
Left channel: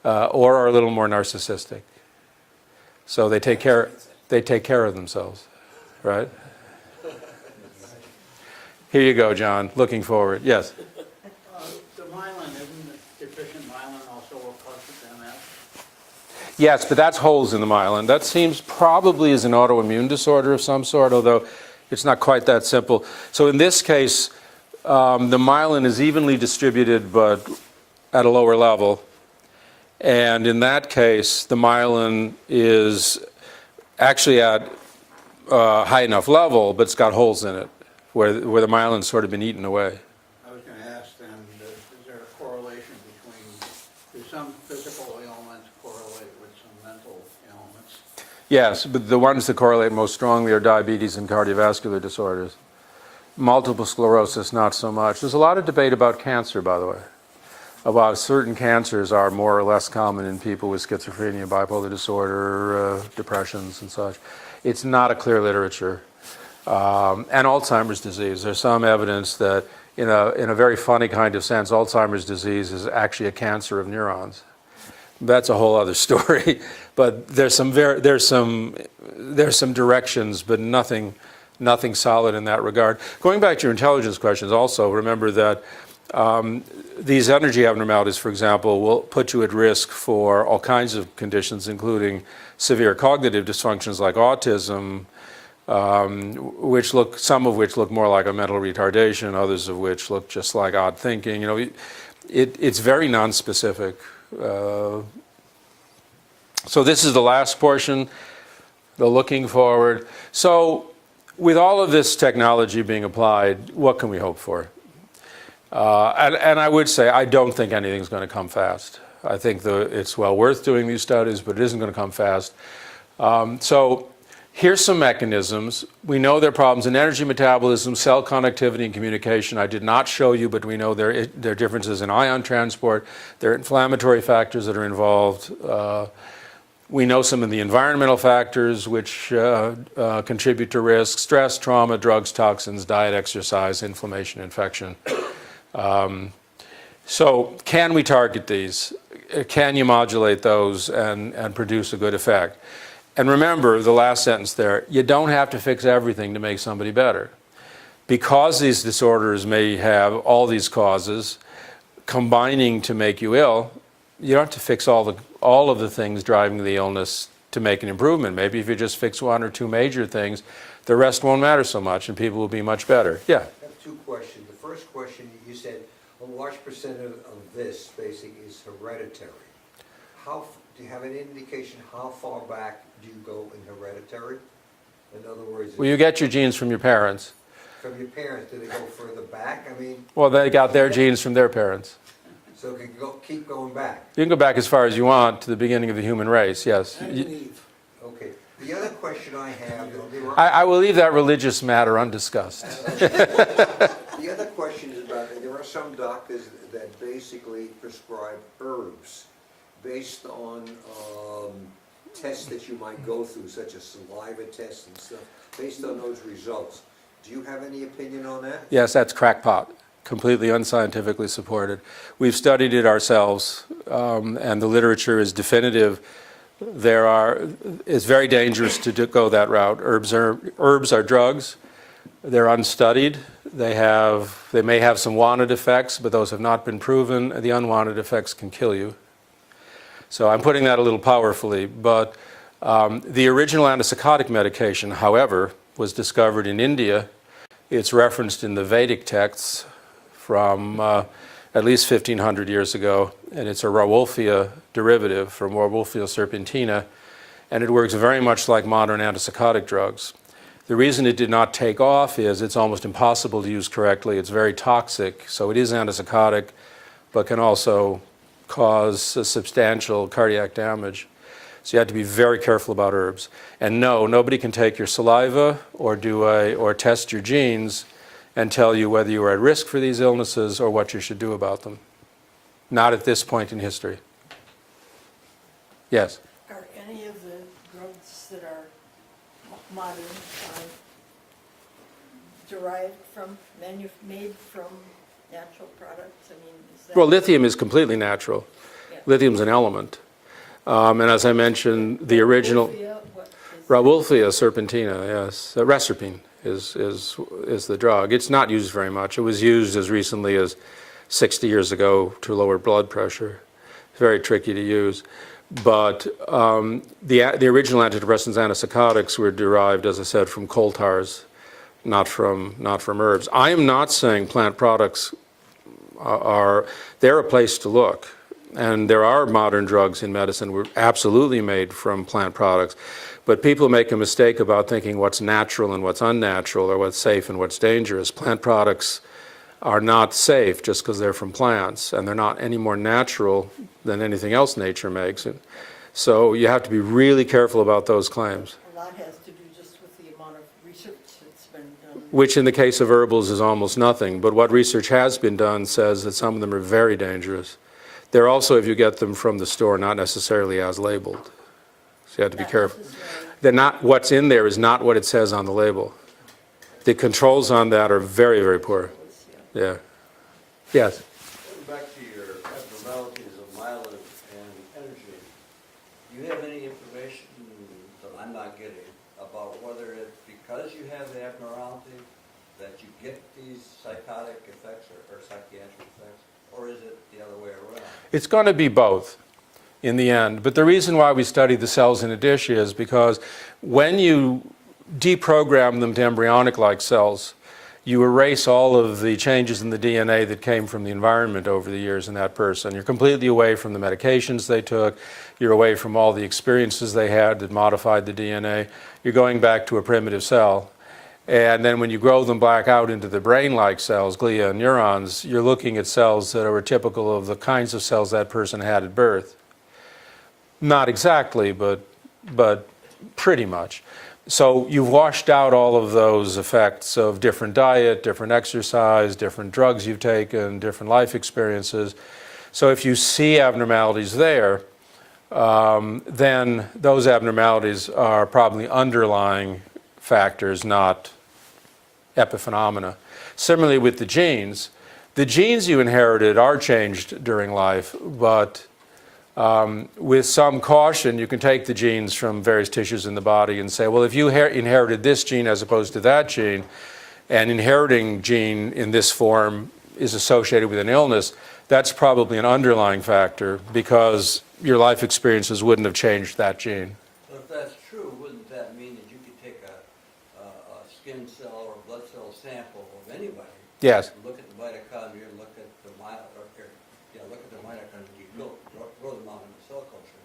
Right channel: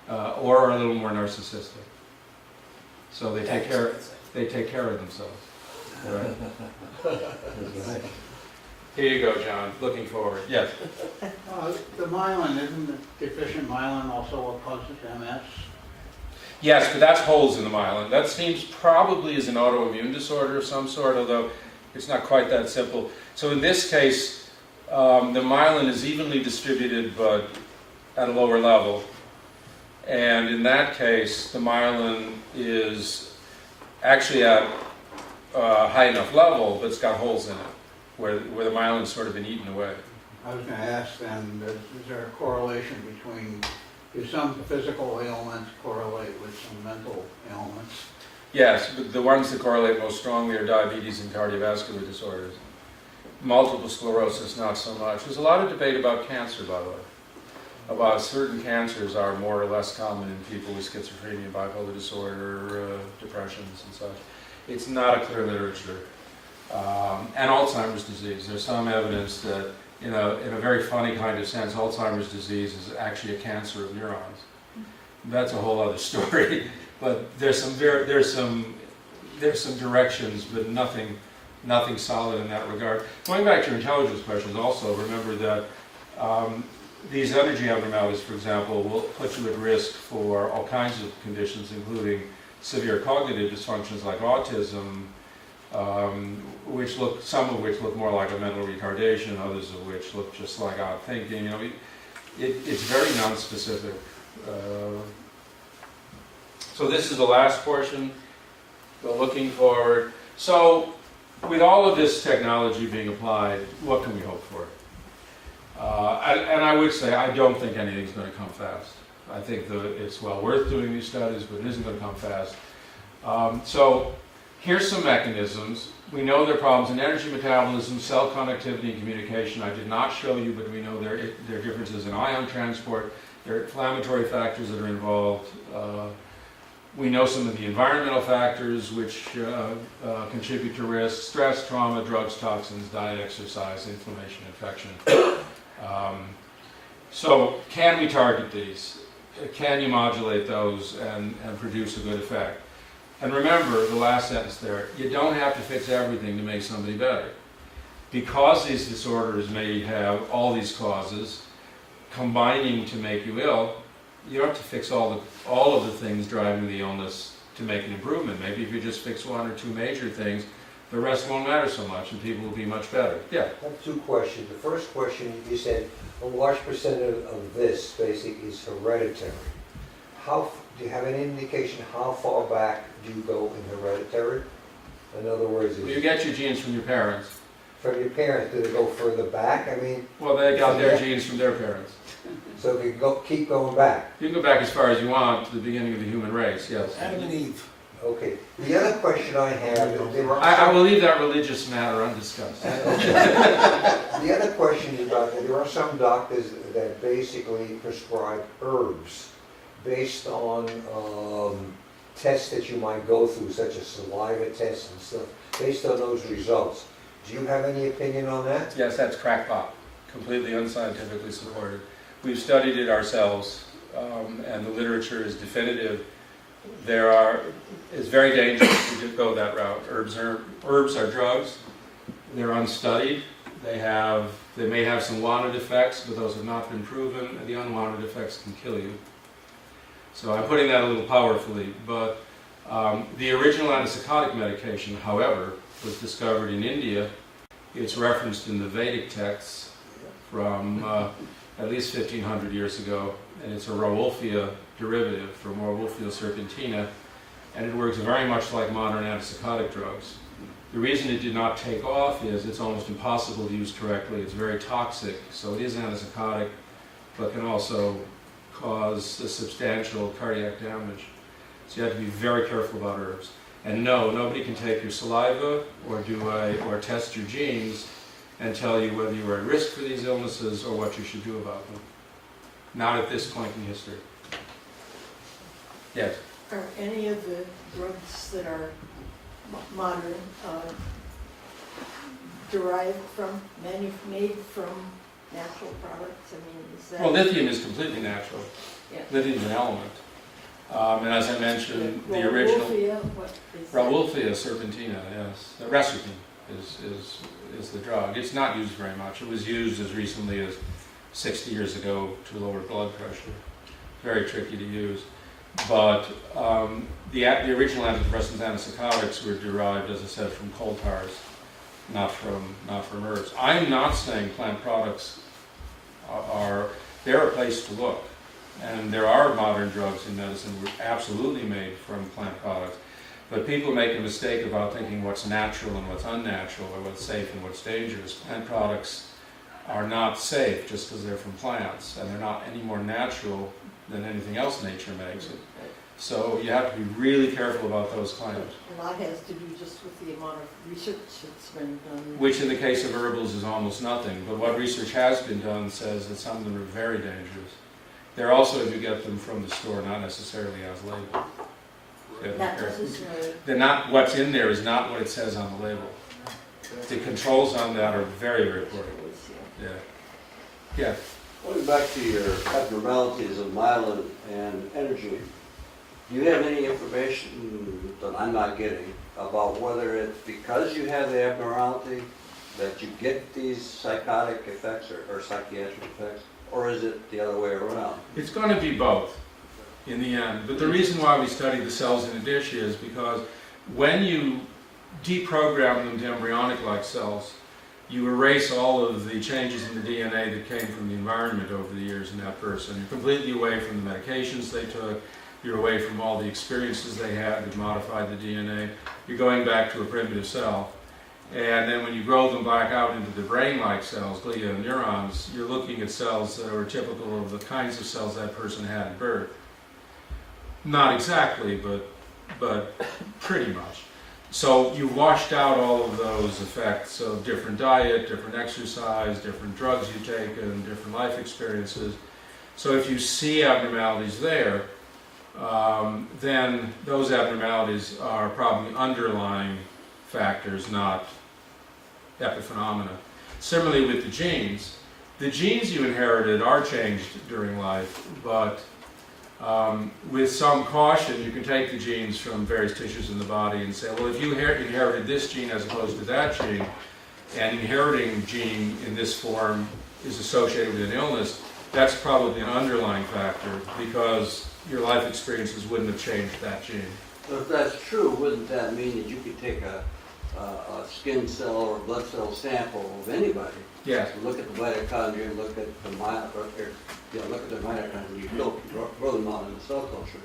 or are a little more narcissistic. So they take care of themselves, right? Here you go, John, looking forward. Yes? The myelin, isn't the deficient myelin also what causes MS? Yes, but that's holes in the myelin. That seems probably is an autoimmune disorder of some sort, although it's not quite that simple. So in this case, the myelin is evenly distributed, but at a lower level. And in that case, the myelin is actually at a high enough level, but it's got holes in it, where the myelin's sort of been eaten away. I was going to ask then, is there a correlation between, do some physical ailments correlate with some mental ailments? Yes, but the ones that correlate most strongly are diabetes and cardiovascular disorders. Multiple sclerosis, not so much. There's a lot of debate about cancer, by the way, about certain cancers are more or less common in people with schizophrenia, bipolar disorder, depressions and such. It's not a clear literature. And Alzheimer's disease. There's some evidence that in a very funny kind of sense, Alzheimer's disease is actually a cancer of neurons. That's a whole other story. But there's some directions, but nothing solid in that regard. Going back to your intelligence questions, also remember that these energy abnormalities, for example, will put you at risk for all kinds of conditions, including severe cognitive dysfunctions like autism, some of which look more like a mental retardation, others of which look just like odd thinking. It's very nonspecific. So this is the last portion, the looking forward. So with all of this technology being applied, what can we hope for? And I would say I don't think anything's going to come fast. I think it's well worth doing these studies, but it isn't going to come fast. So here's some mechanisms. We know there are problems in energy metabolism, cell connectivity, and communication. I did not show you, but we know there are differences in ion transport. There are inflammatory factors that are involved. We know some of the environmental factors which contribute to risk: stress, trauma, drugs, toxins, diet, exercise, inflammation, infection. So can we target these? Can you modulate those and produce a good effect? And remember the last sentence there, you don't have to fix everything to make somebody better. Because these disorders may have all these causes combining to make you ill, you don't have to fix all of the things driving the illness to make an improvement. Maybe if you just fix one or two major things, the rest won't matter so much and people will be much better. Yeah? I have two questions. The first question, you said a large percent of this basically is hereditary. Do you have any indication how far back do you go in hereditary? In other words, Well, you get your genes from your parents. from your parents, do they go further back? I mean, Well, they got their genes from their parents. so you can keep going back. You can go back as far as you want to the beginning of the human race, yes. Adam and Eve. Okay. The other question I have, I will leave that religious matter undiscussed. the other question is about, there are some doctors that basically prescribe herbs based on tests that you might go through, such as saliva tests and stuff, based on those results. Do you have any opinion on that? Yes, that's crackpot, completely unscientifically supported. We've studied it ourselves, and the literature is definitive. It's very dangerous to go that route. Herbs are drugs. They're unstudied. They may have some wanted effects, but those have not been proven. The unwanted effects can kill you. So I'm putting that a little powerfully, but the original antipsychotic medication, however, was discovered in India. It's referenced in the Vedic texts from at least 1500 years ago, and it's a Rauwolfia derivative from Rauwolfia serpentina, and it works very much like modern antipsychotic drugs. The reason it did not take off is it's almost impossible to use correctly. It's very toxic, so it is antipsychotic, but can also cause substantial cardiac damage. So you have to be very careful about herbs. And no, nobody can take your saliva or test your genes and tell you whether you are at risk for these illnesses or what you should do about them. Not at this point in history. Yes? Are any of the drugs that are modern derived from, made from natural products? I mean, is that... Well, lithium is completely natural. Yeah. Lithium's an element. And as I mentioned, the original... Rauwolfia serpentina, yes. Reserpine is the drug. It's not used very much. It was used as recently as 60 years ago to lower blood pressure. It's very tricky to use. But the original antidepressants, antipsychotics, were derived, as I said, from coal tars, not from herbs. I am not saying plant products they're a place to look. And there are modern drugs in medicine were absolutely made from plant products. But people make a mistake about thinking what's natural and what's unnatural, or what's safe and what's dangerous. Plant products are not safe just because they're from plants, and they're not any more natural than anything else nature makes. So you have to be really careful about those claims. A lot has to do just with the amount of research that's been done. Which in the case of herbals is almost nothing. But what research has been done says that some of them are very dangerous. They're also, if you get them from the store, not necessarily as labeled. So you have to be careful. They're not, what's in there is not what it says on the label. The controls on that are very, very poor. Yeah. Yes? Going back to your abnormalities of myelin and energy, do you have any information that I'm not getting about whether it's because you have the abnormality that you get these psychotic effects or psychiatric effects, or is it the other way around? It's going to be both in the end. But the reason why we study the cells in a dish is because when you deprogram them to embryonic-like cells, you erase all of the changes in the DNA that came from the environment over the years in that person. You're completely away from the medications they took. You're away from all the experiences they had that modified the DNA. You're going back to a primitive cell. And then when you grow them back out into the brain-like cells, glia and neurons, you're looking at cells that are typical of the kinds of cells that person had at birth. Not exactly, but pretty much. So you've washed out all of those effects of different diet, different exercise, different drugs you've taken, different life experiences. So if you see abnormalities there, then those abnormalities are probably underlying factors, not epiphenomena. Similarly with the genes you inherited are changed during life, but with some caution you can take the genes from various tissues in the body and say, well, if you inherited this gene as opposed to that gene, and inheriting gene in this form is associated with an illness, that's probably an underlying factor because your life experiences wouldn't have changed that gene. But if that's true, wouldn't that mean that you could take a skin cell or a blood cell sample of anybody? Yes. Look at the mitochondria, look at the look at the mitochondria, you grow them out in the cell culture.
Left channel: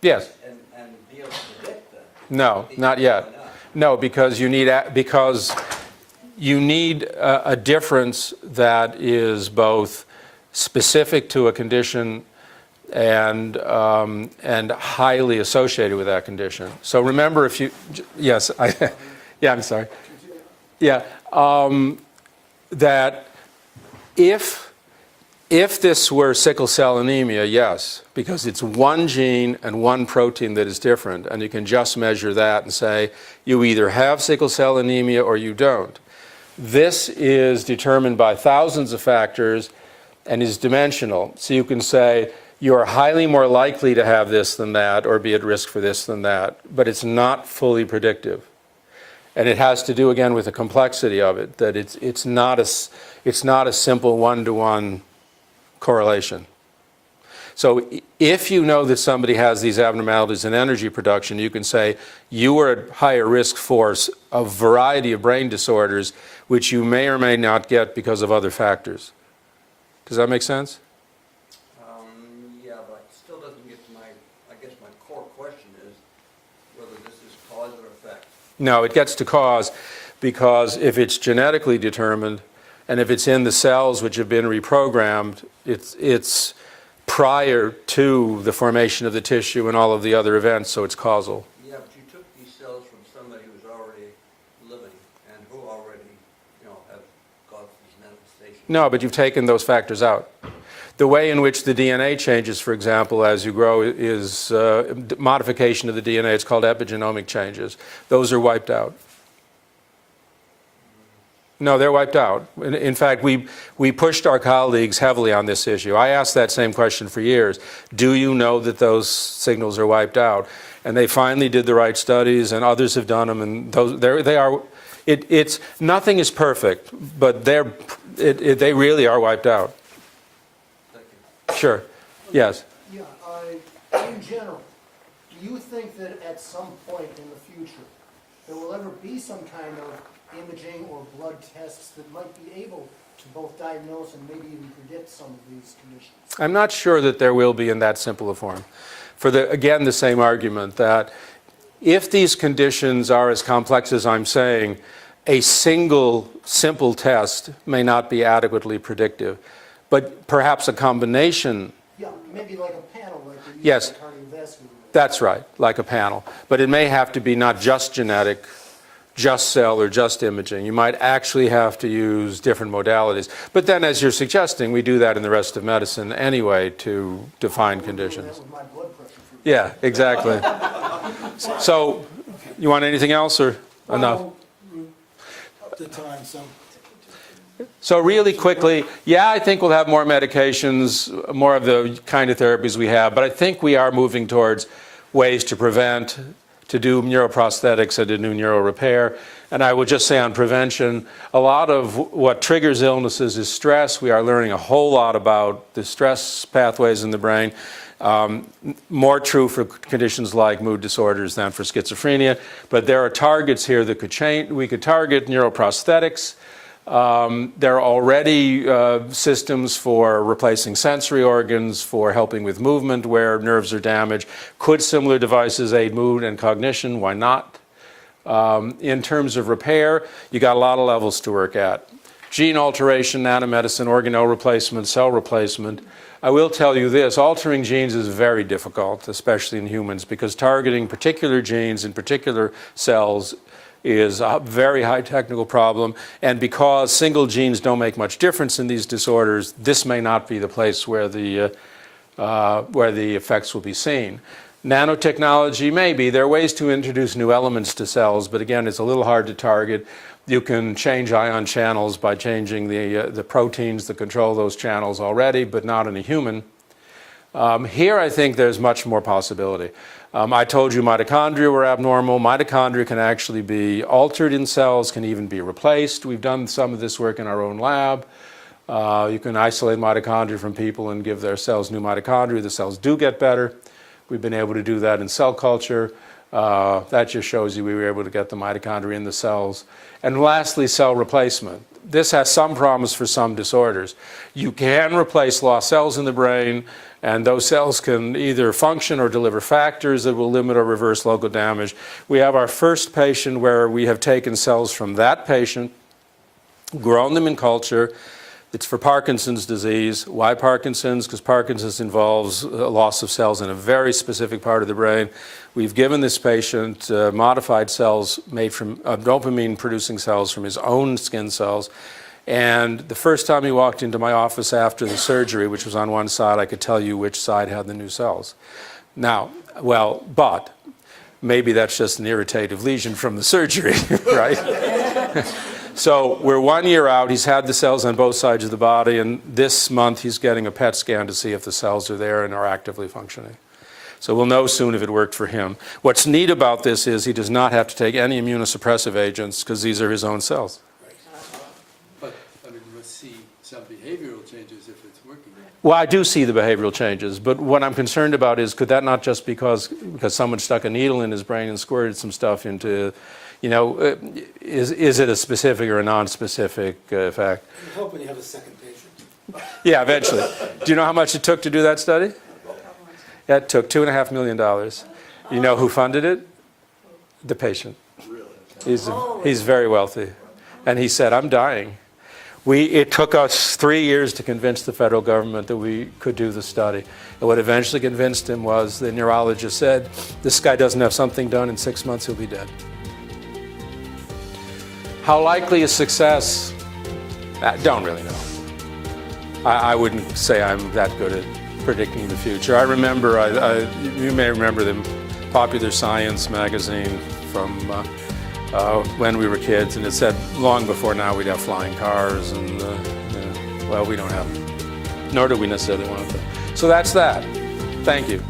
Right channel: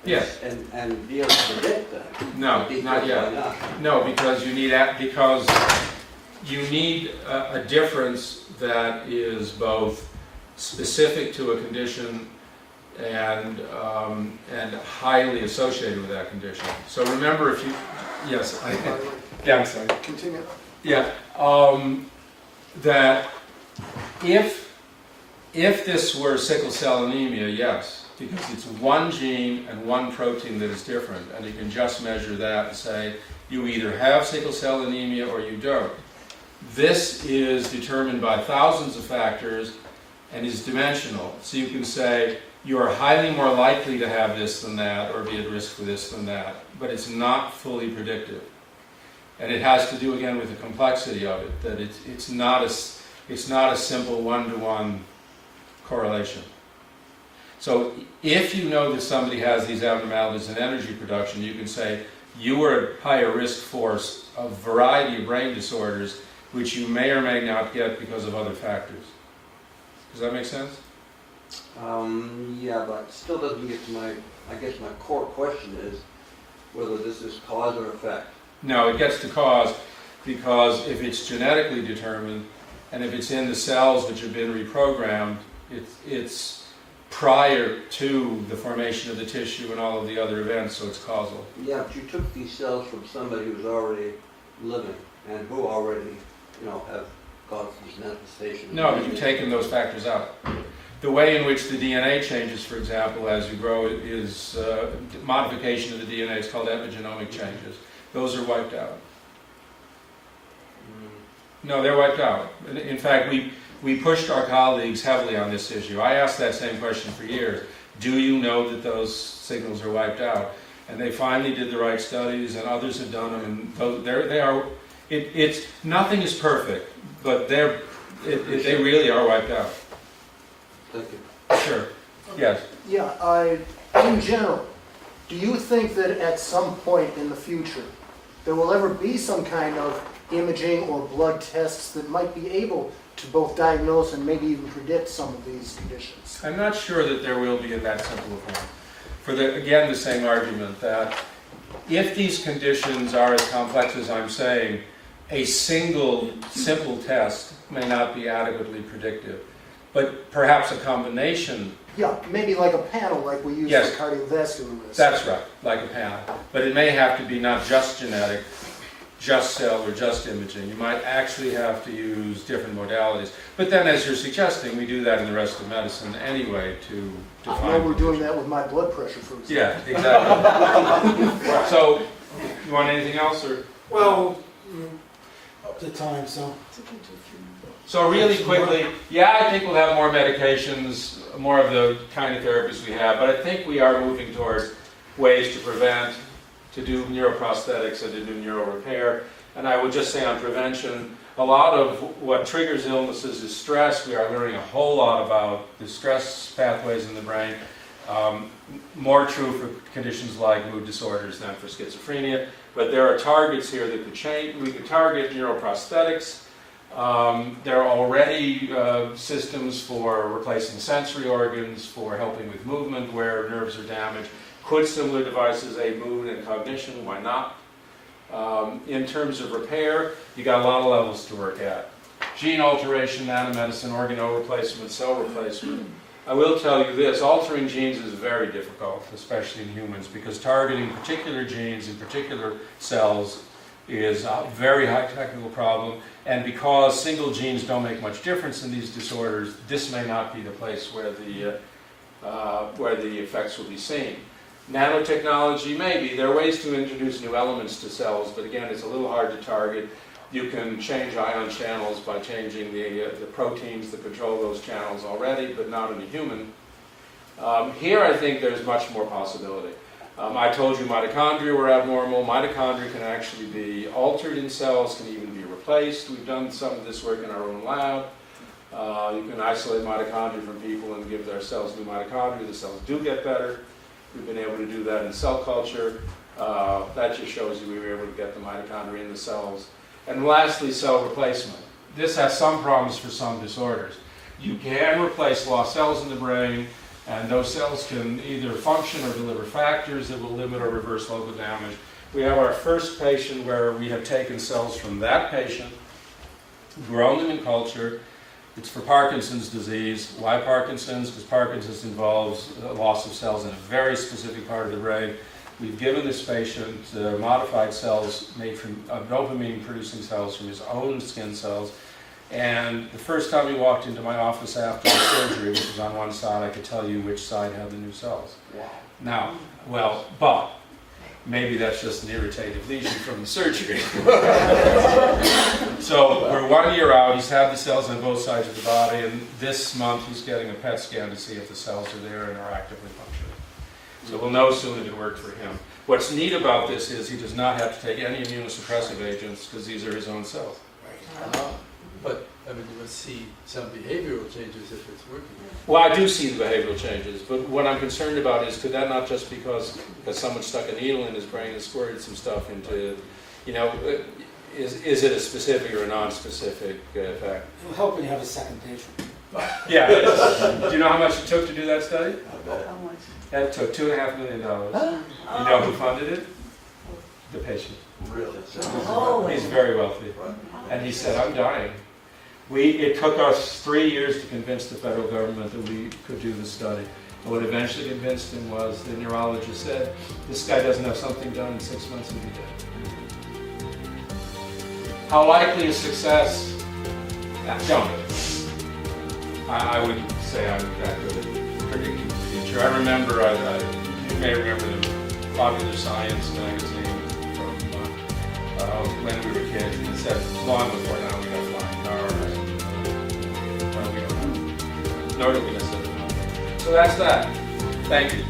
Yes. And be able to predict that. No, not yet. No, because you need a difference that is both specific to a condition and highly associated with that condition. So remember, if you, yes, yeah, I'm sorry. Continue. Yeah, that if this were sickle cell anemia, yes, because it's one gene and one protein that is different, and you can just measure that and say you either have sickle cell anemia or you don't. This is determined by thousands of factors and is dimensional. So you can say you are highly more likely to have this than that or be at risk for this than that, but it's not fully predictive. And it has to do again with the complexity of it, that it's not a simple one-to-one correlation. So if you know that somebody has these abnormalities in energy production, you can say you are at higher risk for a variety of brain disorders which you may or may not get because of other factors. Does that make sense? Yeah, but still doesn't get to I guess my core question is whether this is cause or effect. No, it gets to cause because if it's genetically determined and if it's in the cells which have been reprogrammed, it's prior to the formation of the tissue and all of the other events, so it's causal. Yeah, but you took these cells from somebody who's already living and who already, have caused these manifestations. No, but you've taken those factors out. The way in which the DNA changes, for example, as you grow is modification of the DNA. It's called epigenomic changes. Those are wiped out. No, they're wiped out. In fact, we pushed our colleagues heavily on this issue. I asked that same question for years. Do you know that those signals are wiped out? And they finally did the right studies, and others have done them, and they are. It's nothing is perfect, but they really are wiped out. Thank you. Sure. Yes. Yeah, in general, do you think that at some point in the future, there will ever be some kind of imaging or blood tests that might be able to both diagnose and maybe even predict some of these conditions? I'm not sure that there will be in that simple a form. For again, the same argument that if these conditions are as complex as I'm saying, a single simple test may not be adequately predictive, but perhaps a combination. Yeah, maybe like a panel like we use Yes. for cardiovascular risk. That's right, like a panel. But it may have to be not just genetic, just cell, or just imaging. You might actually have to use different modalities. But then, as you're suggesting, we do that in the rest of medicine anyway to define We're conditions. doing that with my blood pressure, for example. Yeah, exactly. So, you want anything else, or enough? Well, up to time, so. So really quickly, yeah, I think we'll have more medications, more of the kind of therapies we have, but I think we are moving towards ways to prevent, to do neuroprosthetics and to do neural repair. And I will just say on prevention, a lot of what triggers illnesses is stress. We are learning a whole lot about the stress pathways in the brain. More true for conditions like mood disorders than for schizophrenia. But there are targets here that could change. We could target neuroprosthetics. There are already systems for replacing sensory organs, for helping with movement where nerves are damaged. Could similar devices aid mood and cognition? Why not? In terms of repair, you got a lot of levels to work at. Gene alteration, nanomedicine, organelle replacement, cell replacement. I will tell you this, altering genes is very difficult, especially in humans, because targeting particular genes in particular cells is a very high technical problem, and because single genes don't make much difference in these disorders, this may not be the place where the effects will be seen. Nanotechnology, maybe. There are ways to introduce new elements to cells, but again, it's a little hard to target. You can change ion channels by changing the proteins that control those channels already, but not in a human. Here, I think there's much more possibility. I told you mitochondria were abnormal. Mitochondria can actually be altered in cells, can even be replaced. We've done some of this work in our own lab. You can isolate mitochondria from people and give their cells new mitochondria. The cells do get better. We've been able to do that in cell culture. That just shows you we were able to get the mitochondria in the cells. And lastly, cell replacement. This has some problems for some disorders. You can replace lost cells in the brain, and those cells can either function or deliver factors that will limit or reverse local damage. We have our first patient where we have taken cells from that patient, grown them in culture. It's for Parkinson's disease. Why Parkinson's? Because Parkinson's involves a loss of cells in a very specific part of the brain. We've given this patient modified cells made from dopamine-producing cells from his own skin cells. And the first time he walked into my office after the surgery, which was on one side, I could tell you which side had the new cells. Now, but maybe that's just an irritative lesion from the surgery, right? So we're 1 year out. He's had the cells on both sides of the body, and this month he's getting a PET scan to see if the cells are there and are actively functioning. So we'll know soon if it worked for him. What's neat about this is he does not have to take any immunosuppressive agents because these are his own cells. But, I mean, let's see some behavioral changes if it's working. Well, I do see the behavioral changes, but what I'm concerned about is could that not just because someone stuck a needle in his brain and squirted some stuff into, is it a specific or a non-specific effect? I hope we have a second patient. Yeah, eventually. Do you know how much it took to do that study? Yeah, it took $2.5 million. You know who funded it? The patient. He's very wealthy. And he said, I'm dying. It took us 3 years to convince the federal government that we could do the study. And what eventually convinced him was the neurologist said, this guy doesn't have something done in 6 months, he'll be dead. How likely is success? Don't really know. I wouldn't say I'm that good at predicting the future. I remember, you may remember the Popular Science magazine from when we were kids, and it said long before now we'd have flying cars, and well, we don't have them, nor do we necessarily want them. So that's that. Thank you.